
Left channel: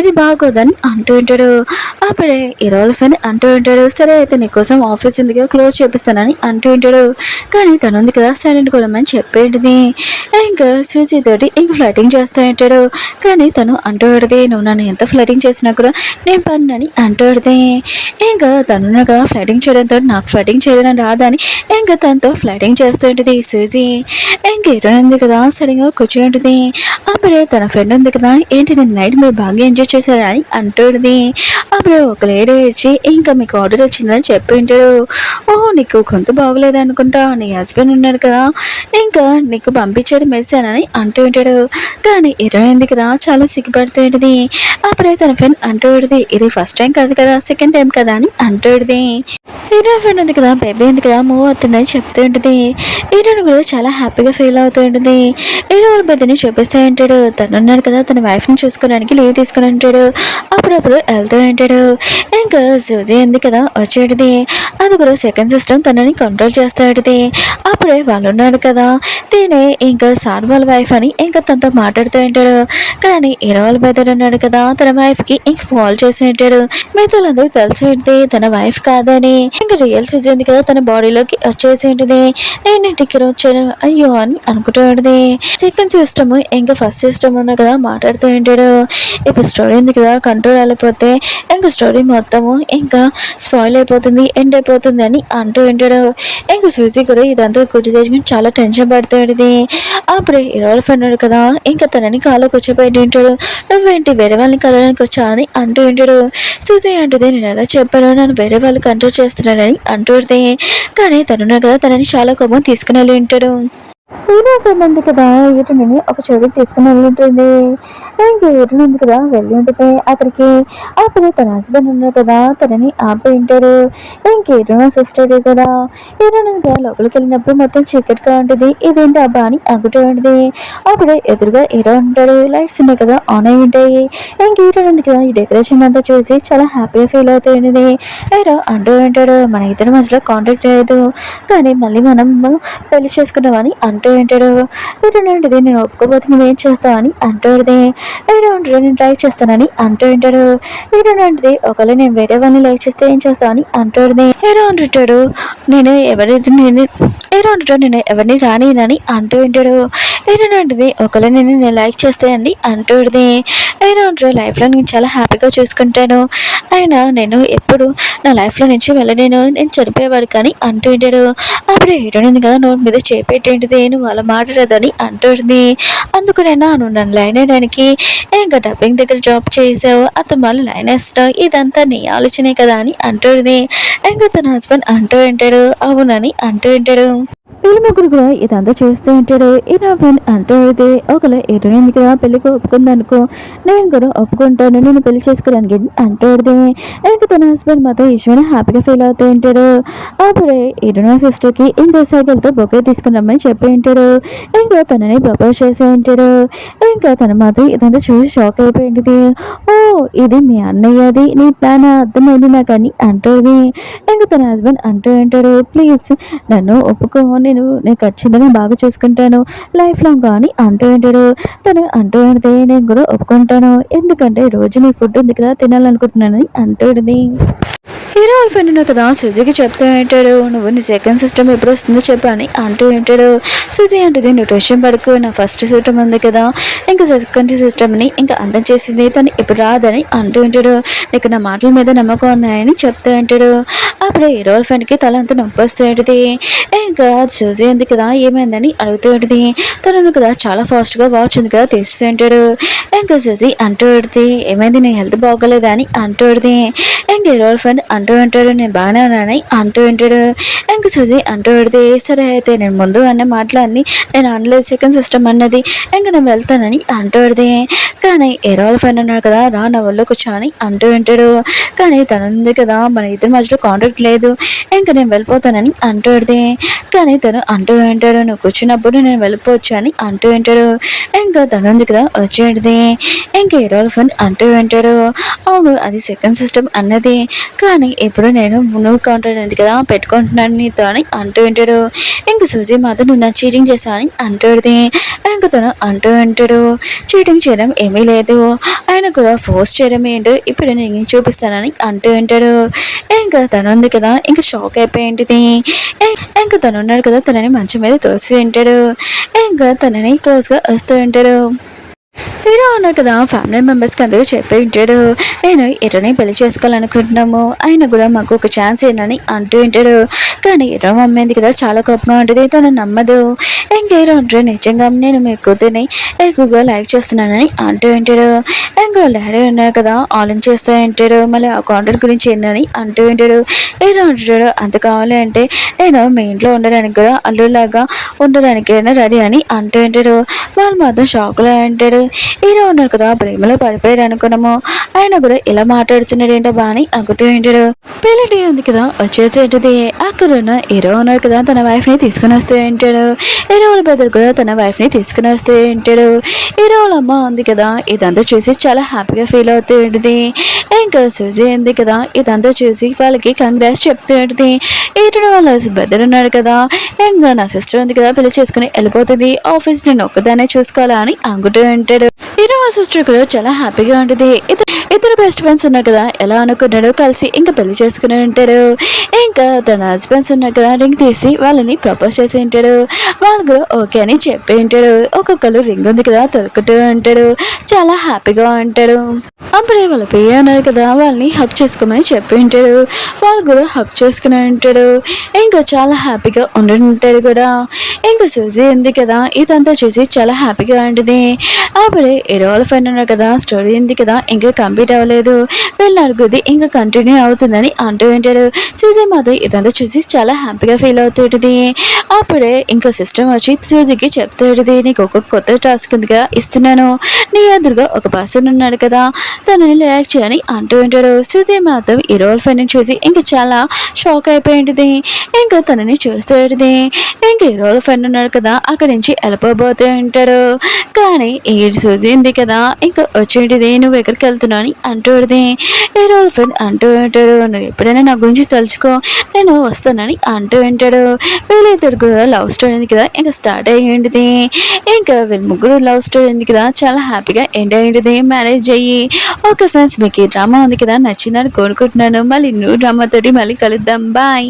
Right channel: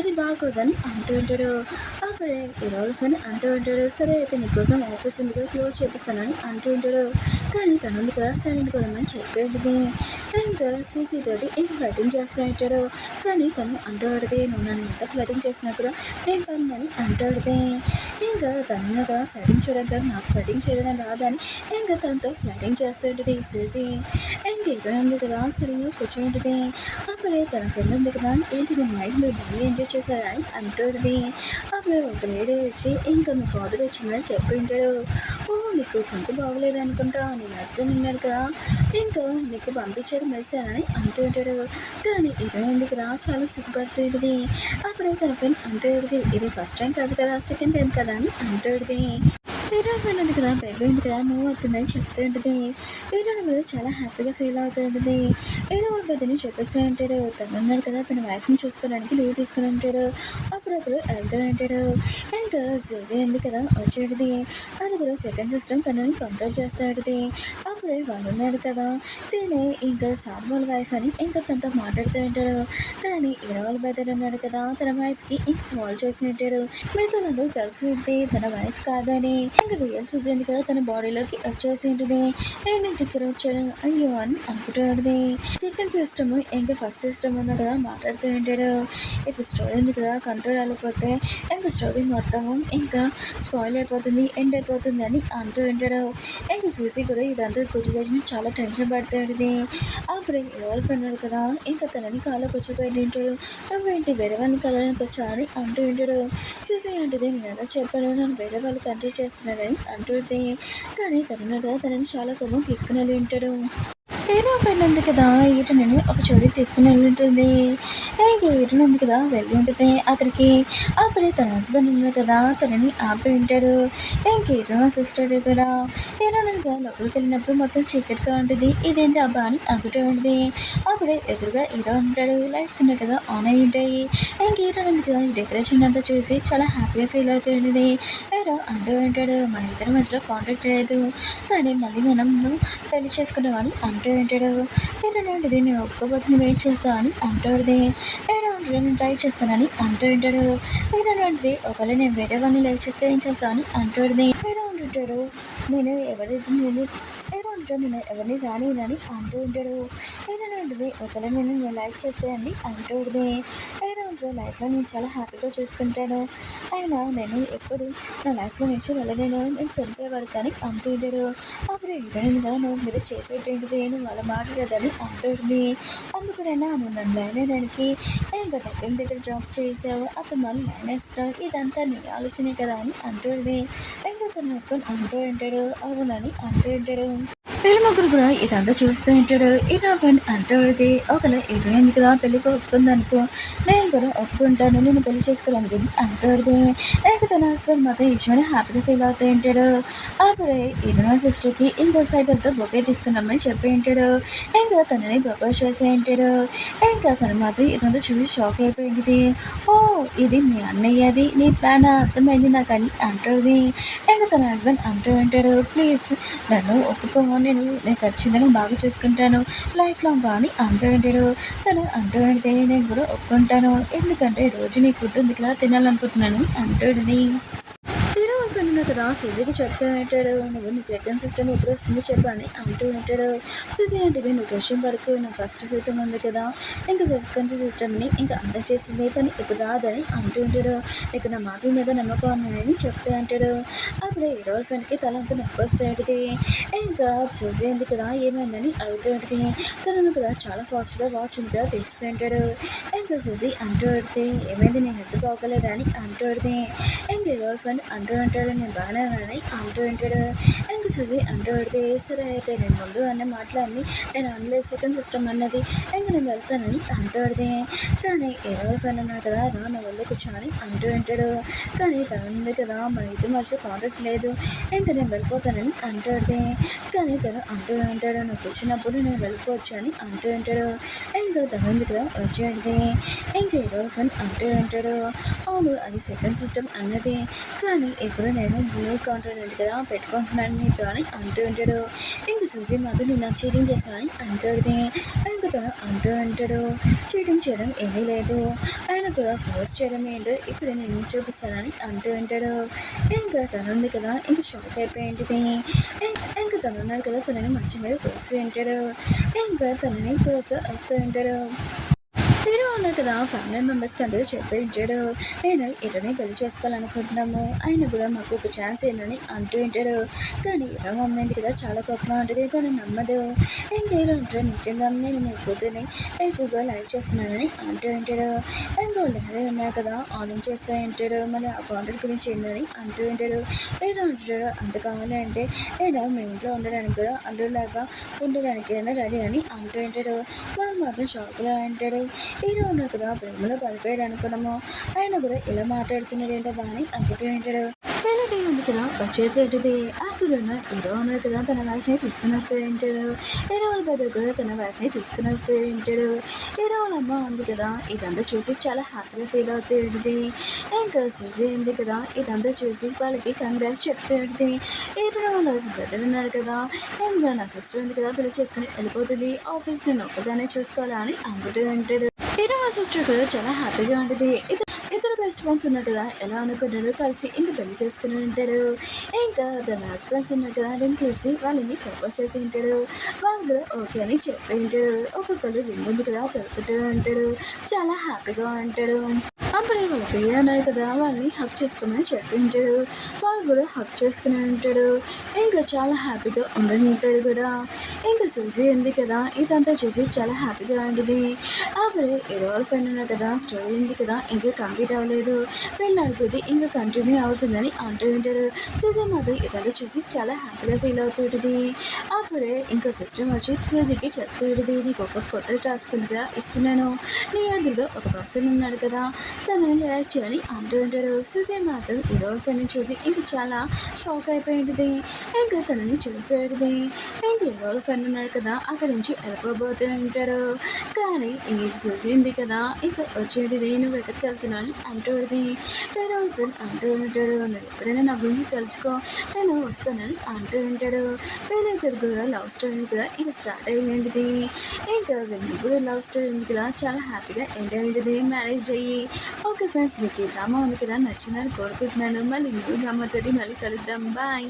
ఇది బాగోదని అంటూ ఉంటాడు. అప్పుడే హీరోల ఫ్రెండ్ అంటూ ఉంటాడు సరే అయితే నీకోసం ఆఫీస్ ఎందుకు క్లోజ్ చేపిస్తానని అంటూ ఉంటాడు. కానీ తను ఉంది కదా సైలెంట్ కొనమని చెప్పేది. ఇంకా సూజీ తోటి ఇంక ఫ్లైటింగ్ చేస్తూ ఉంటాడు. కానీ తను అంటూ ఉంటుంది నువ్వు నన్ను ఎంత ఫ్లైటింగ్ చేసినా కూడా నేను పన్నని అంటూ ఉంటుంది. ఇంకా తను కదా ఫ్లైటింగ్ చేయడంతో నాకు ఫ్లైటింగ్ చేయడం రాదని ఇంకా తనతో ఫ్లైటింగ్ చేస్తూ ఉంటుంది సూజీ. ఇంకా హీరోయిన్ ఉంది కదా సరిగా కూర్చొని ఉంటుంది. అప్పుడే తన ఫ్రెండ్ ఉంది కదా ఏంటి నేను నైట్ మీరు బాగా ఎంజాయ్ చేశారని అంటుంది. అప్పుడు ఒక లేడీ వచ్చి ఇంకా మీకు ఆర్డర్ వచ్చిందని చెప్పి ఉంటాడు. ఓహో నీకు గొంతు బాగోలేదు అనుకుంటా నీ హస్బెండ్ ఉన్నాడు కదా ఇంకా నీకు పంపించాడు మెసేజ్ అని అంటూ ఉంటాడు. కానీ హీరోయిన్ ఉంది కదా చాలా సిగ్గుపడుతూ ఉంటుంది. అప్పుడే తన ఫ్రెండ్ అంటూ ఉంటుంది ఇది ఫస్ట్ టైం కాదు కదా సెకండ్ టైం కదా అని అంటూ ఉంటుంది. హీరో ఫ్రెండ్ ఉంది కదా బేబీ ఉంది కదా మూవ్ అవుతుందని చెప్తూ ఉంటుంది. హీరోని కూడా చాలా హ్యాపీగా ఫీల్ అవుతూ ఉంటుంది. హీరో వాళ్ళ బెద్దని చూపిస్తూ ఉంటాడు. తను ఉన్నాడు కదా తన వైఫ్ని చూసుకోవడానికి లీవ్ తీసుకుని ఉంటాడు. అప్పుడప్పుడు వెళ్తూ ఉంటాడు. ఇంకా సూజీ ఉంది కదా వచ్చేటిది అది కూడా సెకండ్ సిస్టమ్ తనని కంట్రోల్ చేస్తూ ఉంటుంది. అప్పుడే వాళ్ళు ఉన్నాడు కదా తినే ఇంకా సార్ వాళ్ళ వైఫ్ అని ఇంకా తనతో మాట్లాడుతూ ఉంటాడు. కానీ హీరో వాళ్ళ బెదర్ ఉన్నాడు కదా తన వైఫ్కి ఇంక ఫాల్ చేసి ఉంటాడు. మిగతాలందరూ తెలిసి ఉంటుంది తన వైఫ్ కాదని. ఇంకా రియల్ సూజీ ఉంది కదా తన బాడీలోకి వచ్చేసి ఉంటుంది. నేను ఇంటికి వచ్చాను అయ్యో అని అనుకుంటూ ఉంటుంది. సెకండ్ సిస్టమ్ ఇంకా ఫస్ట్ సిస్టమ్ ఉన్నా కదా మాట్లాడుతూ ఉంటాడు. ఇప్పుడు స్టోరీ ఉంది కదా కంట్రోల్ అయిపోతే ఇంకా స్టోరీ మొత్తము ఇంకా స్పాయిల్ అయిపోతుంది ఎండ్ అయిపోతుంది అని అంటూ ఉంటాడు. ఇంకా సూజీ కూడా ఇదంతా గుర్తు తెచ్చుకుని చాలా టెన్షన్ పడుతూ ఉంటుంది. అప్పుడే హీరోల ఫ్రెండ్ కదా ఇంకా తనని కాలో కూర్చోబెట్టి ఉంటాడు. నువ్వేంటి వేరే వాళ్ళని కలడానికి వచ్చా అని అంటూ ఉంటాడు. సూజీ అంటుంది నేను ఎలా చెప్పాను నన్ను వేరే వాళ్ళు కంట్రోల్ చేస్తున్నాడని అంటుంది. కానీ తనున్నా కదా తనని చాలా కోపం తీసుకుని వెళ్ళి ఉంటాడు. హీరో ఫ్రెండ్ ఉంది కదా ఈటని ఒక చోటుకి తీసుకుని వెళ్ళి ఉంటుంది. ఇంకా ఈటని ఉంది కదా వెళ్ళి ఉంటుంది అక్కడికి. అప్పుడు తన హస్బెండ్ ఉన్నాడు కదా తనని ఆపి ఉంటాడు. ఇంక ఈటన సిస్టర్ కూడా ఈటని లోపలికి వెళ్ళినప్పుడు మొత్తం చీకటిగా ఉంటుంది. ఇదేంటి అబ్బా అని అనుకుంటూ ఉంటుంది. అప్పుడే ఎదురుగా హీరో ఉంటాడు. లైట్స్ ఉన్నాయి కదా ఆన్ అయి ఉంటాయి. ఇంక ఈటని ఉంది కదా ఈ డెకరేషన్ అంతా చూసి చాలా హ్యాపీగా ఫీల్ అవుతూ ఉంటుంది. హీరో అంటూ ఉంటాడు మన ఇద్దరి మధ్యలో కాంటాక్ట్ లేదు కానీ మళ్ళీ మనం పెళ్లి చేసుకున్నామని అంటూ ఉంటాడు. ఏంటంటే నేను ఒప్పుకోబోతున్నా ఏం చేస్తావు అని అంటుంది. ఏంటంటే నేను ట్రై చేస్తానని అంటూ ఉంటాడు. ఏంటంటే ఒకవేళ నేను వేరే వాళ్ళని లైక్ చేస్తే ఏం చేస్తావు అని అంటుంది. హీరో అంటుంటాడు నేను ఎవరిని రానినని అంటూ ఉంటాడు. ఏంటంటే ఒకవేళ నేను లైక్ చేస్తే అండి అంటుంది. ఏంటంటే లైఫ్లో నేను చాలా హ్యాపీగా చూసుకుంటాను అయినా నేను ఎప్పుడు నా లైఫ్లో నుంచి వెళ్ళలేను నేను చనిపోయేవాడు కానీ అంటూ ఉంటాడు. అప్పుడు హీరోయిన్ ఉంది కదా నోట్ మీద చేపెట్టేంటిది నువ్వు అలా మాట్లాడదని అంటుంది. అందుకునేనా నువ్వు నన్ను లైన్ వేయడానికి ఇంకా డబ్బింగ్ దగ్గర జాబ్ చేసావు అతను మళ్ళీ లైన్ వేస్తావు ఇదంతా నీ ఆలోచనే కదా అని అంటుంది. ఇంకా తన హస్బెండ్ అంటూ ఉంటాడు అవునని అంటూ ఉంటాడు. వీళ్ళ ముగ్గురు కూడా ఇదంతా చూస్తూ ఉంటాడు. ఇలా ఫ్రెండ్ అంటూ అయితే ఒకవేళ హీరోయిన్ కదా పెళ్ళికి ఒప్పుకుందనుకో నేను కూడా ఒప్పుకుంటాను నేను పెళ్లి చేసుకోవడానికి అంటుంది. ఇంకా తన హస్బెండ్ మాత్రం ఈశ్వర హ్యాపీగా ఫీల్ అవుతూ ఉంటాడు. అప్పుడే హీరోయిన్ సిస్టర్కి ఇంకో సైకిల్తో బొకే తీసుకున్నామని చెప్పి ఉంటాడు. ఇంకా తనని ప్రపోజ్ చేసి ఉంటాడు. ఇంకా తన మాత్రం ఇదంతా చూసి షాక్ అయిపోయింది. ఓ ఇది మీ అన్నయ్యది నీ ప్లాన్ అర్థమైంది నాకు అని అంటుంది. ఇంకా తన హస్బెండ్ అంటూ ఉంటాడు ప్లీజ్ నన్ను ఒప్పుకో నేను ఖచ్చితంగా బాగా చూసుకుంటాను లైఫ్ లాంగ్ అని అంటూ ఉంటాడు. తను అంటూ ఉంటే నేను కూడా ఒప్పుకుంటాను ఎందుకంటే రోజు నీ ఫుడ్ ఉంది కదా తినాలనుకుంటున్నాను అంటుంది. హీరో వాళ్ళ ఫ్రెండ్ ఉన్నావు కదా సుజీకి చెప్తూ ఉంటాడు నువ్వు నీ సెకండ్ సిస్టమ్ ఎప్పుడు వస్తుందో చెప్పు అని అంటూ ఉంటాడు. సుజీ అంటుంది నువ్వు టెన్షన్ పడుకో నా ఫస్ట్ సిస్టమ్ ఉంది కదా ఇంకా సెకండ్ సిస్టమ్ని ఇంకా అందం చేసింది తను ఇప్పుడు రాదని అంటూ ఉంటాడు. నీకు నా మాటల మీద నమ్మకం ఉన్నాయని చెప్తూ ఉంటాడు. అప్పుడు హీరో వాళ్ళ ఫ్రెండ్కి తల అంతా నొప్పి వస్తూ ఉంటుంది. ఇంకా సుజీ ఉంది కదా ఏమైందని అడుగుతూ ఉంటుంది. తను కదా చాలా ఫాస్ట్గా వాచ్ ఉంది కదా తీస్తూ ఉంటాడు. ఇంకా సుజీ అంటూ ఉంటుంది ఏమైంది నీ హెల్త్ బాగోలేదా అని అంటూ ఉంటుంది. ఇంకా హీరో వాళ్ళ ఫ్రెండ్ అంటూ ఉంటాడు, నేను బాగానే ఉన్నానని అంటూ ఉంటాడు. ఇంక సుజీ అంటూ పెడితే సరే అయితే నేను ముందు అన్న మాటలన్నీ నేను అనలేదు సెకండ్ సిస్టమ్ అన్నది, ఇంక నేను వెళ్తానని అంటూ పెడితే కానీ ఏరోల ఫ్రెండ్ ఉన్నాడు కదా రా నా వల్ల కూర్చొని అంటూ ఉంటాడు. కానీ తను ఉంది కదా మన ఇద్దరి మధ్యలో కాంటాక్ట్ లేదు, ఇంకా నేను వెళ్ళిపోతానని అంటూ పెడితే కానీ తను అంటూ ఉంటాడు నువ్వు కూర్చున్నప్పుడు నేను వెళ్ళిపోవచ్చు అని అంటూ ఉంటాడు. ఇంకా తను ఉంది కదా వచ్చేది ఇంకా ఏరోల ఫ్రెండ్ అంటూ ఉంటాడు అవును అది సెకండ్ సిస్టమ్ అన్నది, కానీ ఇప్పుడు నేను నువ్వు కాంటాక్ట్ ఉంది కదా పెట్టుకుంటున్నాను నీతో అని అంటూ ఉంటాడు. ఇంక సూజీ మాత్రం నువ్వు నా చీటింగ్ చేశా అని అంటుంది. ఇంక తను అంటూ ఉంటాడు చీటింగ్ చేయడం ఏమీ లేదు, ఆయన కూడా ఫోర్స్ చేయడం ఏంటో ఇప్పుడు నేను చూపిస్తానని అంటూ ఉంటాడు. ఇంకా తను ఉంది కదా ఇంకా షాక్ అయిపోయింటిది. ఇంకా తను ఉన్నాడు కదా తనని మంచం మీద తోసి ఉంటాడు. ఇంకా తనని క్లోజ్గా వస్తూ ఉంటాడు. హీరో అన్నారు కదా ఫ్యామిలీ మెంబర్స్కి అందరూ చెప్పి ఉంటాడు నేను ఇరని పెళ్లి చేసుకోవాలనుకుంటున్నాము, ఆయన కూడా మాకు ఒక ఛాన్స్ ఏంటని అంటూ ఉంటాడు. కానీ ఇరవ అమ్మేంది కదా చాలా కోపంగా ఉంటుంది, తను నమ్మదు. ఇంకేరో అంటారు నిజంగా నేను మీ కూతుర్ని ఎక్కువగా లైక్ చేస్తున్నానని అంటూ ఉంటాడు. ఇంకా డాడీ ఉన్నారు కదా ఆలోచన చేస్తూ ఉంటాడు, మళ్ళీ ఆ కాంట్రాక్ట్ గురించి ఏంటని అంటూ ఉంటాడు. హీరో అంటాడు అంత కావాలి అంటే నేను మీ ఇంట్లో ఉండడానికి కూడా అల్లులాగా ఉండడానికైనా రెడీ అని అంటూ ఉంటాడు. వాళ్ళు మాత్రం షాక్లో ఉంటాడు. హీరో ఉన్నారు కదా ప్రేమలో పడిపోయారు అనుకున్నాము, ఆయన కూడా ఇలా మాట్లాడుతున్నాడు ఏంటో బాని అనుకుతూ ఉంటాడు. పెళ్ళి ఉంది కదా వచ్చేసేంటిది అక్కడ ఉన్న హీరో ఉన్నారు కదా తన వైఫ్ని తీసుకుని వస్తూ ఉంటాడు. హీరోల బెదర్ కూడా తన వైఫ్ని తీసుకుని వస్తూ ఉంటాడు. హీరోల అమ్మ ఉంది కదా ఇదంతా చూసి చాలా హ్యాపీగా ఫీల్ అవుతూ ఉంటుంది. ఇంకా సూజీ ఉంది కదా ఇదంతా చూసి వాళ్ళకి కంగ్రాట్స్ చెప్తూ ఉంటుంది. ఇటు వాళ్ళ బెదర్ ఉన్నాడు కదా ఇంకా నా సిస్టర్ ఉంది కదా పెళ్లి చేసుకుని వెళ్ళిపోతుంది, ఆఫీస్ నేను ఒక్కదానే చూసుకోవాలా అని అనుకుంటూ ఉంటాడు. హీరో సిస్టర్ కూడా చాలా హ్యాపీగా ఉంటుంది. ఇద్దరు బెస్ట్ ఫ్రెండ్స్ ఉన్నారు కదా ఎలా అనుకున్నాడు కలిసి ఇంకా పెళ్లి చేసుకుని ఉంటాడు. ఇంకా తన హస్బెండ్స్ ఉన్నారు కదా రింగ్ తీసి వాళ్ళని ప్రపోజ్ చేసి ఉంటాడు. వాళ్ళు కూడా ఓకే అని చెప్పి ఉంటాడు. ఒక్కొక్కరు రింగ్ ఉంది కదా తొలుకుంటూ ఉంటాడు, చాలా హ్యాపీగా ఉంటాడు. అప్పుడే వాళ్ళ పియ్య ఉన్నారు కదా వాళ్ళని హక్ చేసుకోమని చెప్పి ఉంటాడు. వాళ్ళు కూడా హక్ చేసుకుని ఉంటాడు. ఇంకా చాలా హ్యాపీగా ఉండి కూడా. ఇంకా సూజీ ఉంది కదా ఇదంతా చూసి చాలా హ్యాపీగా ఉంటుంది. అప్పుడే ఏరోల ఫ్రెండ్ ఉన్నారు కదా స్టోరీ ఉంది కదా ఇంకా కంప్లీట్ అవ్వలేదు, వీళ్ళు అడుగుది ఇంకా కంటిన్యూ అవుతుందని అంటూ ఉంటాడు. సూజీ మాత్రం ఇదంతా చూసి చాలా హ్యాపీగా ఫీల్ అవుతుంటుంది. అప్పుడే ఇంకా సిస్టమ్ వచ్చి సూజీకి చెప్తాడుది నీకు ఒక కొత్త టాస్క్ ఉందిగా ఇస్తున్నాను, నీ ఎదురుగా ఒక పర్సన్ ఉన్నాడు కదా తనని లైక్ చేయని అంటూ ఉంటాడు. సూజీ మాత్రం ఏరోల ఫ్రెండ్ని చూసి ఇంకా చాలా షాక్ అయిపోయింది. ఇంకా తనని చూస్తాడుది. ఇంకా ఏరోల ఫ్రెండ్ ఉన్నాడు కదా అక్కడి నుంచి వెళ్ళిపోబోతూ ఉంటాడు. కానీ ఈ సూజీ ఉంది కదా ఇంకా వచ్చేటిది నువ్వు ఎక్కడికి వెళ్తున్నావు అని అంటూది. ఏరోల ఫ్రెండ్ అంటూ ఉంటాడు నువ్వు ఎప్పుడైనా నా గురించి తలుచుకో నేను వస్తానని అంటూ ఉంటాడు. వీళ్ళిద్దరు కూడా లవ్ స్టోరీ ఉంది కదా ఇంకా స్టార్ట్ అయ్యింది. ఇంకా వీళ్ళ ముగ్గురు లవ్ స్టోరీ ఉంది కదా చాలా హ్యాపీగా ఎండ్ అయ్యింది, మ్యారేజ్ అయ్యి. ఓకే ఫ్రెండ్స్ మీకు ఈ డ్రామా ఉంది కదా నచ్చిందని కోరుకుంటున్నాను, మళ్ళీ న్యూ డ్రామా తోటి మళ్ళీ కలుద్దాం, బాయ్.